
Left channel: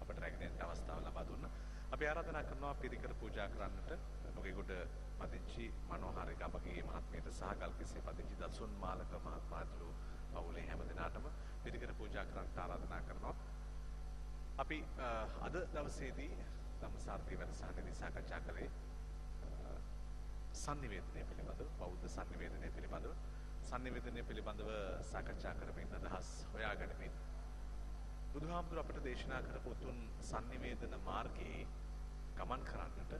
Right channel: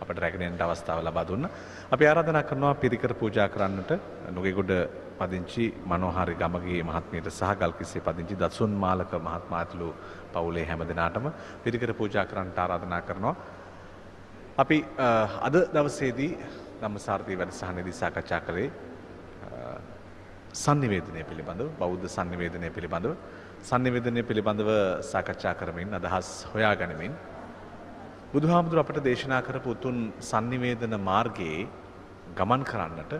අපට රැගෙන යන්නට අවස්ථාව ලබා දුන්නා. අපි ආරාධනා කරනවා පිරිකර පූජා කරන්නට නුගේගොඩ පදිංචි මනෝහාරි ගමගේ මහත්මියට සහ ගල්කිස්සේ පදිංචි දසුන් මාලක මහත්මයාතුළු පවුලේ හැම දෙනාටම පිරිකර පූජා කරන්නට ආරාධනා කරනවා. අපි අද දවසේදී ධම්මසාරදී වැඩසටහනේදී සාකච්ඡා කළේ sannivedanaya පිළිබඳව, බෞද්ධ sannivedanaya පිළිබඳව සාකච්ඡා කරමින් අදහස් හොයා ගනිමින් බුදුහාමුදුර අපට දේශනා කරපු උතුම් sannivedana මාර්ගයේ ගමන් කරන්නට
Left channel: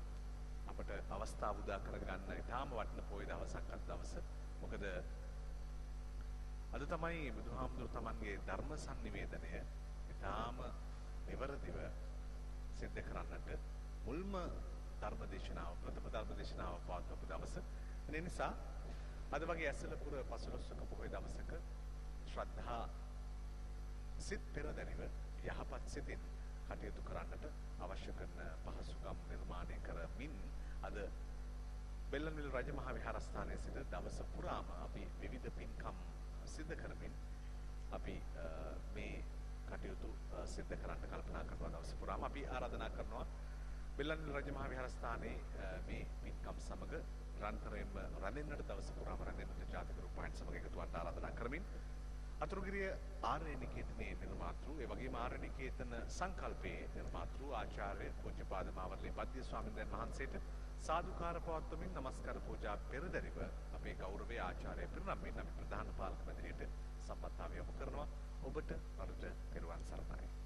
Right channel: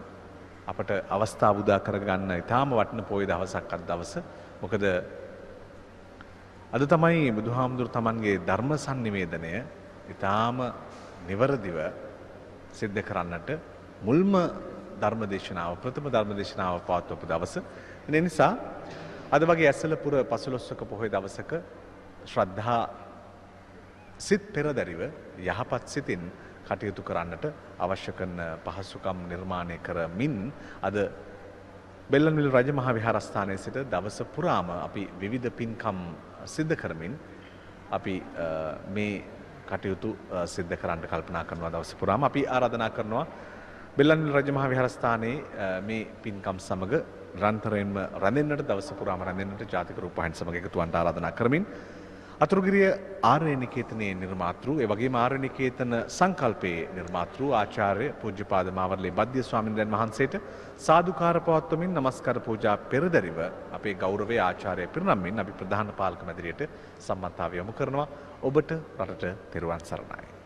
අපට අවස්ථාව උදා කරගන්න ඉතාම වටින පොය දවසක් අද දවස. මොකද අද තමයි බුදුහාමුදුර තමන්ගේ ධර්ම sannivedanaya ඉතාම නිවරදිව සිද්ධ කරන්නට මුල්ම ධර්මදේශනාව ප්‍රථම ධර්මදේශනාව පවත්වපු දවස. ඒ නිසා අද වගේ ඇසලපුර 15ක පොහොය දවසක ශ්‍රද්ධා සිත් පෙරදරිව යහපත් සිතින් කටයුතු කරන්නට අවශ්‍ය කරන පහසුකම් නිර්මාණය කරමින් අද බෙල්ලන්විල රජමහා විහාරස්ථානයේ සිට දවස පුරාම අපි විවිධ පින්කම් සිද්ධ කරමින් අපි මේ කටයුතු සිද්ධ කරන්න කල්පනා කරනවා. දවස පුරාම අපි ආරාධනා කරනවා බෙල්ලන්විල රජමහා විහාරස්ථානයේ මේ පින්කම් සමග නිරන්තරයෙන්ම රැඳෙන්නට දවස පුරාම රැඳෙන්නට ජාතික රූපවාහිනී සමග එකතු වන්නට ආරාධනා කරමින් අතුරුගිරිය ආර්ය නිකේතනයේ නිර්මාතෘ ඒ වගේම ආර්ය නිකේතන සංකල්පයේ නිර්මාතෘ ආචාර්ය පූජ්‍යපාද මාවර්ලේ බද්දිය ස්වාමීන් වහන්සේට සාදුකාර පවත්වමින් නමස්කාර පූජා පෙරදරිව අපේ ගෞරවයේ ආචාර්ය පිරිනම්මින් අපි ප්‍රධාන පාලක මැදිරියට සම්මතාව යොමු කරනවා. ඔබට රටට තෙරුවන් සරණයි.